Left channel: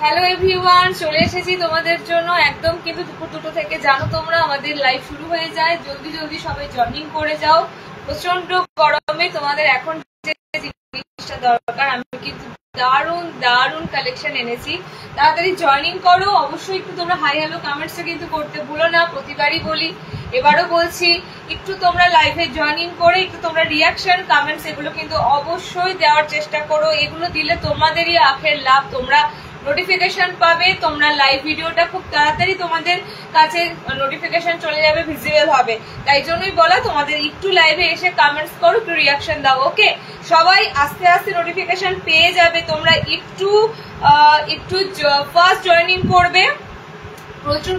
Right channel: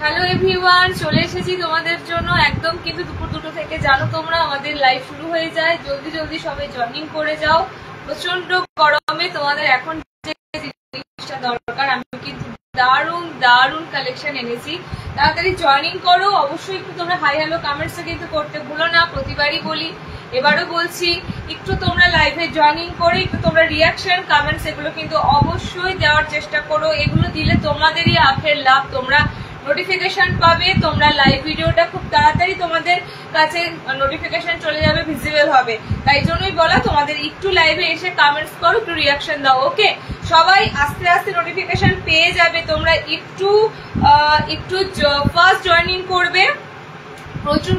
Hello everyone, চলে এসেছি তোমাদের জন্য একদম কিন্তু দুপুর 2টো থেকে। জানো তোমরা আমাদের লাইভ শুরু হয়ে যায়, জলদি জলদি সবাই জয়েনিং করে যাও। প্রচন্ড গরমে তোমাদের এখন যে জিনিসটা দরকার, আমি কিন্তু দারুণ দারুণ কালেকশন এনেছি। তাড়াতাড়ি জয়েনিং করো। অবশ্যই একটু তোমরা হাই হ্যালো কমেন্টসটা কিন্তু করতে ভুলো না, প্রতিবারই বলি, এবারও বলছি। একটু তোমরা লাইভে জয়েনিং করে একটু তোমরা রিয়াকশন কমেন্টস এগুলো কিন্তু অবশ্যই দেওয়ার চেষ্টা করো। এগুলো দিলে তোমাদেরই আখের লাভ, তোমরা নোটিফিকেশন পাবে, তোমরা লাইভ ভিডিওটা খুব তাড়াতাড়ি তোমাদের কাছে নোটিফিকেশন চলে যাবে, ভিজিবল হবে। তাই জন্যই বলা, তোমাদের একটু লাইভে এসে কমেন্টস করো, একটু রিয়াকশন দাও। ওকে, সবাই আস্তে আস্তে নোটিফিকেশন পেয়ে যাবে। তোমরা একটু ফার্স্ট জয়েনিং করবে। প্রচুর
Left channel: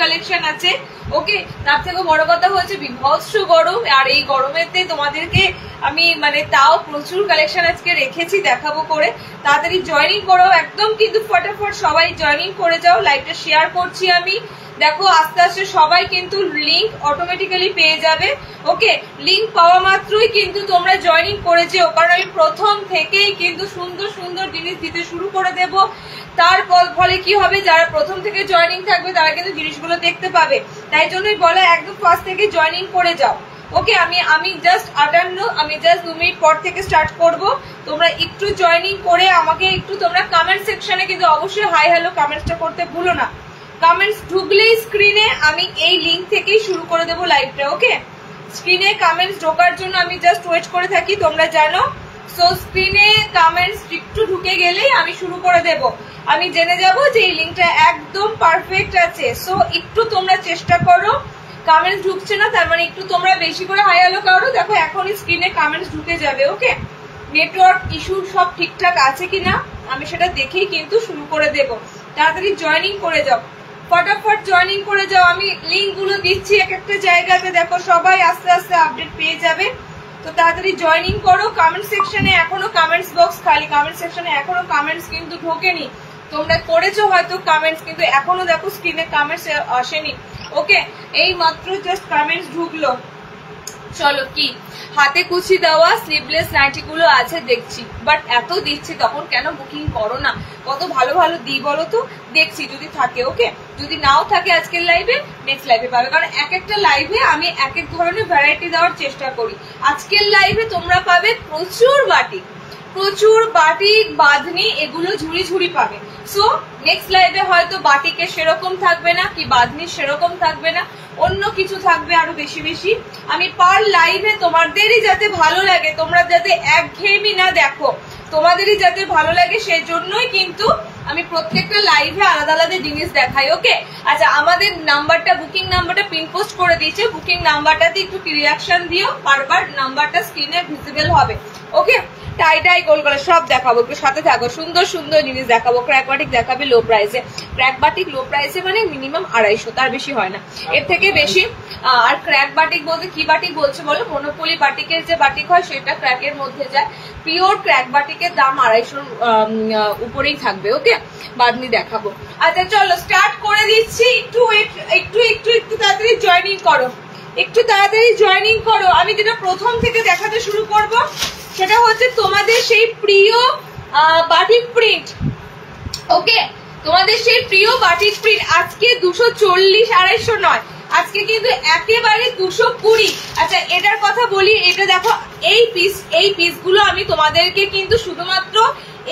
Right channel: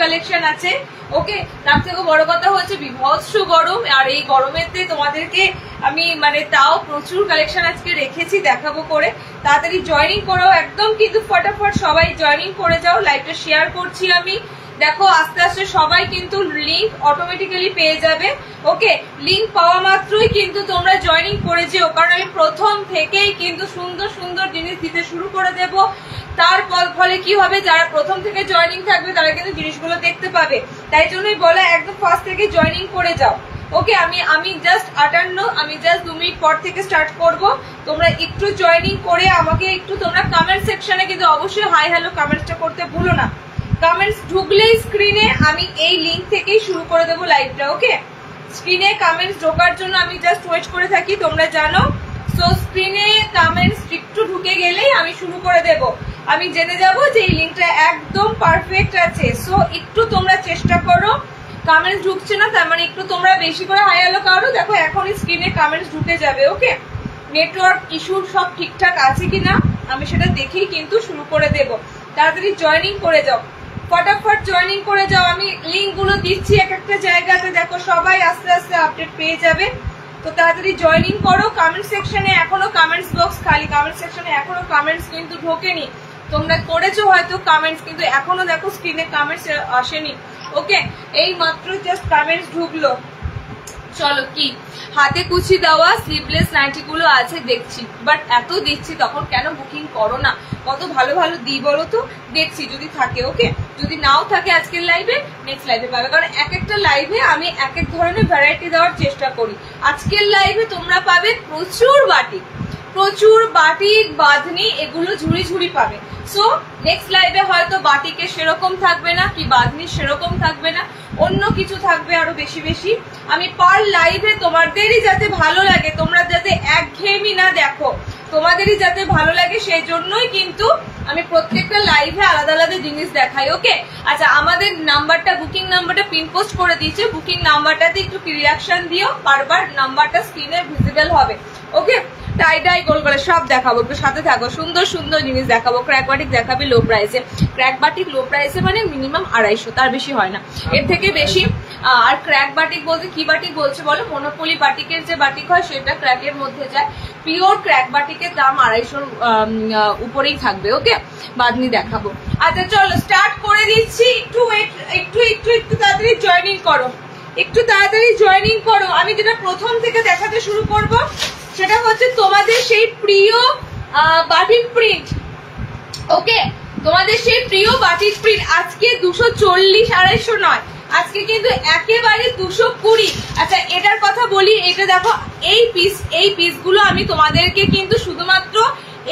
কালেকশন আছে। ওকে, তার থেকেও বড় কথা হচ্ছে বিভৎস গরম, আর এই গরমেতে তোমাদেরকে আমি তাও প্রচুর কালেকশন আজকে রেখেছি, দেখাবো করে। তাড়াতাড়ি জয়েনিং করো একদম, কিন্তু ফটাফট সবাই জয়েনিং করে যাও। লাইভটা শেয়ার করছি আমি, দেখো আস্তে আস্তে সবাই কিন্তু লিঙ্ক অটোমেটিক্যালি পেয়ে যাবে। ওকে, লিঙ্ক পাওয়া মাত্রই কিন্তু তোমরা জয়েনিং করে যেও, কারণ আমি প্রথম থেকেই কিন্তু সুন্দর সুন্দর জিনিস দিতে শুরু করে দেব। তার ফলে কি হবে, যারা প্রথম থেকে জয়েনিং থাকবে তারা কিন্তু জিনিসগুলো দেখতে পাবে। তাই জন্যই বলা, একদম ফার্স্ট থেকে জয়েনিং করে যাও। ওকে, আমি জাস্ট 58, আমি জাস্ট 2 মিনিট পর থেকে স্টার্ট করব। তোমরা একটু জয়েনিং করে আমাকে একটু তোমরা কমেন্ট সেকশনে কিন্তু অবশ্যই হাই হ্যালো কমেন্টসটা করতে ভুলো না। কমেন্টস ঢুকলেই স্ক্রিনে আমি এই লিঙ্ক থেকেই শুরু করে দেবো লাইভটা। ওকে, স্ক্রিনে কমেন্টস ঢোকার জন্য আমি জাস্ট ওয়েট করে থাকি, তোমরা জানো। সো স্ক্রিনে কমেন্টস একটু ঢুকে গেলেই আমি শুরু করে দেব। আমি জেনে যাব যে এই লিঙ্কটা একদম পারফেক্ট আছে। সো একটু তোমরা চেষ্টা করো। কমেন্টস ঢুকছে না, তার মানে একটু তোমরা বেশি করে হাই হ্যালো করো। দেখো এখনই স্ক্রিনে কমেন্টস ঢুকে যাবে। ওকে, নেটওয়ার্ক ইস্যু সব ঠিকঠাক আছে কিনা আমি সেটা দেখেই কিন্তু শুরু করে দেব। তাড়াতাড়ি জয়েনিং করে যাও, ফটাফট জয়েনিং করে যাও। আমি লিঙ্ক গুলো দিচ্ছি এক একটা জায়গাতে, দেখো সবাই আস্তে আস্তে আপডেট পেয়ে যাবে। তো তাড়াতাড়ি জয়েনিং করো। কমেন্ট সেকশনে এখনো কমেন্টস বক্স খালি, কমেন্ট সেকশনে এখনো কমেন্টস কিন্তু ঢোকেনি। তোমরা করেছো হয়তো কমেন্টস, কিন্তু এখনো দেখো স্ক্রিনে কমেন্টস আসেনি। ওকে, এই মাত্র জাস্ট কমেন্টস ঢুকলো। চলো, কি হাতে কুচি দেওয়া স্লিভলেস নাইটি গুলো আছে দেখছি, বাট এত দিচ্ছি তখন কেন বুকিং করো না? কত ভালো ভালো দিই বলো তো, দেখছি যদি থাকে। ওকে, যদি নাও থাকে আজকের লাইভে, নেক্সট লাইভে পাবে, কারণ এক একটা লাইভে আমি এক এক ধরনের ভ্যারাইটি দেওয়ার চেষ্টা করি। আজকের লাইভে তোমরা পাবে প্রচুর বাটিক বাঁধনি, এগুলো ঝুড়ি ঝুড়ি পাবে। সো নেক্সট লাইভে হয়তো বাটিকে সেরকম থাকবে না, কি বাঁধনি সেরকম থাকবে না, অন্য কিছু থাকবে আরো বেশি বেশি। আমি পার লাইভে তোমাদেরই যাতে ভালো লাগে, তোমরা যাতে একঘেয়েমি না দেখো, তোমাদেরই যাতে ভালো লাগে, সেই জন্যই কিন্তু আমি প্রত্যেকটা লাইভে আলাদা আলাদা জিনিস দেখাই। ওকে, আচ্ছা, আমাদের নাম্বারটা, বুকিং নাম্বারটা পিন পোস্ট করে দিয়েছে। বুকিং নাম্বারটাতে একটু রিয়াকশন দিও, বারবার নাম্বারটা স্ক্রিনে ভিজিবল হবে। ওকে, টাই ডাই গোল গলা সব দেখাবো, একটু সাথে থাকো। সুন্দর সুন্দর জিনিস দেখাবো। ক্র্যাক বাটিক দেখাবে লো প্রাইসে। ক্র্যাক বাটিক লো প্রাইসে মানে মিনিমাম 250, তার বেশি হয় না, এর থেকে বেশি। আর ক্র্যাক বাটিক বলতে কি বাটিক বলছে বলো? মনোপলি বাটিকের যে বাটিক হয় সেটা ক্র্যাকের মধ্যে যায়। পিওর ক্র্যাক বাটিকের দাম 250 উপরেই থাকবে। ওকে, বাঁধনি দেখাবো। আচ্ছা চলো স্টার্ট করে দিচ্ছি। একটু তাড়াতাড়ি জয়েনিং করো, একটু তাড়াতাড়ি জয়েনিং করো। আমি যেটা প্রথম থেকে দেখাতে শুরু করব সেটা হচ্ছে তোমাদের সেই প্রিয় বাটিক প্রিন্ট। ওকে, তোমাদের সেই প্রিয় বাটিক প্রিন্ট। আজকে 240, 250 নয়, আজকে কিন্তু একেবারে 220। আচ্ছা, এটার কথা বলি, এটা দেখো এই পিসগুলো আমি তোমাদেরকে কিন্তু শুধুমাত্র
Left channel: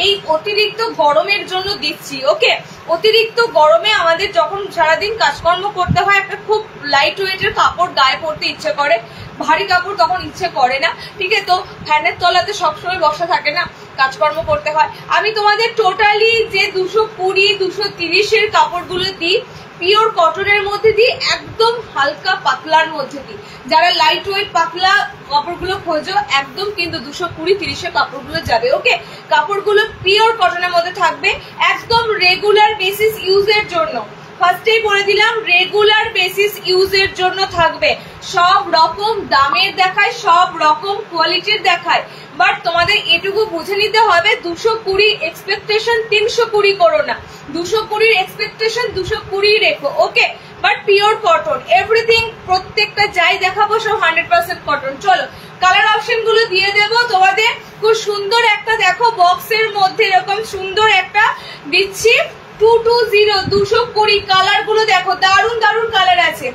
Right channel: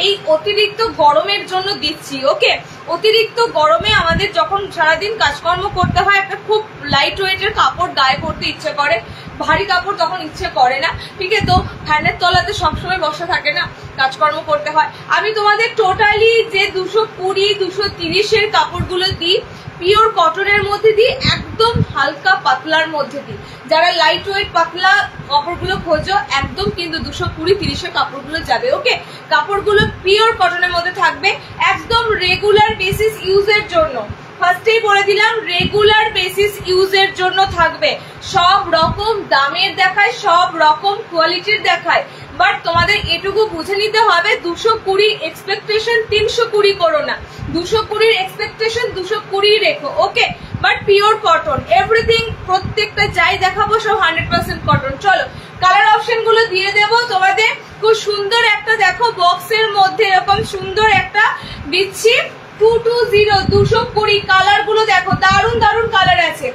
এই অতিরিক্ত গরমের জন্য দিচ্ছি। ওকে, অতিরিক্ত গরমে আমাদের যখন সারাদিন কাজকর্ম করতে হয়, একটা খুব লাইট ওয়েটের কাপড় গায়ে পরতে ইচ্ছে করে, ভারী কাপড় তখন ইচ্ছে করে না। ঠিক আছে, তো ফ্যানের তলাতে সবসময় বসা থাকে না, কাজকর্ম করতে হয়। আমি তোমাদের টোটালি যে 220, 230 এর কাপড়গুলো দিই, পিওর কটনের মধ্যে দিই, একদম হালকা পাতলার মধ্যে দিই। যারা লাইট ওয়েট পাতলা কাপড়গুলো খোঁজো, একদম কিন্তু 220, 30 এর কাপড়গুলো যাবে। ওকে, কাপড়গুলো পিওর কটনের মধ্যে থাকবে, একদম রেগুলার বেসিস ইউজের জন্য। ফার্স্টেই বলে দিলাম, রেগুলার বেসিস ইউজের জন্য থাকবে। সব রকম দামের দেখায়, সব রকম কোয়ালিটির দেখায়, বাট তোমাদের এটুকু বুঝে নিতে হবে, 220 এক্সপেকটেশন 320 করো না, 220 এক্সপেকটেশন 220 রেখো। ওকে, বাট পিওর কটন, এভরিথিং প্রত্যেকটা যাই দেখাবো সব 100% কটন। চলো কালার অপশন গুলো দিয়ে দেবো তোমাদের। খুব সুন্দর একটা দেখো বক্সের মধ্যে এরকম সুন্দর একটা দিচ্ছি 220 220 কালার গুলো দেখো, দারুন দারুন কালার আছে।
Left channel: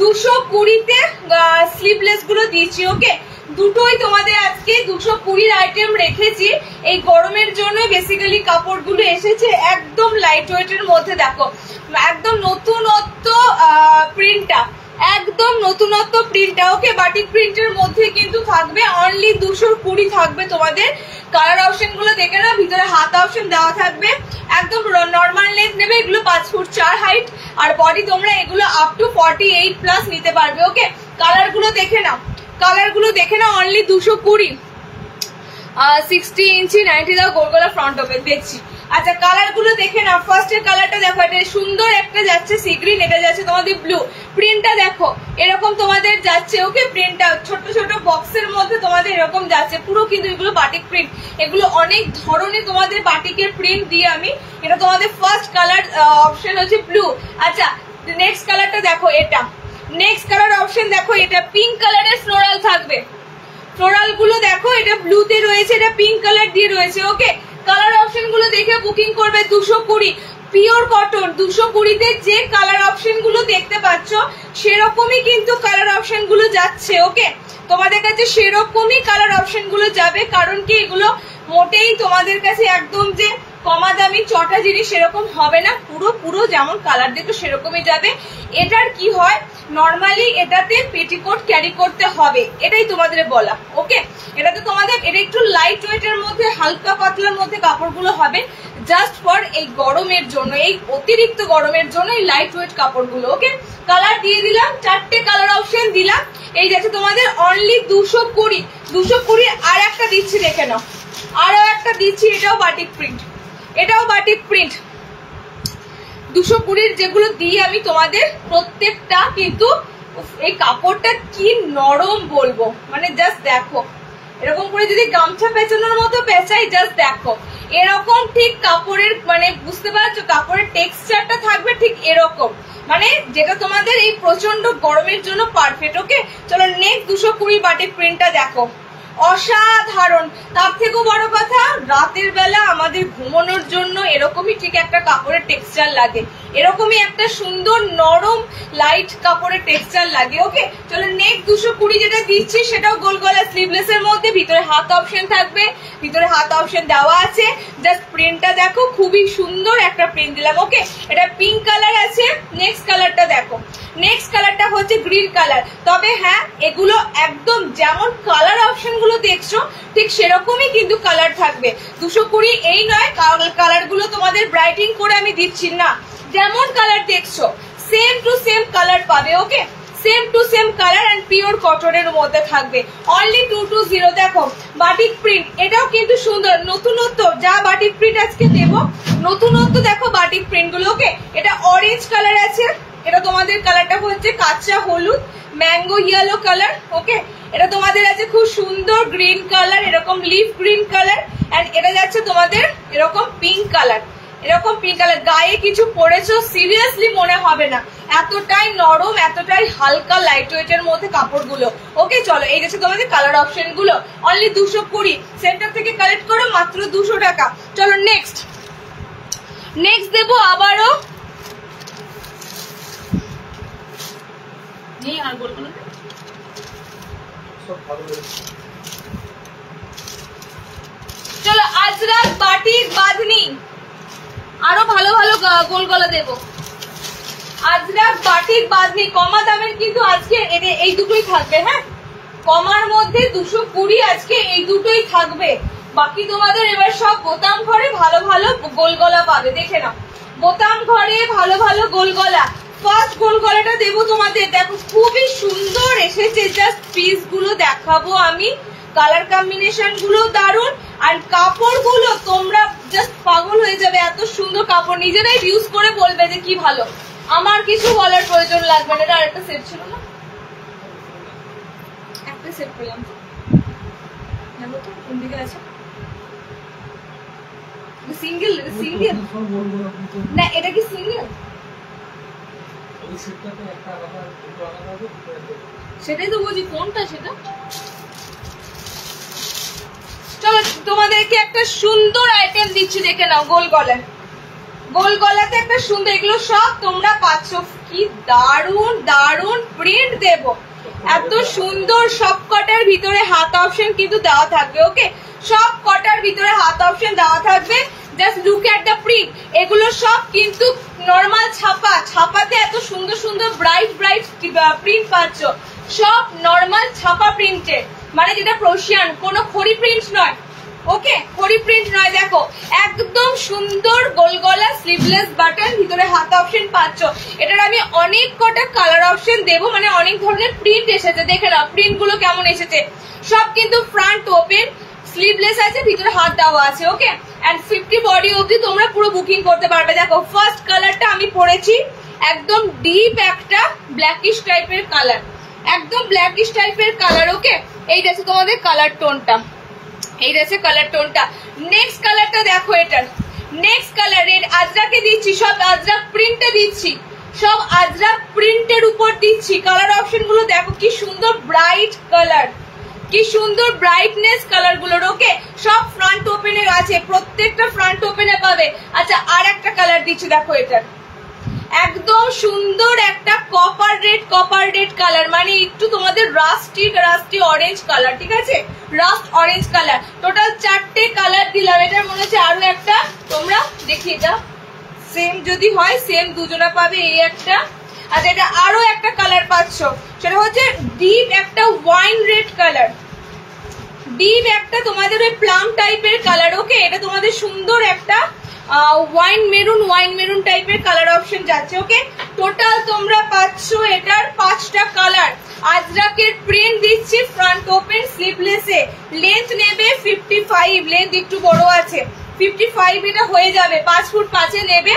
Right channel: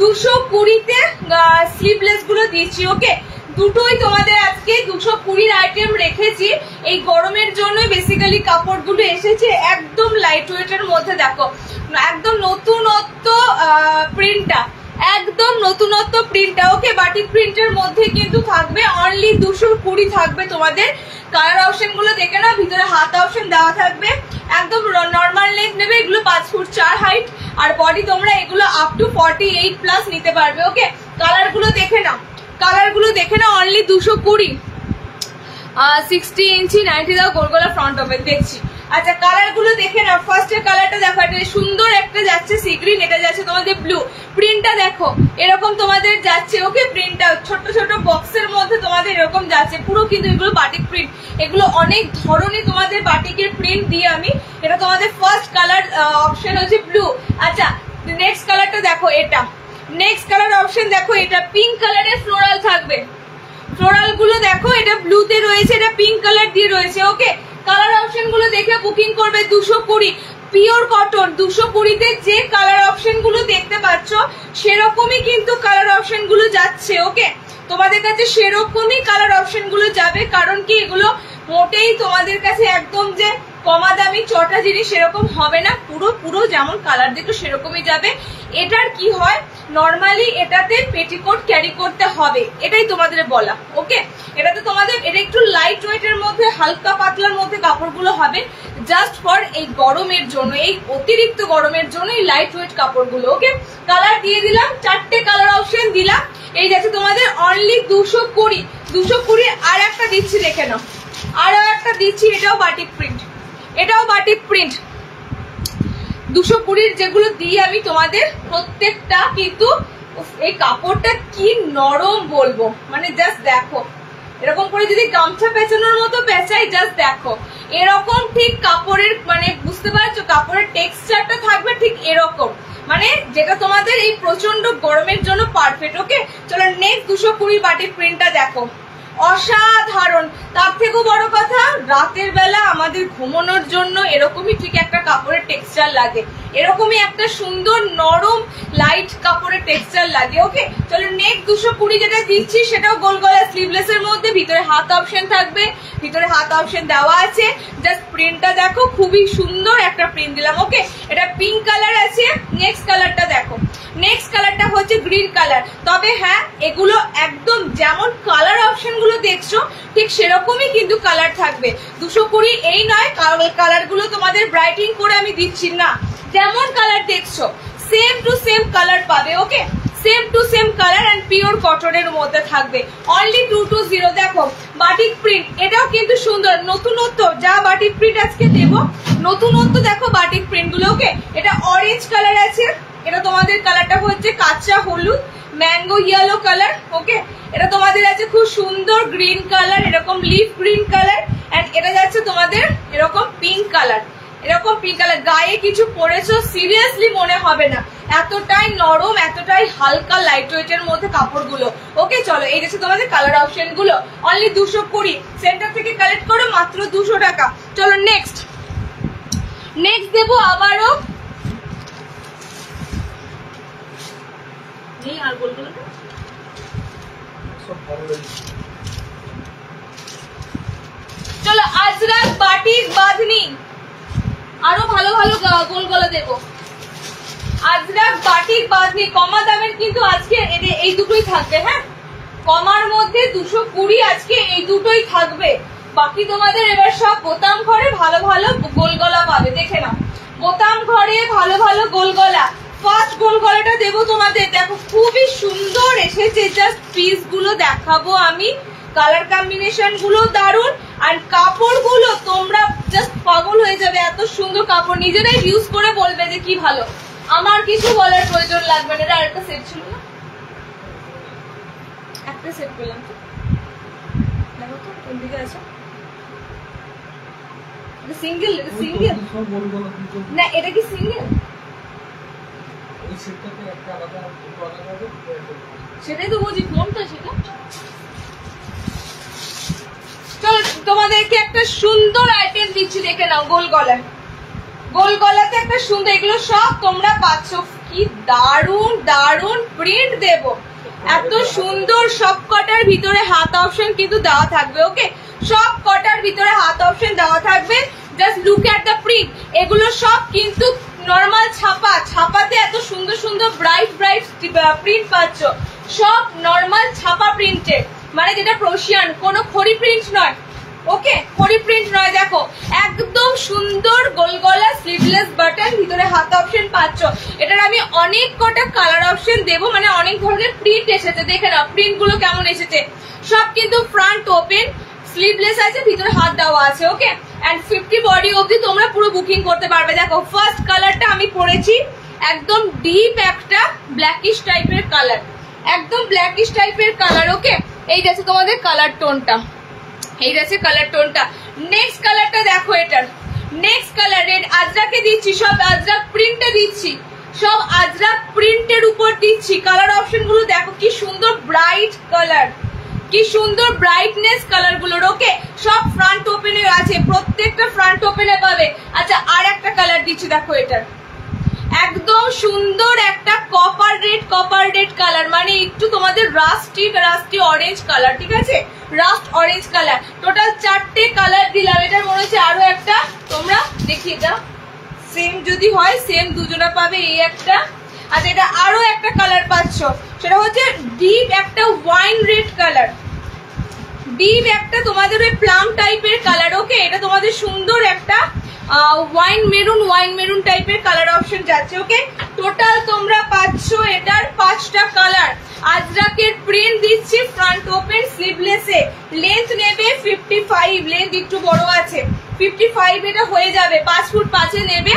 220-তে স্লিভলেস গুলো দিচ্ছি। ওকে, দুটোই তোমাদের আজকে 220 আইটেম রেখেছি। এই গরমের জন্য বেসিক্যালি কাপড়গুলো এসেছে একদম লাইট ওয়েটের মধ্যে। দেখো একদম নতুনত্ব প্রিন্টটা, একদম নতুনত্ব প্রিন্টটা। ওকে, বাটিক প্রিন্টের মধ্যে কিন্তু থাকবে, অনলি 220 থাকবে তোমাদের। কালার অপশন গুলো দেখে না, ভিতরে হাত অপশন দেওয়া থাকবে। একদম নর্মাল লেন্থ নেবে, এগুলো 5 ফুট 4 হাইট, আর বডি তোমরা এগুলো আপ টু 48+ নিতে পারবে। ওকে, কালার গুলো দেখে নাও, কালার গুলো দেখে নাও, অনলি 220। 60 ইঞ্চি 90 দাও গোল গোলা ফ্রন্ট ওপেন দেখছি। আচ্ছা কালার গুলো দেখে নাও। ফার্স্ট এর কালারটা দেখো, এটা সুন্দর একটা যাচ্ছে সি গ্রিন, এটা যাচ্ছে তোমাদের ব্লু। প্রিন্টটা দেখো এরকম তোমাদের যাচ্ছে। ওকে, প্রিন্টটা ছোট ছোট বক্সের মধ্যে তোমাদের এরকম যাচ্ছে পুরো, কিন্তু এগুলো বাটিক প্রিন্ট, এগুলো অনেক ধরনের তোমাদের বাটিকের প্রিন্ট দিয়ে আমি। এটা তোমাদের ফার্স্ট কালার অপশন হচ্ছে ব্লু। আচ্ছা নেক্সট কালারটা দেখো, এটা নেক্সট কালার অপশন দেখো, এটা পিঙ্ক কালারের ফ্লোরাল থাকবে। ফ্লোরাল গুলো দেখো, এটা ব্লুতে রয়েছে, এটা পিঙ্ক কালার দিয়ে রয়েছে। ওকে, কালার অপশন গুলো দেখে বুকিং করবে। 220 পিওর কটন, 220-তে যে কালার অপশন গুলো দেখতে পাচ্ছ সেরকমই কিন্তু কালার অপশন গুলো যাচ্ছে। ওকে, তোমাদের কাছে সেরকমই কালার অপশন গুলো যাবে, কারণ কি এগুলো মোটেই তোমাদের কাছে একদম যে কমা দামি চটা জিনিস সেরকম হবে না, পুরো পুরো যেমন কালার দেখো সেরকমই যাবে। এটার কি হয়, নর্মালি এটাতে পেটিকোট ক্যারি করতে হবে, এটাই তোমাদের বলা। ওকে, এটাতে তোমাদের এটা একটু লাইট ওয়েটের মধ্যে, হালকা পাতলার মধ্যে কাপড়গুলো হবে, জাস্ট ফর এই গরমের জন্য, এই অতিরিক্ত গরমের জন্য এই লাইট ওয়েট কাপড়গুলো। ওকে, কালার দিয়ে দিলাম, 4টে কালার অপশন দিলাম। এই যাচ্ছে তোমাদের অনলি 220। 220 আর একটা দিচ্ছি, দেখে নাও, আরো একটা দিচ্ছি, এটাও বাটিক প্রিন্ট, এটাও বাটিক প্রিন্ট। 220 যেগুলো দিই আমি তোমাদের প্রত্যেকটা কিন্তু এই কাপড়টা কি নরম বলবো, মানে জাস্ট দেখো এরকম করে যদি গামছা পেঁচানোর মতো পেঁচাই, জাস্ট দেখো এরকম ঠিক কাপড়ের মানে বুঝতে পারছো কাপড়ের টেক্সচারটা থাকবে ঠিক এরকম, মানে যেটা তোমাদের এই প্রচন্ড গরমের জন্য পারফেক্ট। ওকে, চলো নেক্সট 220 বাটিক প্রিন্টটা দেখো, অসাধারণ। তার থেকেও বড় কথা, রাতের বেলা আমাদের ঘুমানোর জন্য এরকমই ঠিক একটা কাপড়ের টেক্সচার লাগে, এরকমই একটা সুন্দর নরম লাইট কাপড়ের টেক্সচার লাগে। ওকে, চলো নেক্সট 220 যেটা দিচ্ছি সেটাও গোল গলা স্লিভলেস এর মধ্যে, ভিতরে হাত অপশন থাকবে, ভিতরে হাত অপশন দেওয়া আছে। জাস্ট প্রিন্টটা দেখো, খুবই সুন্দর একটা প্রিন্ট দিলাম। ওকে, এটা পিঙ্ক কালার আছে। নেক্সট কালারটা দেখো, নেক্সট কালারটা হচ্ছে গ্রিন কালার। তবে হ্যাঁ, এগুলো একদম যেমন কালার অপশন গুলো দেখছো ঠিক সেরকমই কিন্তু কালার থাকবে। 220 এই নয়, কালার গুলো তোমাদের ব্রাইটিং করে আমি দিচ্ছি না, যেমন কালার দেখছো সেম টু সেম কালার পাবে। Okay, same two same colour and pure কটনের মধ্যে থাকবে, অনলি 220। দেখো বাটিক প্রিন্ট, এটাও কিন্তু সুন্দর নতুনত্ব, যা বাটিক প্রিন্ট আজকে দেব নতুনত্ব দেখো বাটিক প্রিন্ট গুলো। ওকে, এটা অরেঞ্জ কালার আছে, এটা তোমাদের কালারটা হচ্ছে কাঁচা হলুদ ম্যাঙ্গো ইয়েলো কালার। ওকে, এটা তোমাদের আছে খুব সুন্দর গ্রিন কালার, এরকম লিফ গ্রিন কালার, এন্ড এটা যাচ্ছে তোমাদের এরকম পিঙ্ক কালার, এরকম পিঙ্ক কালার। গায়ে কিছু পরেছো সিরিয়াসলি মনে হবে না, এতটাই নরম, এতটাই হালকা লাইট ওয়েটের মধ্যে কাপড়গুলো। ওকে, চলো এই যাচ্ছে তোমাদের কালার অপশন গুলো, অনলি 220। সেন্টার থেকে কালেক্ট করো মাত্র 200 টাকা। চলো নেক্সট নেক্সট দেবো আবারও, আর বলবো না, চলো আজরাক বাটিক বাঁধনি, আরো ভালো ভালো গোল গলা দেবো। আজরাক বাটিক বাঁধনি কমা দামের কিন্তু আজকে এই দুটোই থাকবে। হ্যাঁ, কমার মধ্যে 220 আজকে এই দুটোই থাকবে। বাকি তোমাদের এবার সব বোতাম ঘরে ভালো ভালো গোল গলা পাবে, দেখে নাও বোতাম ঘরে ভালো ভালো গোল গলা। ফার্স্ট গোল গলাটা দেবো তোমাদের, দেখো খুবই সুন্দর এসেছে, জাস্ট পিস গুলো দেখাবো আমি, কালার কম্বিনেশন গুলো দারুন, আর কাপড় গুলো তোমরা জাস্ট পাগল হয়ে যাবে, এত সুন্দর কাপড়, নিজেরাই ইউজ করে বলবে যে কি ভালো, আমার কিছু বলার প্রয়োজন লাগবে না। এটা আরেকটা সেট ছিল না, একটা সেট পেলাম তো, দেখো তো কোন দিকে আছে, সিঙ্গেল সিঙ্গেল না, এটা কি সিঙ্গেল? সেটাই তো বলছি, কোনটা সেটা। চলো তোমাদেরকে একটা সুন্দর আইটেম দিচ্ছি, দেখে নাও। গোল গলা, গোল গলাতে একটা সুন্দর, এগুলো সব তোমরা পাচ্ছ। কি দারুন দারুন প্রিন্ট দেব, এত সুন্দর। সব কটার ভিতরে হাত অপশন কিন্তু দেওয়া থাকবে। ওকে, সব কটার ভিতরে হাত অপশন দেওয়া থাকবে। Just look at the print. এগুলো সব কিন্তু নর্মাল ছাপা, ছাপাতে এত সুন্দর সুন্দর ব্রাইট ব্রাইট প্রিন্ট পাচ্ছ। সব নর্মাল ছাপা প্রিন্টের, মানে যেটা ক্রোশিয়ান, কোনো খড়ি প্রিন্ট নয়। ওকে, খড়ি প্রিন্ট নয়। দেখো একদম সুন্দর গোল গলা, স্লিভলেস বাটন, ভিতরে হাত অপশন পাচ্ছ। এটার আমি অনেক কটা কালার অপশন দেবো, মানে অনেক ধরনের প্রিন্ট এসেছে। দেখে নাও প্রিন্ট গুলো কেমন এসেছে। সব কিন্তু ফ্রন্ট ওপেন, স্লিভলেস আছে, ভিতরে হাত দেওয়া আছে। ওকে, এন্ড 50 বডি অবধি তোমরা পুরো বুকিং করতে পারবে। দেখো ফার্স্ট কালারটা আমি পরেছি, একদম ডিপ একটা ব্ল্যাকিশ টাইপের কালার, একদম ব্ল্যাকিশ টাইপের কালার। ওকে, এই গেছে তোমাদের কালার টোনটা, এই গেছে কালার টোনটা। নেক্সট কালারটা দেখো, এটার নেক্সট কালার রেড। আজরাকে দিচ্ছি, সব আজরাক প্রিন্টে দিচ্ছি, সব আজরাক প্রিন্টের উপর দিচ্ছি। কালার অপশন গুলো দেখো কি সুন্দর ব্রাইট কালার, কি সুন্দর ব্রাইটনেস কালার গুলোর। ওকে, সব ফ্রন্ট ওপেনে আছে, প্রত্যেকটা ফ্রন্ট ওপেনে পাবে। আচ্ছা, আর একটা কালার দিচ্ছি, দেখো এটার একদম সুন্দর একটা কপার রেড কালার, মানে একটু তোমাদের রাস্টি অরেঞ্জ কালার। ঠিক আছে, রাস্ট অরেঞ্জ কালার। টোটাল 4টে কালার দিলাম। এটার মনে হচ্ছে আরো একটা তোমরা দেখিয়ে দাও, সেম যদি হয় সেম দুজনা পাবে। এই একটা, আচ্ছা এটা আরো একটা কালার পাচ্ছ, সেটা হচ্ছে ডিপ একটা ওয়াইন রেড কালার, ডিপ একটা তোমাদের ওই প্লাম টাইপের কালার। ওকে, এটা তোমাদের সুন্দর একটা ওয়াইন মেরুন টাইপের কালার অপশন যাচ্ছে। ওকে, টোটাল তোমরা পাচ্ছ এটার 5টা কালার। আজরাকের প্রিন্ট দিচ্ছি ফ্রন্ট ওপেন স্লিভলেসে। লেন্থ নেবে 55, লেন্থ একটু বড় আছে, 55 এটা হয়ে যাবে, 5 ফুট 5 নেবে।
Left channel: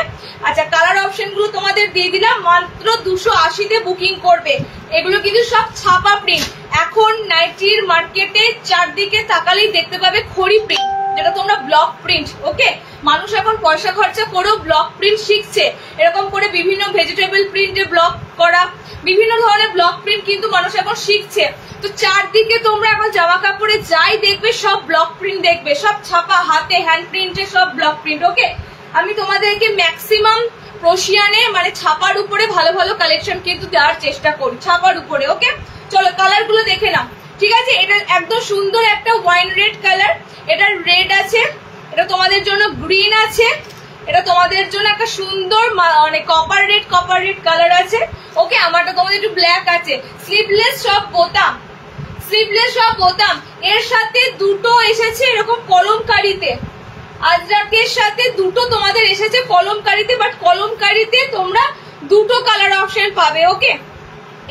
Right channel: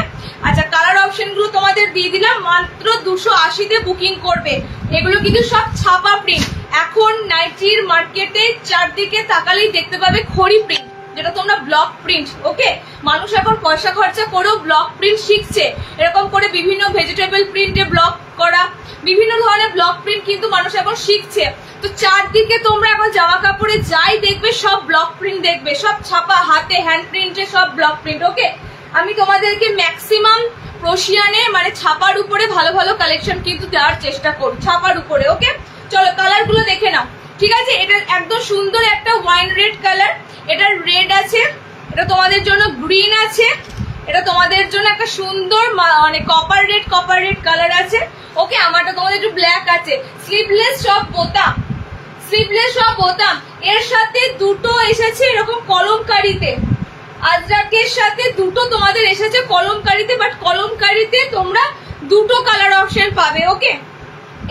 আচ্ছা, কালার অপশন গুলো তোমাদের দিয়ে দিলাম, মাত্র 280-তে বুকিং করবে। এগুলো কিন্তু সব ছাপা প্রিন্ট। এখন নাইটির মার্কেটে চারদিকে তাকালেই দেখতে পাবে খড়ি প্রিন্ট, যেটা তোমরা ব্লক প্রিন্ট। ওকে, মানুষ এখন পয়সা খরচা করেও ব্লক প্রিন্ট শিখছে। এরকম করে বিভিন্ন ভেজিটেবল প্রিন্টে ব্লক করা, বিভিন্ন ধরনের ব্লক প্রিন্ট কিন্তু মানুষ এখন শিখছে। তো চারদিকে তোমরা এখন জামা কাপড়ে যাই দেখবে সব ব্লক প্রিন্ট দেখবে, সব ছাপা হাতে হ্যান্ড প্রিন্টে সব ব্লক প্রিন্ট। ওকে, আমি তোমাদেরকে ম্যাক্সিমাম ক্রোশিয়ানে মানে ছাপার উপরে ভালো ভালো কালেকশন কিন্তু দেওয়ার চেষ্টা করি, ছাপার উপরে। ওকে, চলো কালার গুলো দেখে নাও। ঠিক আছে, এটা একদম সুন্দর একটা ওয়াইন রেড কালার, এটা রেড আছে, এটা তোমাদের জন্য গ্রিন আছে, এটা তোমাদের জন্য একটা সুন্দর মানে কপার রেড কালার আছে। ওকে, আমারটা তোমাদের একটু ব্ল্যাক আছে। স্লিভলেস সব বোতাম, স্লিভলেস সব বোতাম। এর সাথে দুটো এসেছে এরকম কলমকারিতে, আজরাকের সাথে দুটো তোমাদের এসেছে কলমকারিতে, বাট কলমকারিতে তোমরা দুটো কালার অপশন পাবে। ওকে,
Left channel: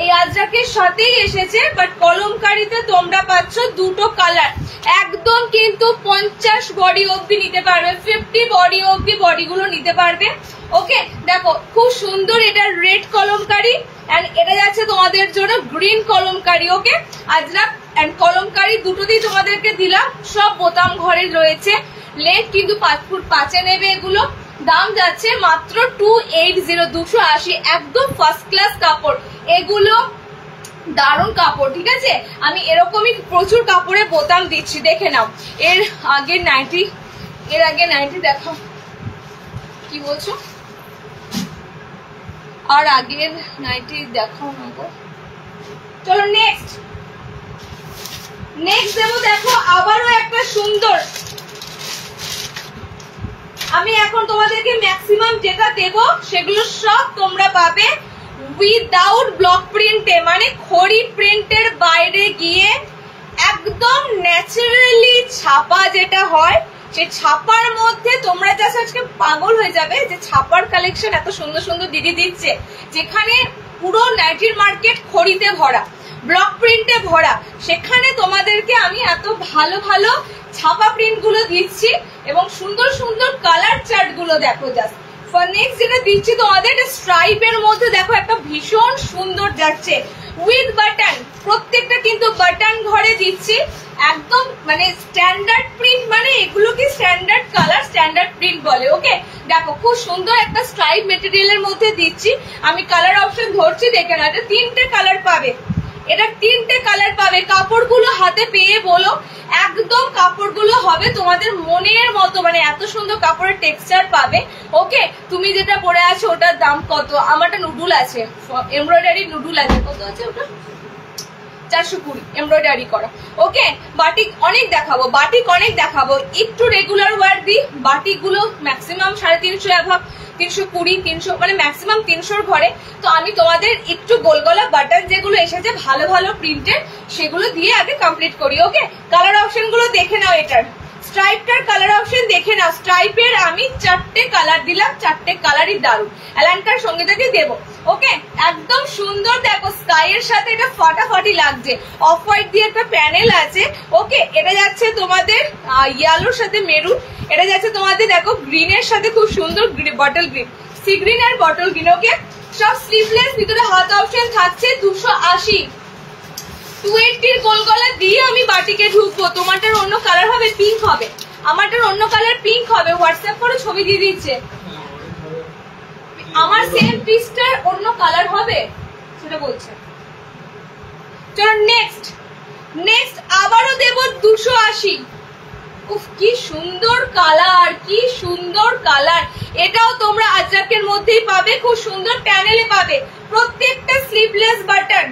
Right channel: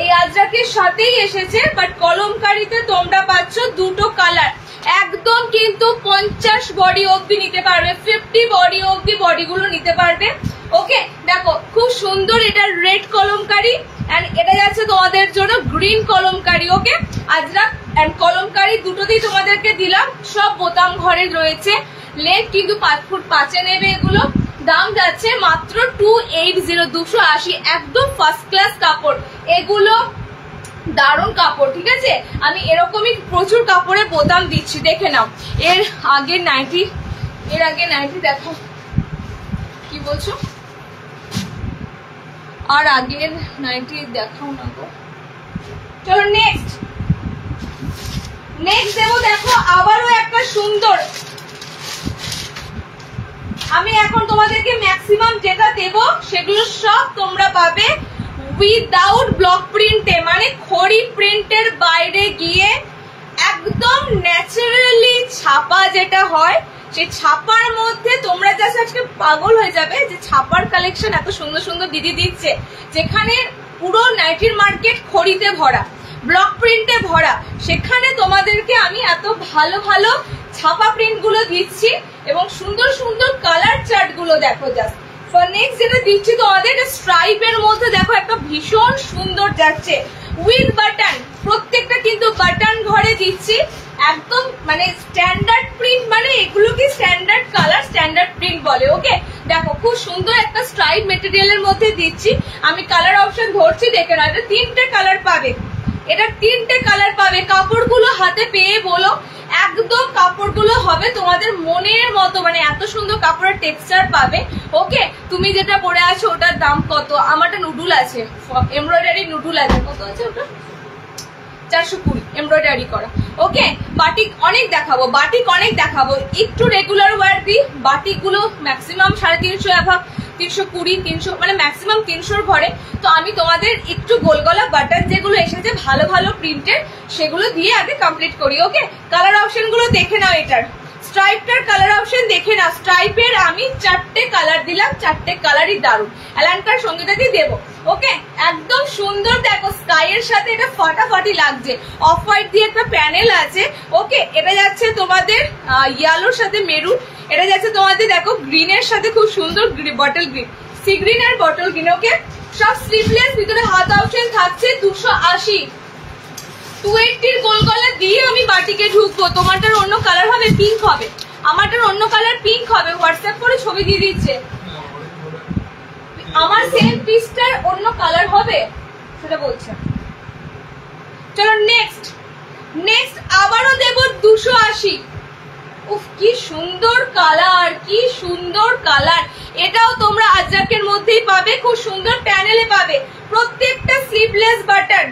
এই আজরাকের সাথেই এসেছে, বাট কলমকারিতে তোমরা পাচ্ছ দুটো কালার। একদম কিন্তু 50 বডি অবধি নিতে পারবে, 50 বডি অবধি বডিগুলো নিতে পারবে। ওকে, দেখো খুব সুন্দর, এটা রেড কলমকারি এন্ড এটা যাচ্ছে তোমাদের জন্য green Kalamkari. Okay, Ajrakh and Kalamkari দুটোতেই তোমাদেরকে দিলাম। সব বোতাম ঘরে রয়েছে, লেন্থ কিন্তু 5 ফুট 5 নেবে। এগুলো দাম যাচ্ছে মাত্র 280, 280। একদম ফার্স্ট ক্লাস কাপড়, এগুলো দারুণ কাপড়। ঠিক আছে, আমি এরকমই প্রচুর কাপড়ে বোতাম দিচ্ছি, দেখে নাও। এর আগে নাইটি দেখো, কি বলছো? আর আগের নাইটি দেখাও না গো। চলো নেক্সট দেবো। দেখো আবারও একটা সুন্দর, আমি এখন তোমাদেরকে ম্যাক্সিমাম যেটা দেবো সেগুলো সব তোমরা পাবে উইদাউট ব্লক প্রিন্টে, মানে খড়ি প্রিন্টের বাইরে গিয়ে একদম ন্যাচারালি ছাপা যেটা হয়, সেই ছাপার মধ্যে তোমরা জাস্ট আজকে পাগল হয়ে যাবে যে ছাপার কালেকশন এত সুন্দর সুন্দর দিদি দিচ্ছে, যেখানে পুরো নাইটির মার্কেট খড়িতে ভরা, ব্লক প্রিন্টে ভরা, সেখানে তোমাদেরকে আমি এত ভালো ভালো ছাপা প্রিন্ট গুলো দিচ্ছি এবং সুন্দর সুন্দর কালার চার্ট গুলো দেখো। জাস্ট নেক্সট যেটা দিচ্ছি তোমাদের স্ট্রাইপের মধ্যে দেখো একটা ভীষণ সুন্দর যাচ্ছে, উইথ বাটন, প্রত্যেকটা কিন্তু বাটন ঘরে দিচ্ছি, একদম মানে স্ট্যান্ডার্ড প্রিন্ট, মানে এগুলোকে স্ট্যান্ডার্ড কালার স্ট্যান্ডার্ড প্রিন্ট বলে। ওকে, দেখো খুব সুন্দর একটা স্ট্রাইপ মেটেরিয়ালের মধ্যে দিচ্ছি। আমি কালার অপশন ধরছি, দেখে না, এটা 3টে কালার পাবে, এটা 3টে কালার পাবে। কাপড়গুলো হাতে পেয়ে বলো, একদম কাপড়গুলো হবে তোমাদের মনের মতো, মানে এত সুন্দর কাপড়ের টেক্সচার পাবে। ওকে, তুমি যেটা পরে আছো ওটার দাম কত? আমারটা নুডুল আছে, এমব্রয়ডারি নুডুল আছে, কত আছে ওটা? 420 এমব্রয়ডারি করা। ওকে, বাটিক অনেক দেখাবো, বাটিক অনেক দেখাবো। একটু রেগুলার ওয়্যার দিই, বাটিক গুলো ম্যাক্সিমাম 350 অ্যাভাব, 320, 300, মানে ম্যাক্সিমাম 300 ঘরে। তো আমি তোমাদের একটু গোলগলা বাটন যেগুলো এসেছে ভালো ভালো প্রিন্টের, সেগুলো দিয়ে আগে কমপ্লিট করি। ওকে, কালার অপশন গুলো দেখে নাও। এটার স্ট্রাইপটার কালার অপশন দেখে নাও। স্ট্রাইপের আমি 4টে কালার দিলাম, 4টে কালারই দারুণ, অ্যালানকার সঙ্গীতাকে দেবো। ওকে, একদম সুন্দর, দেখো স্কাই এর সাথে এটা ফাটাফাটি লাগছে। অফ হোয়াইট দিয়ে একটা প্যানেল আছে। ওকে, এটা যাচ্ছে তোমাদের ইয়েলোর সাথে মেরুন, এটা যাচ্ছে তোমাদের দেখো গ্রিনের সাথে খুব সুন্দর বটল গ্রিন, সি গ্রিন আর বটল গ্রিন। ওকে, সব স্লিভলেস, ভিতরে হাত অপশন থাকছে। 280, 280 গোল গলা দিয়ে আমি বাটিকে ঢুকবো। তোমারটার অন্য কালার হবে, পিঙ্ক হবে, আমারটার অন্য কালার পিঙ্ক হবে। হোয়াটসঅ্যাপ করে ছবি দিয়ে দিচ্ছে, আমার সেম পিসটার অন্য কালার হবে সেটা বলছে। চলো নেক্সট, নেক্সট আবারও দেব 280। উফ, কি সুন্দর কালার, কি সুন্দর কালার। এটাও তোমরা আজরাকের মধ্যেই পাবে, খুব সুন্দর প্যানেলে পাবে। প্রত্যেকটা স্লিভলেস বাটন,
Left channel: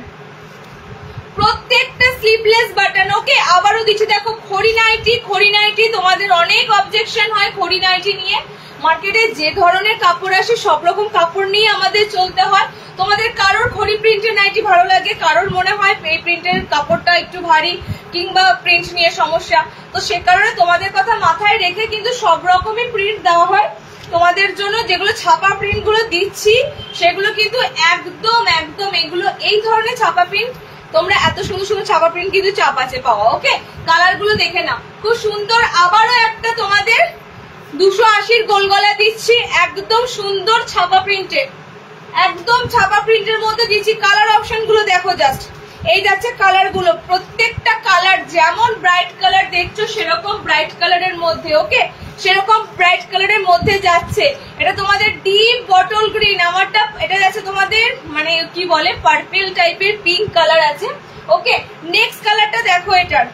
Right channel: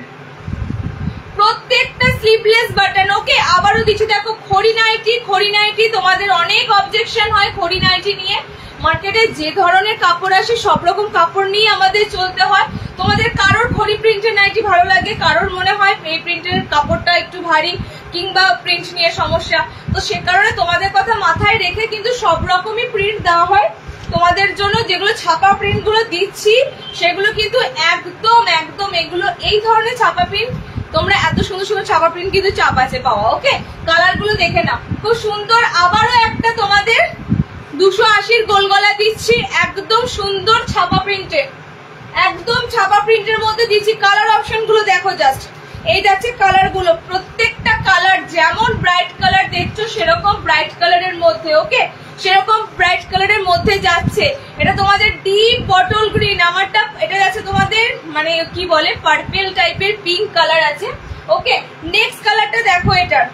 প্রত্যেকটা স্লিভলেস বাটন। ওকে, আবারও দিচ্ছি, দেখো খড়ি নাইটি, খড়ি নাইটি তোমাদের অনেক অবজেকশন হয় খড়ি নাইটি নিয়ে। মার্কেটে যে ধরনের কাপড় আসে সব রকম কাপড় নিয়ে আমাদের চলতে হয়। তোমাদের কারোর খড়ি প্রিন্টের নাইটি ভালো লাগে, কারোর মনে হয় এই প্রিন্টের কাপড়টা একটু ভারী কিংবা প্রিন্ট নিয়ে সমস্যা, তো সে কারণে তোমাদের কথা মাথায় রেখে কিন্তু সব রকমই প্রিন্ট দেওয়া হয় তোমাদের জন্য। যেগুলো ছাপা প্রিন্ট গুলো দিচ্ছি সেগুলো কিন্তু একদম একদম এগুলো এই ধরনের ছাপা প্রিন্ট, তোমরা এত সুন্দর সুন্দর ছাপা প্রিন্ট কিন্তু চাপ আছে পাওয়া। ওকে, কালার গুলো দেখে নাও, খুব সুন্দর। আবারও একটা তোমাদের 280 গোল গলা দিচ্ছি, একদম সুন্দর ছাপা প্রিন্টে, একদম ছাপা প্রিন্টের মধ্যে দিচ্ছি। কালার অপশন গুলো দেখো জাস্ট, এই যাচ্ছে কালার গুলো, প্রত্যেকটা কালার যেমন ব্রাইট কালার দেখছো সেরকম ব্রাইট কালারের মধ্যে। ওকে, সেরকম ব্রাইট কালারের মধ্যে যাচ্ছে। এটা তোমাদের ডিপ বটল গ্রিন, আমারটা এটা যাচ্ছে তোমাদের মানে কি বলে পার্পল টাইপের পিঙ্ক কালার আছে। ওকে, নেক্সট কালারটা দেখো, এটার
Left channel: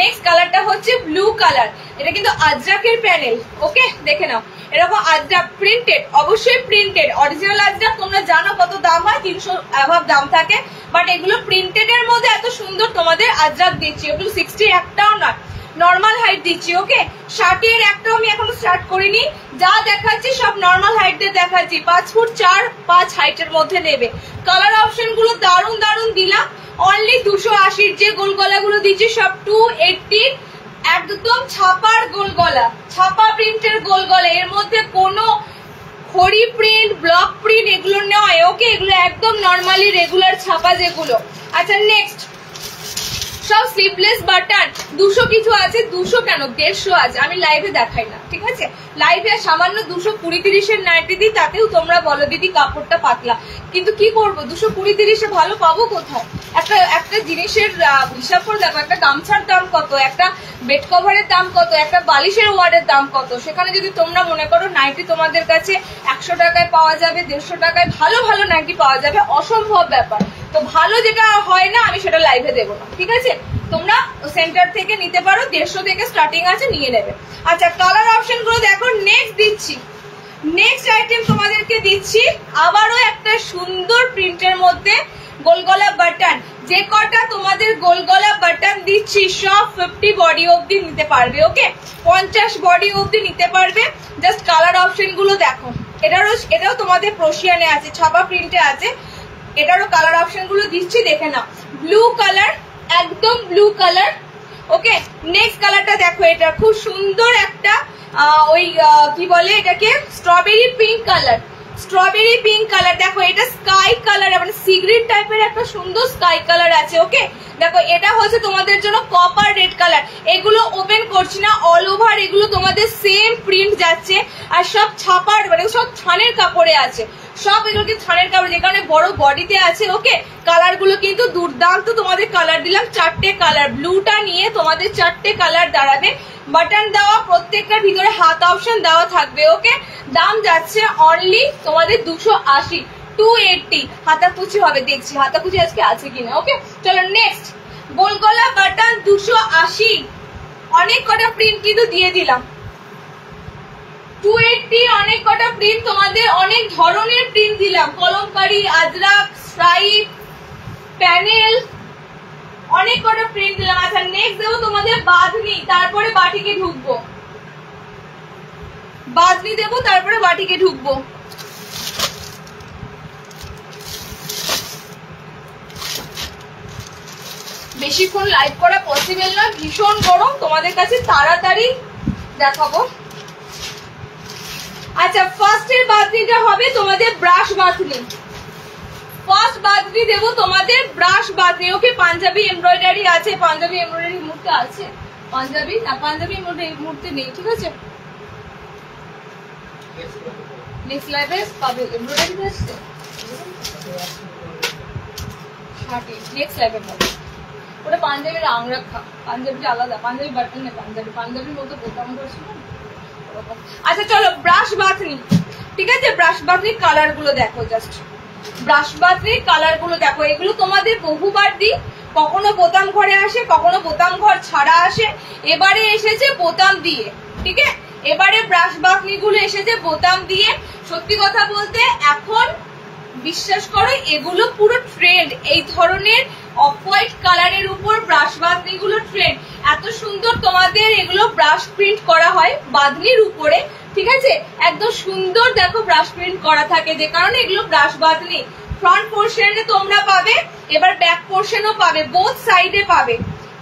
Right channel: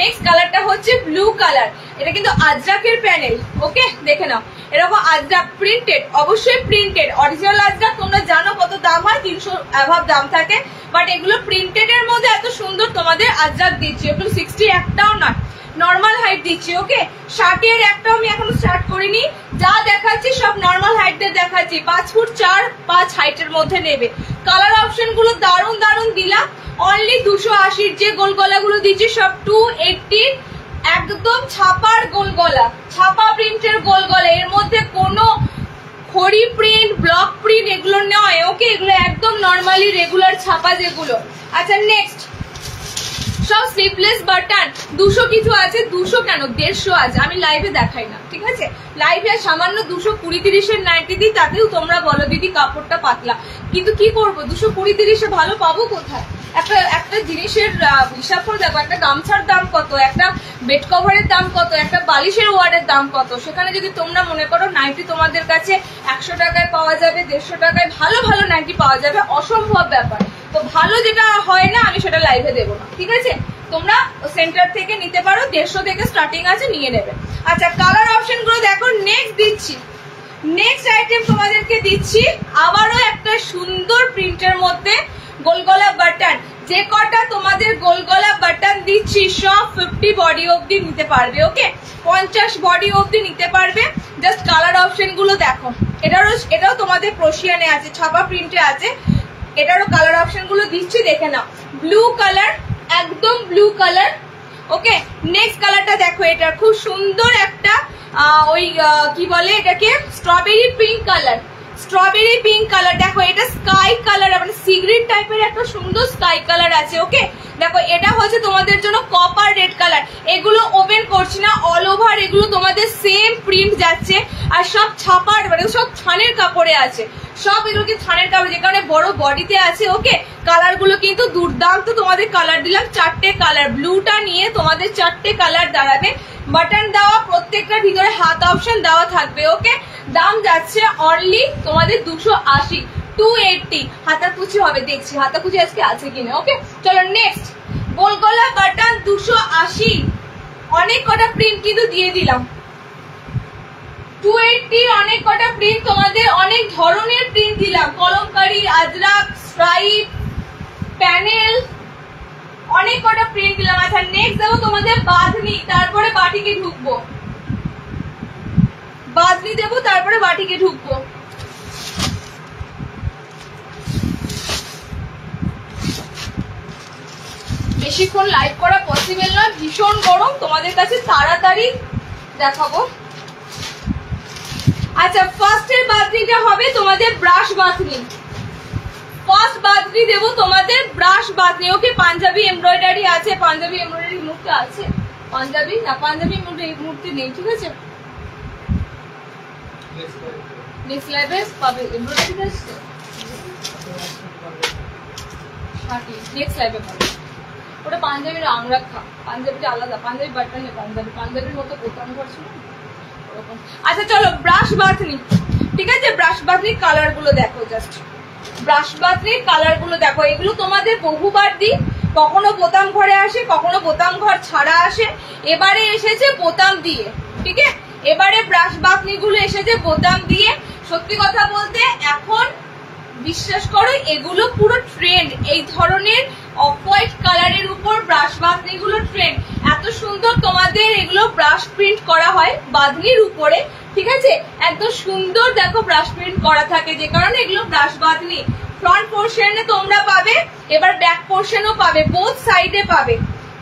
নেক্সট কালারটা হচ্ছে ব্লু কালার। এটা কিন্তু আজরাকের প্যানেল। ওকে, দেখে নাও, এরকম আজরাক প্রিন্টেড, অবশ্যই প্রিন্টেড। অরিজিনাল আজরাক তোমরা জানো কত দাম হয়, 300 অ্যাভাব দাম থাকে, বাট এগুলো প্রিন্টেড এর মধ্যে এত সুন্দর তোমাদের আজরাক দিচ্ছি। ওগুলো 60 একটাও নয়, নর্মাল হাইট দিচ্ছি। ওকে, শার্টের একটাও আমি এখনো স্টার্ট করিনি, যা দেখাচ্ছি সব নর্মাল হাইট দিয়ে দেখাচ্ছি। 5 ফুট 4, 5 হাইটের মধ্যে নেবে। কালার অপশন গুলো দারুণ দারুণ দিলাম। অনলি 280 যে গোল গলা গুলো দিচ্ছি সব 280, একদম ছাপার গোল গলা, ছাপা প্রিন্টের গোল গলা, এর মধ্যে কোনো খড়ি প্রিন্ট ব্লক প্রিন্ট এগুলো নয়। ওকে, এগুলো একদম নর্মালি রেগুলার ছাপা যেগুলো। আচ্ছা নেক্সট, সব স্লিভলেস বাটন। 200 কিছু আছে, 200 কেন 150 আছে, আমি লাইভে দেখাই না, ঠিক আছে? লাইভে সামান্য 220-30 নাইটি দিই, তাতেও তোমরা বলো দিদি কাপড়টা পাতলা, কিন্তু কি করবো 220-30 ভালো পাবো কোথায়? একটা জিনিসের হিসাব করে দেখো, একটা গামছার দাম কত, একটা বেড কভারের দাম কত, একটা বালিশের ওয়ার্ডের দাম কত। সেখানে যদি তোমরা মনে করো নাইটি তোমাদের কাছে 100 টাকায় পাওয়া যাবে, 150 টাকায় ভালো ভালো নাইটি পাওয়া যাবে, অসম্ভব ব্যাপার। তো ভালো যেটা হয় না আমি সেটা লাইভে দেবো না, ঠিক আছে? তোমরা সেন্টার থেকে নিতে পারো, 150 থেকে স্টার্টিং আছে, নিয়ে নেবে। আচ্ছা, কালার অপশন গুলো দেখো। নেক্সট দিচ্ছি, নেক্সট আইটেম তোমাদেরকে দিচ্ছি আবারও একটা সুন্দর প্রিন্টের মধ্যে গোলগলা বাটন। যে কটা তোমাদের গোলগলা বাটন দিচ্ছি সব 50 বডি অবধি নিতে পারবে। ওকে, 50 বডি অবধি নিতে পারবে। জাস্ট কালার অপশন গুলো দেখো, এটাও তোমাদের প্রশিয়ানে আছে, ছাপা প্রিন্টে আছে। এটারও কালার অপশন গুলো দিচ্ছি, দেখে নাও। ব্লু কালার, একদম ব্লু কালার। ওকে, নেক্সট কালারটা দেখো, এটা খুব সুন্দর একটা ওই কি বলে এটাকে, strawberry pink colour, strawberry pink colour. দেখো এটা স্কাই কালার, মানে সি গ্রিন টাইপের একটা সুন্দর স্কাই কালার আছে। ওকে, দেখো এটা হচ্ছে তোমাদের জন্য কপার রেড কালার। এগুলো ওপেন করছি না, অল ওভার এগুলো তোমাদের সেম প্রিন্ট যাচ্ছে। আর সব ছাপার মানে সব থানের কাপড়ে আছে, সব এগুলো কি থানের কাপড়, যে কারণে বড় বডিতে আছে। ওকে, কালার গুলো কিন্তু দুর্দান্ত, তোমাদের কালার দিলাম 4টে কালার, ব্লুটা নিয়ে তোমাদের 4টে কালার দাঁড়াবে। বাটন দেওয়া, প্রত্যেকটার ভিতরে হাত অপশন দেওয়া থাকবে। ওকে, দাম যাচ্ছে অনলি তোমাদের 280, 280। হাতাকুচি হবে, দেখছি হাতাকুচি আজকে আছে কিনা। ওকে, চলো নেক্সট, গোলগলা বাটন 280, অনেক কটা প্রিন্ট কিন্তু দিয়ে দিলাম। 280 অনেক কটা প্রিন্ট, তোমাদের অনেক ধরনের প্রিন্ট দিলাম, কলমকারি, আজরাক, স্ট্রাইপ, প্যানেল, অনেক কটা প্রিন্ট দিলাম। আচ্ছা নেক্সট দেবো তোমাদের বাঁধনি, তারপরে বাটিকে ঢুকবো। বাঁধনি দেবো, তারপরে বাটিকে ঢুকবো। বেশিক্ষণ লাইভ করা পসিবল নয়, ভীষণ গরম, তোমাদের কাছে তাড়াতাড়ি দেখাবো। আচ্ছা ফার্স্টের বাঁধনিটা হবে তোমাদের ব্রাশ বাঁধনি, ফার্স্ট বাঁধনি দেবো তোমাদের ব্রাশ বাঁধনি। ওকে, পাঞ্জাবি এমব্রয়ডারি আছে, পাঞ্জাবি এমব্রয়ডারি মুহূর্তে আছে, পাঞ্জাবি না পাঞ্জাবি এই মুহূর্তে নেই, ঠিক আছে। নেক্সট লাইভে পাবে এমব্রয়ডারি আসছে, নেক্সট লাইভে পাবে। ওটা পাঞ্জাবির আংরাখা, পাঞ্জাবিটা আলাদা, পাঞ্জাবি বাটন নেই, পাঞ্জাবির মধ্যে বোতাম করছিল ওরকম। আচ্ছা চলো ব্রাশ বাঁধনি, ঠিক আছে। ব্রাশ বাঁধনির কালার গুলো দেখো, জাস্ট ব্রাশ বাঁধনির কালার গুলো দেখো। এগুলো তোমাদের বহুবার দিই, কখনো বোতাম ঘরে আসে, কখনো বোতাম ঘর ছাড়া আসে, এবারে এসেছে বোতাম দিয়ে, ঠিক আছে। এবারে ব্রাশ বাঁধনি গুলো এসেছে বোতাম দিয়ে। সত্যি কথা বলতে এখন বিশ্বাস করো এগুলো পুরো ট্রেন্ড, এই ধরনের অফ হোয়াইট কালারের উপর ব্রাশ বাঁধনি গুলো ট্রেন্ড। এত সুন্দর তোমাদের এগুলো ব্রাশ প্রিন্ট করা হয় বাঁধনির উপরে, ঠিক আছে। একদম সুন্দর দেখো ব্রাশ প্রিন্ট করা থাকে, যে কারণে এগুলো ব্রাশ বাঁধনি। ফ্রন্ট পোর্শনে তোমরা পাবে, এবার ব্যাক পোর্শনও পাবে, বোথ সাইডে পাবে।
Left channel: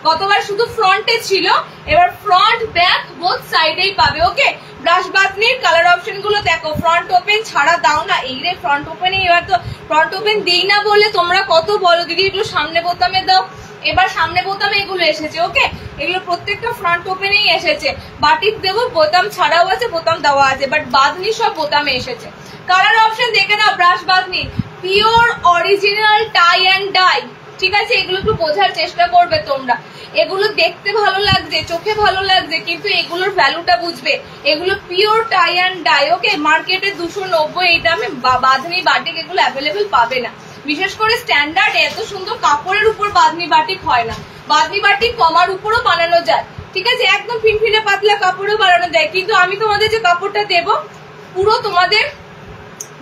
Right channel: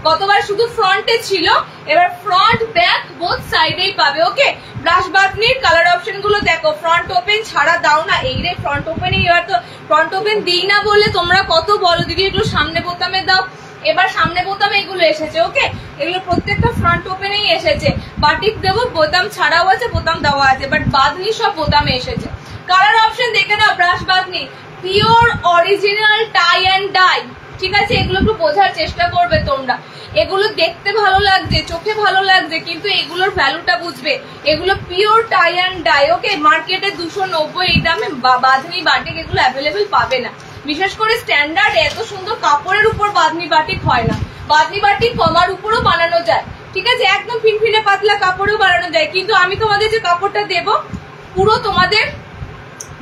গতবার শুধু ফ্রন্টে ছিল, এবার ফ্রন্ট ব্যাক বোথ সাইডেই পাবে। ওকে, ব্রাশ বাঁধনির কালার অপশন গুলো দেখো। ফ্রন্ট ওপেন ছাড়া দাও না, এই রে ফ্রন্ট ওপেন, এবার তো ফ্রন্ট ওপেন দিই না বলে তোমরা কত বলো দিদি এগুলো সামনে বোতামে দাও, এবার সামনে বোতামে এগুলো এসেছে। ওকে, এগুলো প্রত্যেকটা ফ্রন্ট ওপেনেই এসেছে। বাটিক দেবো, বোতাম ছাড়াও আছে, বোতাম দেওয়া আছে, বাট বাঁধনি সব বোতামে এসেছে। কালার অপশন দেখে নাও, ব্রাশ Bandhani pure original tie and dye, ঠিক আছে। এগুলো একটু বোঝার চেষ্টা করবে তোমরা, এগুলো দেখতে ভালো লাগছে, চোখে ভালো লাগছে, কিন্তু এগুলোর ভ্যালুটা বুঝবে। এগুলো পিওর টাই অ্যান্ড ডাই। ওকে, মার্কেটে 290 এই দামে বাঁধনি বাটিক এগুলো অ্যাভেলেবেল পাবে না। বিশেষ করে স্ট্যান্ডার্ড এত সুন্দর কাপড়ের উপর বাঁধনি বাটিক হয় না। বাঁধনি বাটিক কমার উপরও বানানো যায়, ঠিক আছে, একদম ফিনফিনে পাতলা কাপড়েও বানানো যায়। কিন্তু আমি তোমাদের যে কাপড়টা দেব পুরো তোমাদের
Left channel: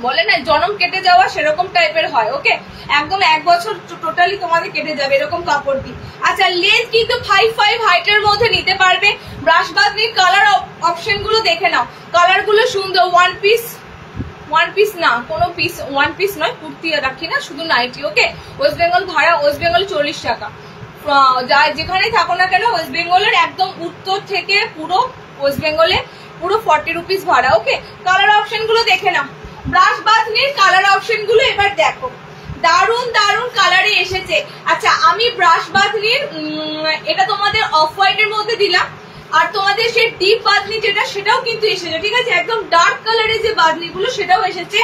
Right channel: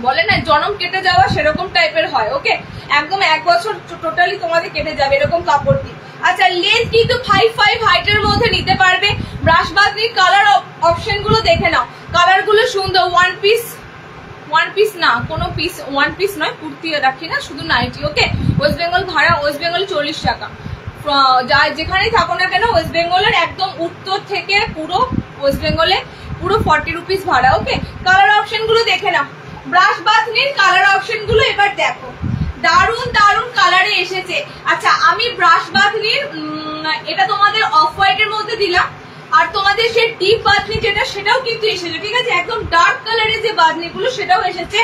বলে না জনম কেটে যাওয়া সেরকম টাইপের হয়। ওকে, একদম 1 বছর টোটালি তোমাদের কেটে যাবে এরকম কাপড় কি। আচ্ছা লেন্থ কিন্তু 5'5" হাইটের মধ্যে নিতে পারবে। ব্রাশ বাঁধনির কালার অপশন গুলো দেখে নাও, কালার গুলো সুন্দর। ওয়ান পিস না, কোনো পিস ওয়ান পিস নয়, কুর্তি রাখি না, শুধু নাইটি। ওকে, ওয়েস্ট বেঙ্গল ভাড়া, ওয়েস্ট বেঙ্গল 40 টাকা। যেখানেই থাকো না কেন ওয়েস্ট বেঙ্গলের একদম উত্তর থেকে পুরো ওয়েস্ট বেঙ্গলে পুরো 40 রুপিস ভাড়া। ওকে, কালার অপশন গুলো দেখে নাও। ব্রাশ বাঁধনির কালার অপশন গুলো এবার দেখো, দারুন দারুন কালারে এসেছে। আচ্ছা আমি ব্রাশ বাঁধনির এটা তোমাদের অফ হোয়াইট এর মধ্যে দিলাম, আর তোমাদের সেই ডিপ বাঁধনি যেটা সেটাও কিন্তু এসেছে, ঠিক আছে। একদম ডার্ক কালারের যে বাঁধনি গুলো সেটাও এসেছে।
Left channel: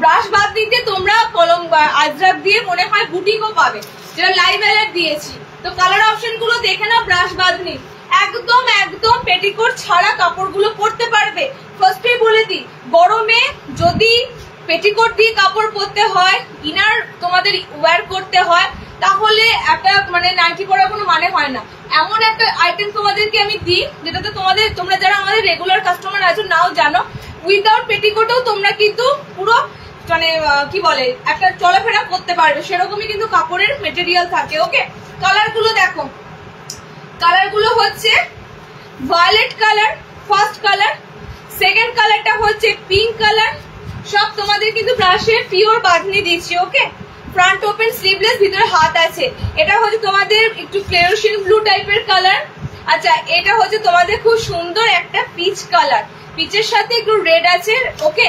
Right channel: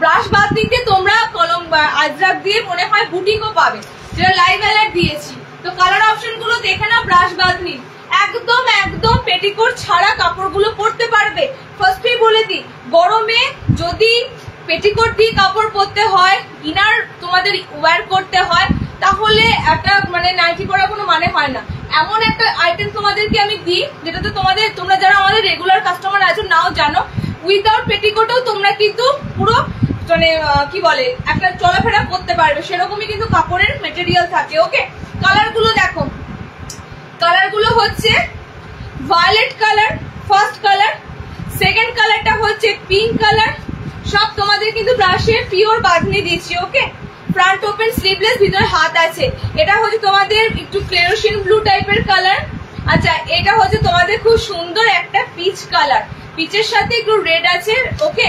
ব্রাশ বাঁধনিতে তোমরা কলম আজরাক দিয়ে মনে হয় বুটিকও পাবে, যেটা লাইভ অ্যালার্ট দিয়েছি। তো কালার অপশন গুলো দেখে নাও। ব্রাশ বাঁধনি একদম একদম পেটিকোট ছাড়া কাপড়গুলো পরতে পারবে। ফার্স্টেই বলে দিই, গরমে যদি পেটিকোট দিয়ে কাপড় পরতে হয়, ইনার তোমাদের ওয়্যার করতে হয়, তাহলে একটা মানে নাইটি পরার কোনো মানে হয় না। এমন একটা আইটেম তোমাদেরকে আমি দিই যেটাতে তোমরা যারা আমাদের রেগুলার কাস্টমার আছো নাও জানো, উইদাউট পেটিকোটেও তোমরা কিন্তু পুরো মানে কি বলে একটা চলাফেরা করতে পারবে, সেরকমই কিন্তু কাপড়ের মেটেরিয়াল থাকে। ওকে, কালার গুলো দেখো, কালার গুলো হচ্ছে violet colour first colour, second কালারটা হচ্ছে পিঙ্ক কালার। সব তোমাদের কিন্তু ব্রাশে পিওর বাঁধনি দিচ্ছি। ওকে, ফ্রন্ট ওপেন স্লিভলেস, ভিতরে হাত আছে। এটা হচ্ছে তোমাদের একটু ফ্লোরোসিন ব্লু টাইপের কালার। আচ্ছা এটা হচ্ছে তোমাদের খুব সুন্দর একটা পিচ কালার, পিচের সাথে একটু রেড আছে। ওকে,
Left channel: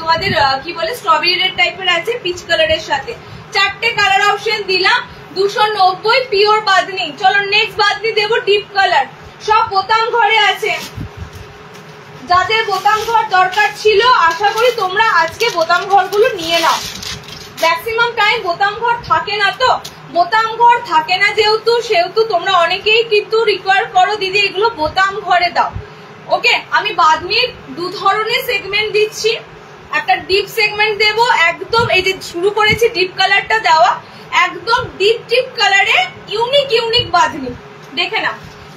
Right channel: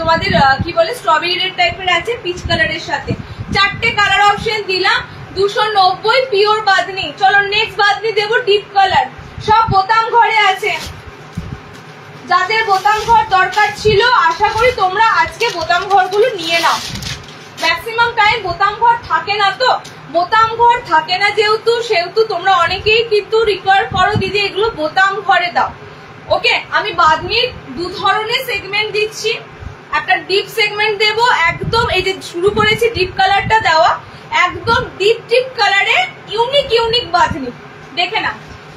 তোমাদের কি বলে স্ট্রবেরি রেড টাইপের আছে পিচ কালারের সাথে। 4টে কালার অপশন দিলাম, 290 পিওর বাঁধনি। চলো নেক্সট বাঁধনি দেবো ডিপ কালার, সব বোতাম ঘরে আছে। যাদের বোতাম ঘর দরকার ছিল আশা করি তোমরা আজকে বোতাম ঘরগুলো নিয়ে নাও। ম্যাক্সিমাম টাইম বোতাম ঘর থাকে না, তো বোতাম ঘর থাকে না সেহেতু তোমরা অনেকেই কিন্তু রিকোয়ার করো দিদি এগুলো বোতাম ঘরে দাও। ওকে, আমি বাদনির দু ধরনের সেগমেন্ট দিচ্ছি, একটা ডিপ সেগমেন্ট দেব, একদম এই যে শুরু করেছি ডিপ কালারটা দেওয়া, একদম ডিপ কালারে ইউনিক বাঁধনি, দেখে না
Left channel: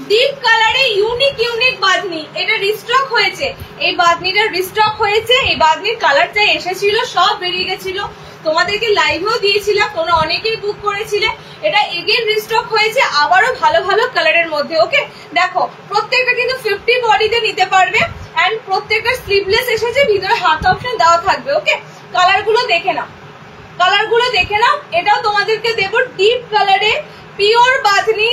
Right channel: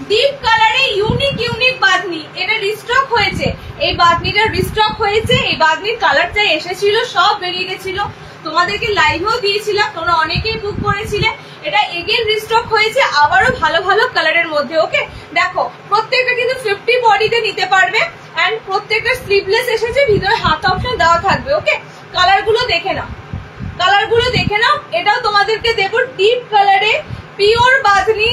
ডিপ কালারে ইউনিক বাঁধনি। এটা রিস্টক হয়েছে, এই বাঁধনিটা রিস্টক হয়েছে। এই বাঁধনির কালারটা এসেছিল, সব বেরিয়ে গেছিল, তোমাদেরকে লাইভেও দিয়েছিলাম, তোমরা অনেকেই বুক করেছিলে। এটা এগেন রিস্টক হয়েছে আবারও ভালো কালারের মধ্যে। ওকে, দেখো প্রত্যেকটা কিন্তু 50 বডিতে নিতে পারবে, এন্ড প্রত্যেকটা স্লিভলেস এসেছে, ভিতরে হাত অপশন দেওয়া থাকবে। ওকে, কালারগুলো দেখে নাও, এটাও তোমাদেরকে দেবো ডিপ কালারে পিওর বাঁধনি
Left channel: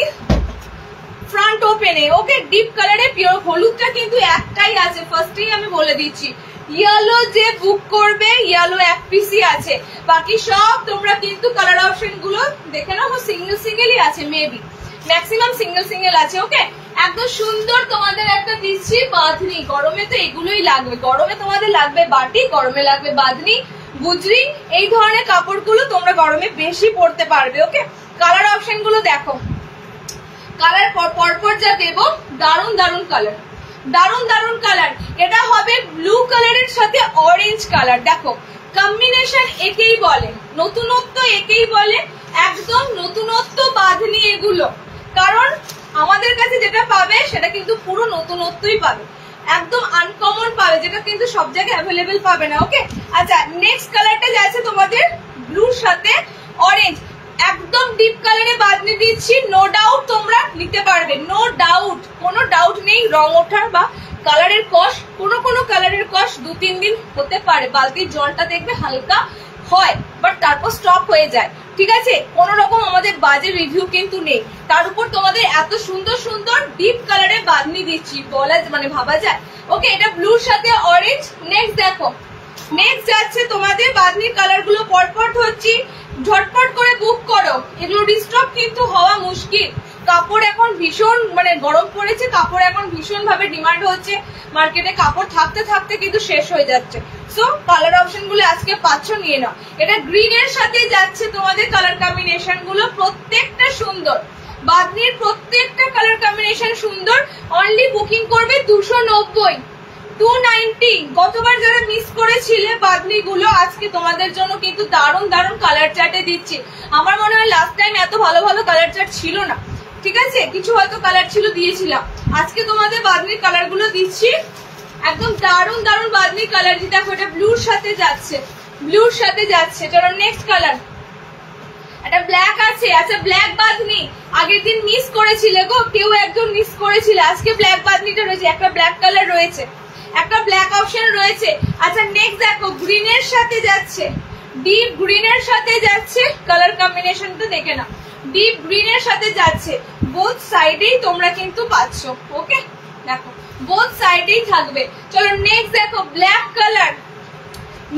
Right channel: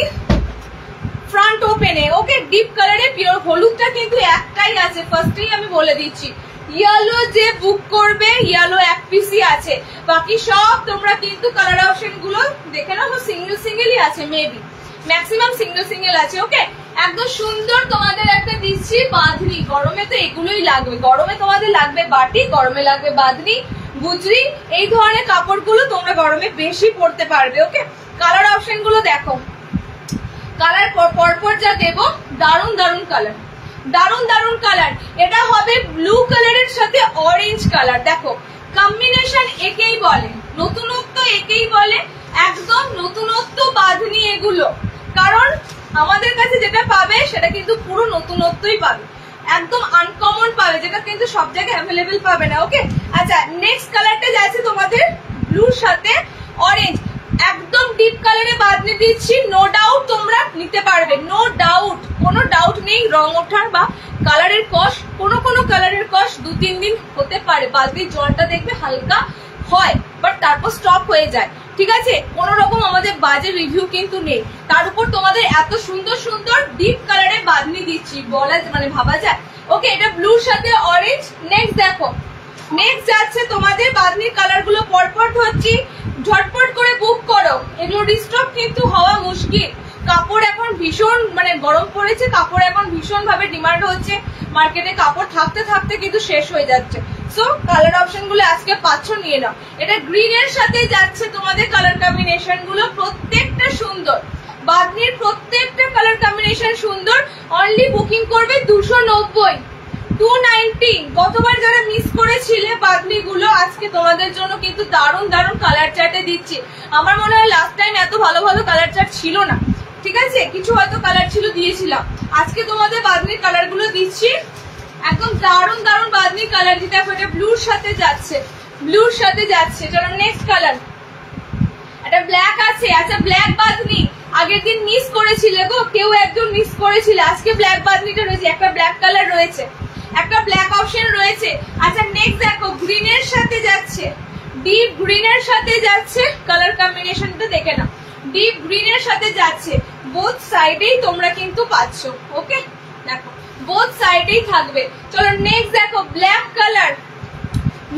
ফ্রন্ট ওপেনে। ওকে, ডিপ কালারে পিওর, হলুদটা কিন্তু একটাই আছে, ফার্স্টেই আমি বলে দিচ্ছি। ইয়েলো যে বুক করবে, ইয়েলো এক পিসই আছে, বাকি সব তোমরা কিন্তু কালার অপশন গুলো দেখে নাও, সিঙ্গেলই আছে, মেবি ম্যাক্সিমাম সিঙ্গেল আছে। ওকে, একদম সুন্দর তোমাদের একটা দিচ্ছি বাঁধনি। গরমে তো এগুলোই লাগবে, গরমে তোমাদের লাগবে বাটি, গরমে লাগবে বাঁধনি, গুজরি, এই ধরনের কাপড়গুলো তোমরা গরমে বেশি পরতে পারবে। ওকে, কালার অপশন গুলো দেখো, কালার পরপর যা দেবো, দারুন কালার। এটা হবে ব্লু কালারের সাথে অরেঞ্জ কালার। দেখো কম্বিনেশন একেই বলে নতুনত্ব, একেই বলে একদম নতুনত্ব বাঁধনি এগুলো, কারণ আমাদের কাছে যেটা পাবে সেটা কিন্তু পুরো নতুনত্বই পাবে, একদম আনকমন পাবে, যেটা কিন্তু সব জায়গায় অ্যাভেলেবেল পাবে না। ওকে, আচ্ছা নেক্সট কালারটা যাচ্ছে তোমাদের ব্লুর সাথে অরেঞ্জ, একদম ডিপ কালারে বাঁধনি দিচ্ছি। নো ডাউট তোমরা নিতে পারবে, কোনো ডাউট নেই। রং ওঠার বা কালারের কস, কোনো কালারের কস 2-3 দিন হতে পারে, বালতির জলটা দেখবে হালকা হয়, বাট তারপর স্টপ হয়ে যায়। ঠিক আছে, কোন রকম আমাদের বাজে রিভিউ কিন্তু নেই। তার উপর তোমাদের এত সুন্দর ডিপ কালারে বাঁধনি দিচ্ছি, বলা মানে ভাবা যায়। ওকে, এটা ব্লুর সাথে অরেঞ্জ। নেক্সট দেখো, নেক্সট যাচ্ছে তোমাদের বাঁধনির কালার গুলো পরপর ধরছি, ঝটপট করে বুক করো, এগুলো রিস্টক কিন্তু হওয়া মুশকিল। কাপড় এখন ভীষণ মানে গরম পড়েছে, কাপড় এখন ভীষণ ভাবে ডিমান্ড হচ্ছে মার্কেটে, কাপড় থাকতে কিন্তু শেষ হয়ে যাচ্ছে। সো কালার অপশন গুলো আজকে পাচ্ছ, নিয়ে নাও। এটা গ্রিন এর সাথে যাচ্ছে তোমাদের কালার কম্বিনেশন গুলো, প্রত্যেকটা সুন্দর, বাঁধনির প্রত্যেকটা কালার কম্বিনেশন সুন্দর। অনলি বুকিং করবে 290, 290। গতবার যারা মিস করেছিলে বাঁধনি গুলো, আজকে তোমাদের জন্য কিন্তু দারুণ কালার চার্টে দিচ্ছি। আমার মনে হয় লাস্ট টাইম এত ভালো কালার চার্ট ছিল না, ঠিক আছে, কিছু হয়তো কালার ছিল দিয়েছিলাম, আজকে তোমাদের বাঁধনির কালার গুলো দিচ্ছি, একদম দারুণ বাঁধনির কালার। দেখো এটা ব্লুর সাথে যাচ্ছে, এটার নেক্সট কালার, এটা ব্ল্যাক আছে। আচ্ছা ব্ল্যাক বাঁধনি আগের দিন মিস করেছিলে গো, কেউ একদম মিস করেছিলে, আজকে ব্ল্যাক বাঁধনিটা রয়েছে, একটা ব্ল্যাক কালার রয়েছে, একটা ব্ল্যাক অপশন রয়েছে। আচ্ছা নেক্সট দেখো, গ্রিনের সাথে যাচ্ছে, ডিপ গ্রিনের সাথে যাচ্ছে, কালার কম্বিনেশনটা দেখে নাও, ডিপ গ্রিনের সাথে যাচ্ছে, বোথ সাইডেই তোমরা কিন্তু পাচ্ছ। ওকে, দেখো বোথ সাইডেই থাকবে। চলো নেক্সট দেখো, ব্ল্যাক কালার।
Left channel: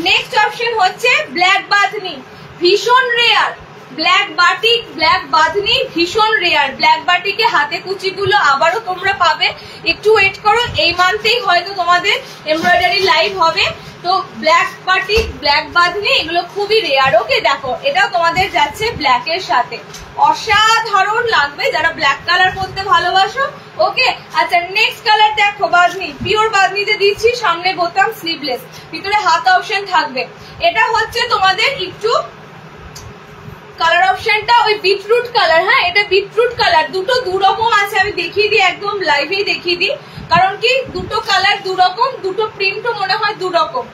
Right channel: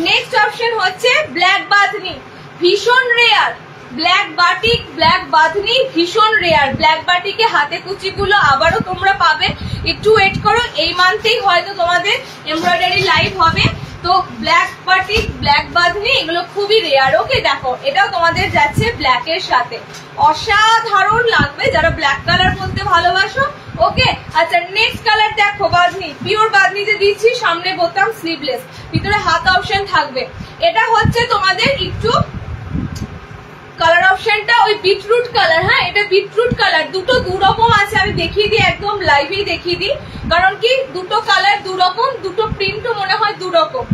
নেক্সট অপশন হচ্ছে ব্ল্যাক বাঁধনি, ভীষণ rare, black batik, black bandhani ভীষণ রেয়ার। ব্ল্যাক বাটিকে হাতে কুচি গুলো আবারও তোমরা পাবে, একটু ওয়েট করো, এই মান্থেই হয়তো তোমাদের এমব্রয়ডারি লাইভ হবে। তো ব্ল্যাক বাটিক, ব্ল্যাক বাঁধনি এগুলো খুবই রেয়ার। ওকে, দেখো এটাও তোমাদের যাচ্ছে ব্ল্যাক এর সাথে, অসাধারণ লাগবে যারা ব্ল্যাক কালার পরতে ভালোবাসো। ওকে, আচ্ছা নেক্সট কালার দেখো, বাঁধনি পিওর বাঁধনিতে দিচ্ছি, সামনে বোতাম, স্লিভলেস, ভিতরে হাত অপশন থাকবে। এটা হচ্ছে তোমাদের একটু কালার অপশনটা ওই বিটরুট কালার, হ্যাঁ এটা বিটরুট কালার, দুটো দু রকম আছে, আমি দেখিয়ে দিই, একদম লাইভেই দেখিয়ে দিই, কারণ কি দুটো কালার দু রকম, দুটো প্রিন্টও মনে হয় দু রকম,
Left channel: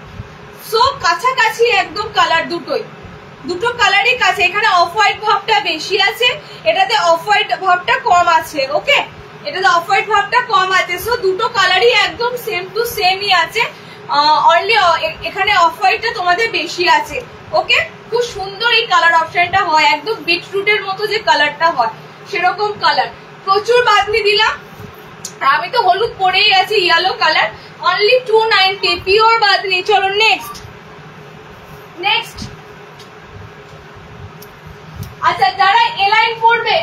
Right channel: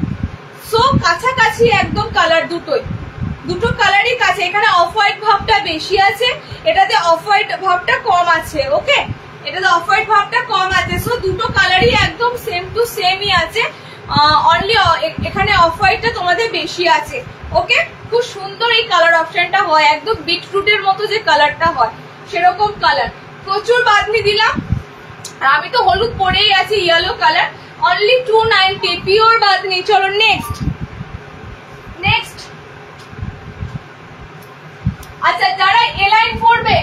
সো কাছাকাছি একদম কালার দুটোই, দুটো কালারই কাছে। এখানে অফ হোয়াইট ভাবটা বেশি আছে, এটাতে অফ হোয়াইট ভাবটা কম আছে। ওকে, এটাতে অফ হোয়াইট ভাবটা কম আছে, সো দুটো কালারই একদম সেম টু সেমই আছে, অনলি এখানে অফ হোয়াইটটা তোমাদের বেশি আছে। ওকে, খুব সুন্দর এই কালার অপশনটা হয়, একদম বিটরুটের মতো যে কালারটা হয় সেরকম কালার। প্রচুর বাঁধনি দিলাম, আর আমি তো হলুদ পরেই আছি, yellow colour, only 290 pure bandhani. চলো নেক্সট। আচ্ছা যারা এলাইন পড়বে,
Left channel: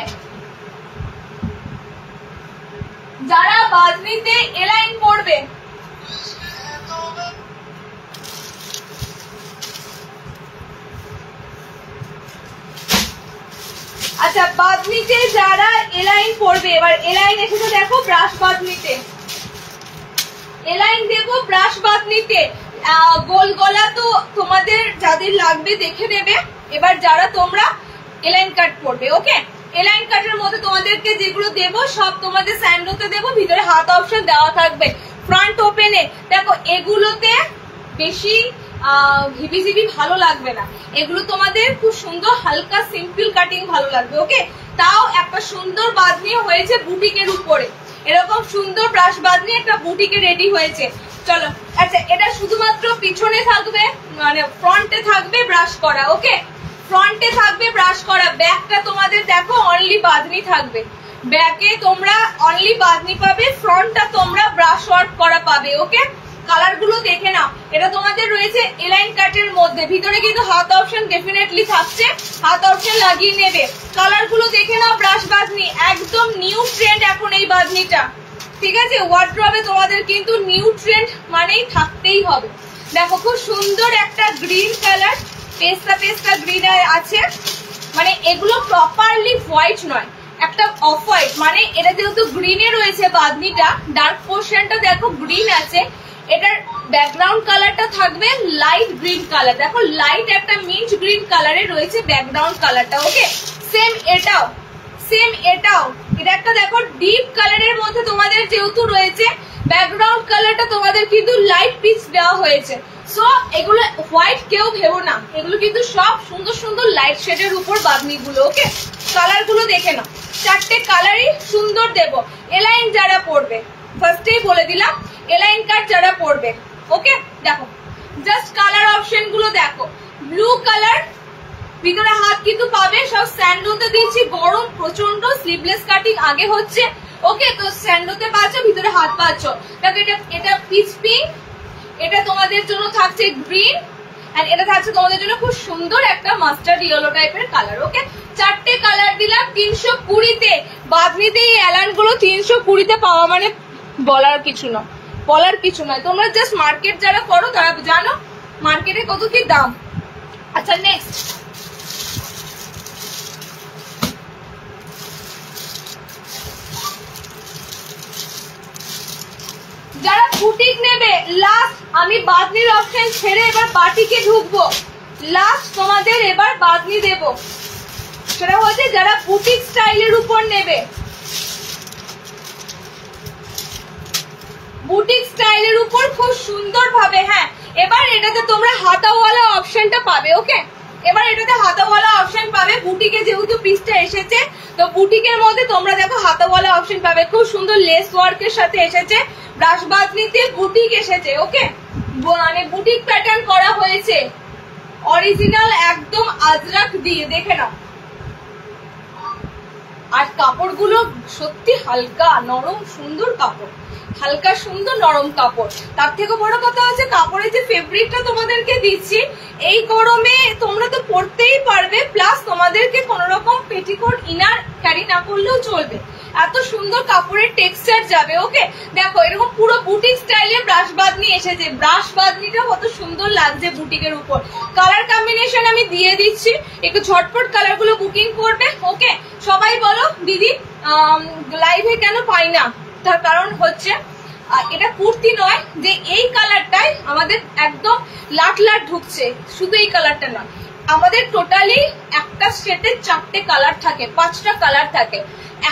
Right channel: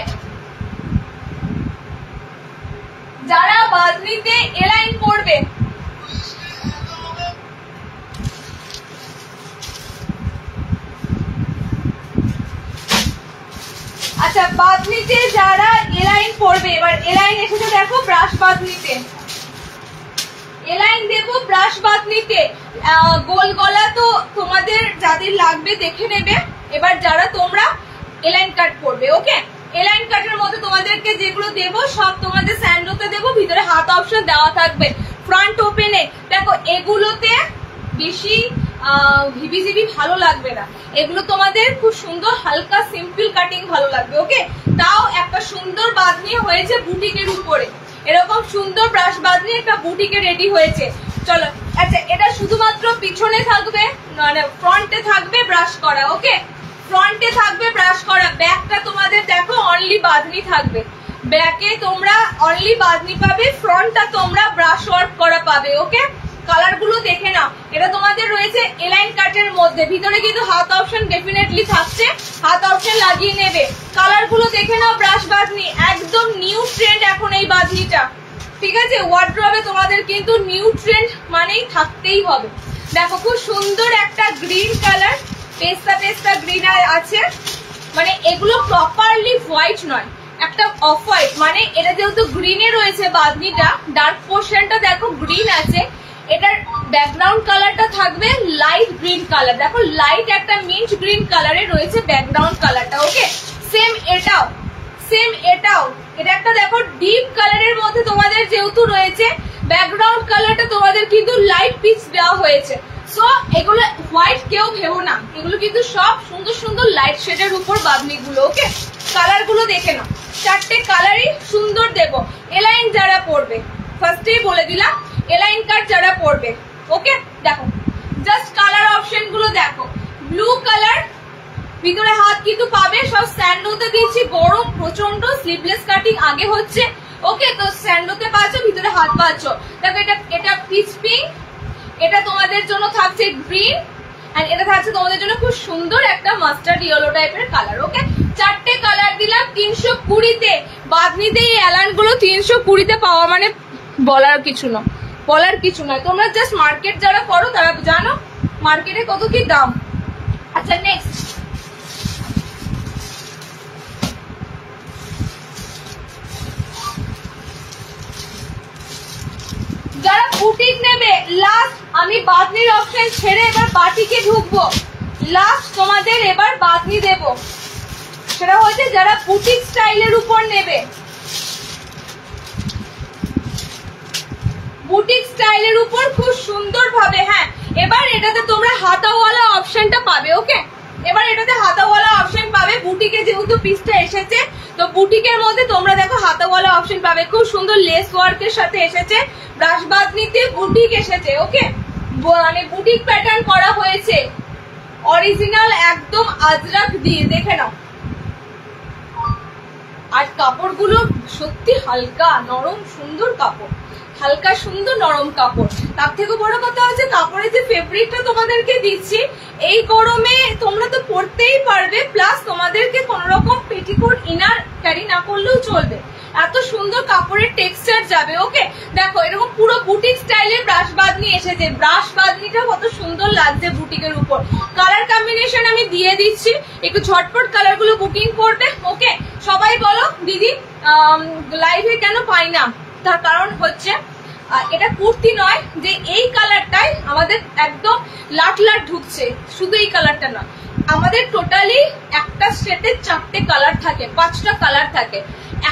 যারা বাঁধনিতে এলাইন পড়বে, আচ্ছা বাঁধনিতে যারা এলাইন পরবে, এবার এলাইন এসেছে দেখো ব্রাশ বাঁধনিতে, এলাইন দেবো ব্রাশ বাঁধনিতে। গোল গলা তো তোমাদের যাদের লাগবে দেখে নেবে। এবার যারা তোমরা এলাইন কাট করবে, ওকে, এলাইন কাটের মধ্যে তোমাদেরকে যেগুলো দেবো সব তোমাদের স্যান্ডোতে দেবো, ভিতরে হাত অপশন দেওয়া থাকবে। ফ্রন্ট ওপেনে দেখো এগুলোতে বেশি হিবিজিবি ভালো লাগবে না, এগুলো তোমাদের খুব সুন্দর হালকা সিম্পল কাটিং ভালো লাগবে, ওকে। তাও একটা সুন্দর বাঁধনি হয়েছে বুটিকের উপরে, এরকম সুন্দর ব্রাশ বাঁধনি একটা বুটিকে রেডি হয়েছে। চলো আচ্ছা এটা শুধুমাত্র পিছনে থাকবে, মানে ফ্রন্টে থাকবে ব্রাশ করা, ওকে, ফ্রন্টে থাকবে ব্রাশ করা। ব্যাকটা তোমাদের দেখো অনলি বাঁধনি থাকবে, ব্যাকে তোমরা অনলি বাঁধনি পাবে, ফ্রন্টটা তোমরা ব্রাশ ওয়ার্ক করা পাবে, ওকে। কালার গুলো দেখে নাও, এটা তোমাদের রয়েছে এলাইন কাটের মধ্যে, ভিতরে কিন্তু হাত অপশন ডেফিনেটলি থাকছে, হাত অপশন লাগিয়ে নেবে। কালার গুলো দেখে নাও, ব্রাশ বাঁধনি একদম নিউ ট্রেন্ড এখন এই বাঁধনিটা, ঠিক আছে। ওয়ার্ড্রবে তোমাদের কিন্তু নিউ ট্রেন্ড মানেই থাকতেই হবে। দেখো খুব সুন্দর একটা গ্রিন কালার, পেস্তা পেস্তা গ্রিন আছে, মানে এগুলো প্রপারলি হোয়াইট নয়, একটা অফ হোয়াইট, মানে এটা যেহেতু গ্রিনে রয়েছে বাঁধনিটা, ডার্ক পোর্শনটা দেখো গ্রিন আছে, এটার ব্যাকগ্রাউন্ড কালারটা থাকবে লাইট গ্রিন কালার, দেখো লাইট একটা মিন্ট গ্রিন কালারে রয়েছে ব্যাকগ্রাউন্ড কালারটা, ওকে। সেম এটাও, সেম এটাও, এটা একটা দেখো ডিপ কালারের মধ্যে তোমাদের যেহেতু রয়েছে, ব্যাকগ্রাউন্ড কালারটা তোমাদের কিন্তু লাইট পিচ দেওয়া হয়েছে। সো এগুলো হোয়াইট কেউ ভেবো না, এগুলো কিন্তু সব সুন্দর সুন্দর লাইট শেডের উপর বাঁধনি গুলো, ওকে। কালার গুলো দেখে নাও, চারটে কালারই সুন্দর দেব। এলাইন যারা পড়বে, ফার্স্টেই বলে দিলাম, এলাইন কাট যারা পড়বে, ওকে। দেখো জাস্ট কালার অপশন গুলো দেখো, ব্লু কালার, ভিতরে হাত কিন্তু পাবে, সব স্যান্ডোতে দিচ্ছি, গরম প্রচন্ড, স্লিভলেস কাটিং আগে হচ্ছে, ওকে। তো স্যান্ডোতে পাচ্ছ, ভিতরে হাত পাচ্ছ। দেখো এটা পিচ পিঙ্ক, এটা তোমাদের জন্য থাকছে গ্রিন, এন্ড এটা থাকছে তোমাদের জন্য খুব সুন্দর একটা মাস্টার্ড ইয়েলো টাইপের কালার, ওকে। চারটে কালার দিলাম 320-তে। বাঁধনিতে এই এলান গুলো 320-তে পাওয়া মানে বলার কিছু নয়, বলার কিছু নয়। তোমরা জাস্ট মার্কেট যারা করো তারা জানো মার্কেটে কত কি দাম। আচ্ছা নেক্সট, যারা বুটিক নেবে, লাস্ট আমি বাঁধনির অপশন ছেড়ে এবার বাটিকে ঢুকবো, লাস্ট তোমাদের এবার বাঁধনি দেব, সেটা হচ্ছে যারা বুটিক স্টাইলের উপর নেবে, বুটিক স্টাইলের উপর খুব সুন্দর ভাবে। হ্যাঁ এবার এটাতে তোমরা হাতাওয়ালা অপশনটা পাবে, ওকে। এবার এটাতে হাতাওয়ালা অপশন পাবে, বুটিকে যেহেতু পিসটা এসেছে, তো বুটিকের মধ্যে তোমরা দেখো হাতাওয়ালা অপশন পাবে, খুব সুন্দর লেস ওয়ার্কের সাথে এসেছে, ব্রাশ বাঁধনিতে বুটিক এসেছে, ওকে, মানে বুটিক প্যাটার্ন করা হয়েছে, অরিজিনাল একদম আজরাক দিয়ে, দেখে নাও। আর কাপড়গুলো সত্যি হালকা নরম সুন্দর কাপড়, হালকা সুন্দর নরম কাপড়। তার থেকে বড় কথা হচ্ছে কাপড়ের যে ফেব্রিকটা তোমাদেরকে দিচ্ছি, এই গরমে তোমরা তো পরতেই পারবে, প্লাস তোমাদেরকে কোন রকম পেটিকোট ইনার ক্যারি না করলেও চলবে, এত সুন্দর কাপড়ের টেক্সচার যাবে, ওকে। দেখো এরকম পুরো বুটিক স্টাইলে ব্রাশ বাঁধনি এসেছে, ব্রাশ বাঁধনিটাও কত সুন্দর লাগছে বুটিকের উপর। কালার কম্বিনেশন আমি দিয়ে দিচ্ছি, একটু ঝটপট কালার গুলো বুকিং করবে, ওকে। সবাই বলো দিদি লাইভে কেন পাই না, তার কারণ হচ্ছে এটা কুর্তি নয় যে এই কালারটাই আমাদের একদম লাট লাট ঢুকছে, শুধু এই কালারটা নয়, আমাদের টোটালি একটা সেটে 4টে কালার থাকে, 5টা কালার থাকে।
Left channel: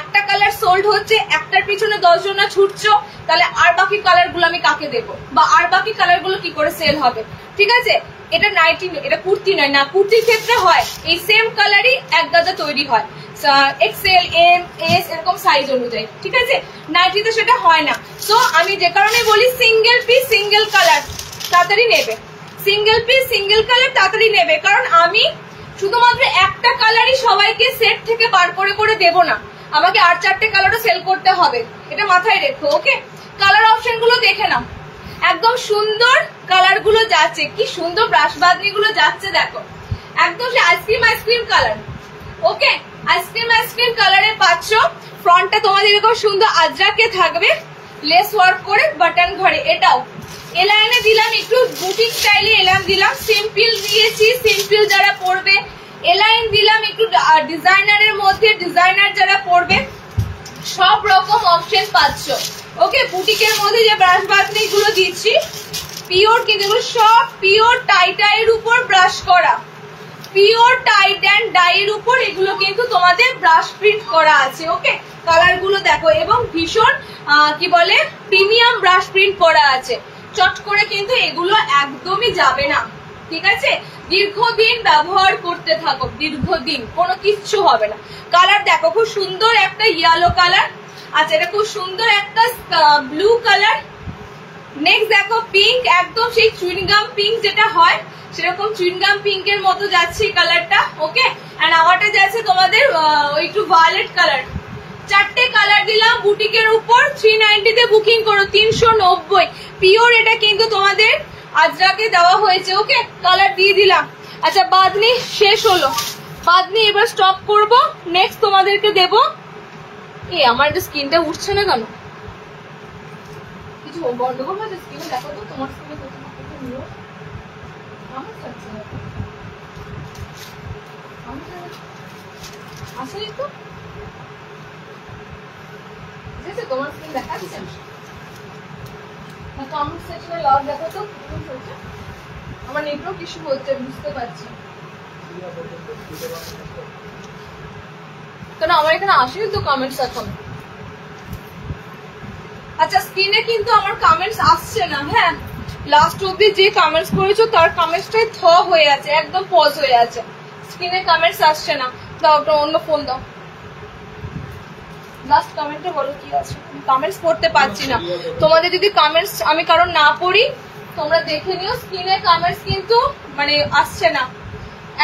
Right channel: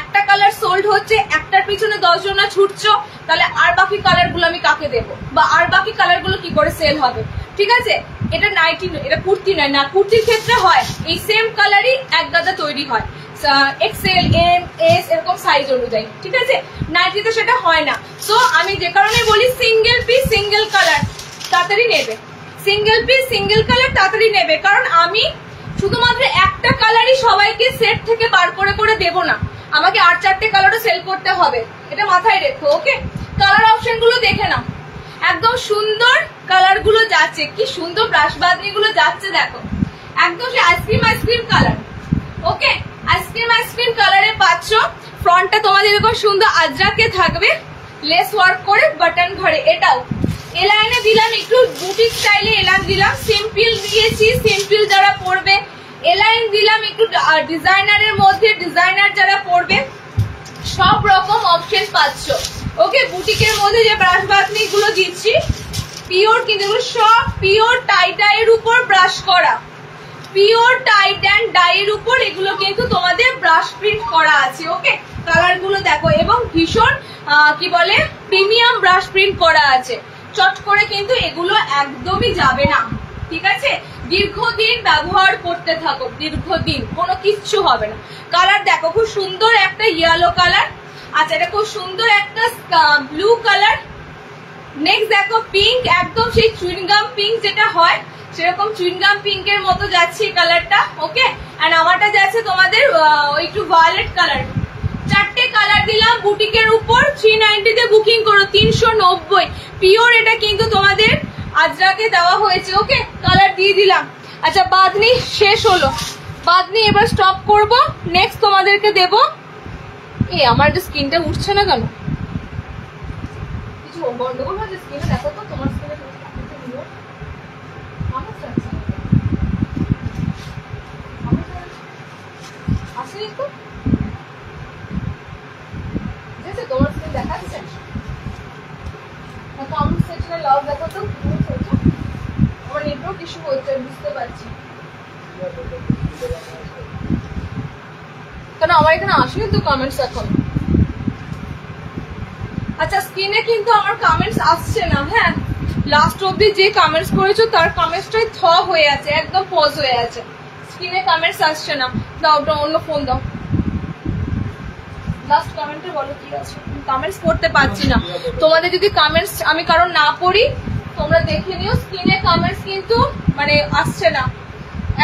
একটা কালার সোল্ড হচ্ছে, একটার পিছনে 10 জনা ছুটছো, তাহলে আর বাকি কালার গুলো আমি কাকে দেবো, বা আর বাকি কালার গুলো কি করে সেল হবে, ঠিক আছে। এটা নাইটি, এটা কুর্তি নয়, না কুর্তির ক্ষেত্রে হয় এই সেম কালারই এক গাদা তৈরি হয়, এক্সেল এম এস এরকম সাইজ অনুযায়ী, ঠিক আছে। নাইটিতে সেটা হয় না। তো আমি যে কারণে বলি সিঙ্গেল পিস সিঙ্গেল কালার তাড়াতাড়ি নেবে, সিঙ্গেল পিস সিঙ্গেল কালার তাড়াতাড়ি নেবে, কারণ আমি শুধুমাত্র একটা কালারই সবাইকে সেট থেকে বার করে করে দেবো না, আমাকে আর 4টে কালারও সেল করতে হবে, এটা মাথায় রেখো, ওকে। কালার অপশন গুলো দেখে নাও, একদম সুন্দর কালার গুলো যাচ্ছে, কি সুন্দর ব্রাশ বাঁধনি গুলো যাচ্ছে, দেখো একদম সে আইসক্রিম আইসক্রিম কালার, ওকে। আইসক্রিম আইসক্রিম কালারে পাচ্ছ। ফ্রন্টটা তোমাদের এরকম সুন্দর আজরাকে থাকবে, লেস ওয়ার্ক করে বাটন ঘরে। এটাও এলাইনে দিলাম, একটু বুটিক স্টাইলে এলান দিলাম, সিম্পল দিয়েছি, সিম্পল যারা পরবে এলাইন দিলাম একটু ডিজাইনারের মধ্যে, ডিজাইনার যারা পড়বে সব রকম অপশন পাচ্ছ। ওকে, বুটিকের মধ্যে যে ব্রাশ বাঁধনি গুলো দিচ্ছি পিওর, কিন্তু সব পিওর টাই ডাইয়ের উপর ব্রাশ করা, পিওর টাইট অ্যান্ড ডাইয়ের উপর এগুলো কিন্তু তোমাদের ব্রাশ প্রিন্ট করা আছে। ওকে, কালার গুলো দেখো, এবং ভীষণ কি বলে প্রিমিয়াম ব্রাশ প্রিন্ট করা আছে। চট করে কিন্তু এগুলো একদমই যাবে না, ঠিক আছে? দীর্ঘদিন ব্যবহার করতে থাকো, দীর্ঘদিন, কোনো কিচ্ছু হবে না। কালার দেখো, খুব সুন্দর একটা ইয়েলো কালার। আচ্ছা, এটা খুব সুন্দর একটা ব্লু কালার। নেক্সট দেখো পিঙ্ক, একদম সেই চুইনগাম পিঙ্ক যেটা হয় সেরকম চুইনগাম পিঙ্কের মতো যাচ্ছে এই কালারটা। ওকে, এন্ড আমারটা যাচ্ছে তোমাদের একটু ভায়োলেট কালার। চারটে কালার দিলাম বুটিকের উপর। 390 তে বুকিং করো, 390 পিওর। এটা কিন্তু তোমাদের আজরাকে দেওয়া হয়েছে। ওকে, কালার দিয়ে দিলাম। আচ্ছা, বাঁধনি শেষ হলো, বাঁধনি এবার স্টপ করব। নেক্সট তোমাদেরকে দেব, আমার স্কিনটা উঠছে না কেন, কিছু গন্ডগোল হয়েছে স্কিনে? দেখো তো তোমার স্কিনে আসেনি তো, তোমার স্কিন দেখাচ্ছে। কমেন্ট সেকশনে লাভ দেখো তো, আমার নেটওয়ার্ক ইস্যু হচ্ছে বুঝতে পারছি। কেন আমার এখানে আসেনি তো কমেন্টস এখন। আচ্ছা, স্ক্রিনে কিন্তু আমার কমেন্টস আসছে না। হ্যাঁ, লাস্ট অব্দি যে কমেন্টস করেছো তার কমেন্টসটাই থ হয়ে আছে, একদম পজ হয়ে আছে, স্ক্রিনে কমেন্টস আসছে না। দাও, ওটা অন্য ফোন দাও। লাস্ট কমেন্টে বলো কি আছে, কমেন্টস পড়তে পারছি না। তোমাদের যদি কমেন্টস আমি কারণ না পড়ি তোমরা দেখে নিও, স্ক্রিনে কমেন্টস কিন্তু মানে আসছে না,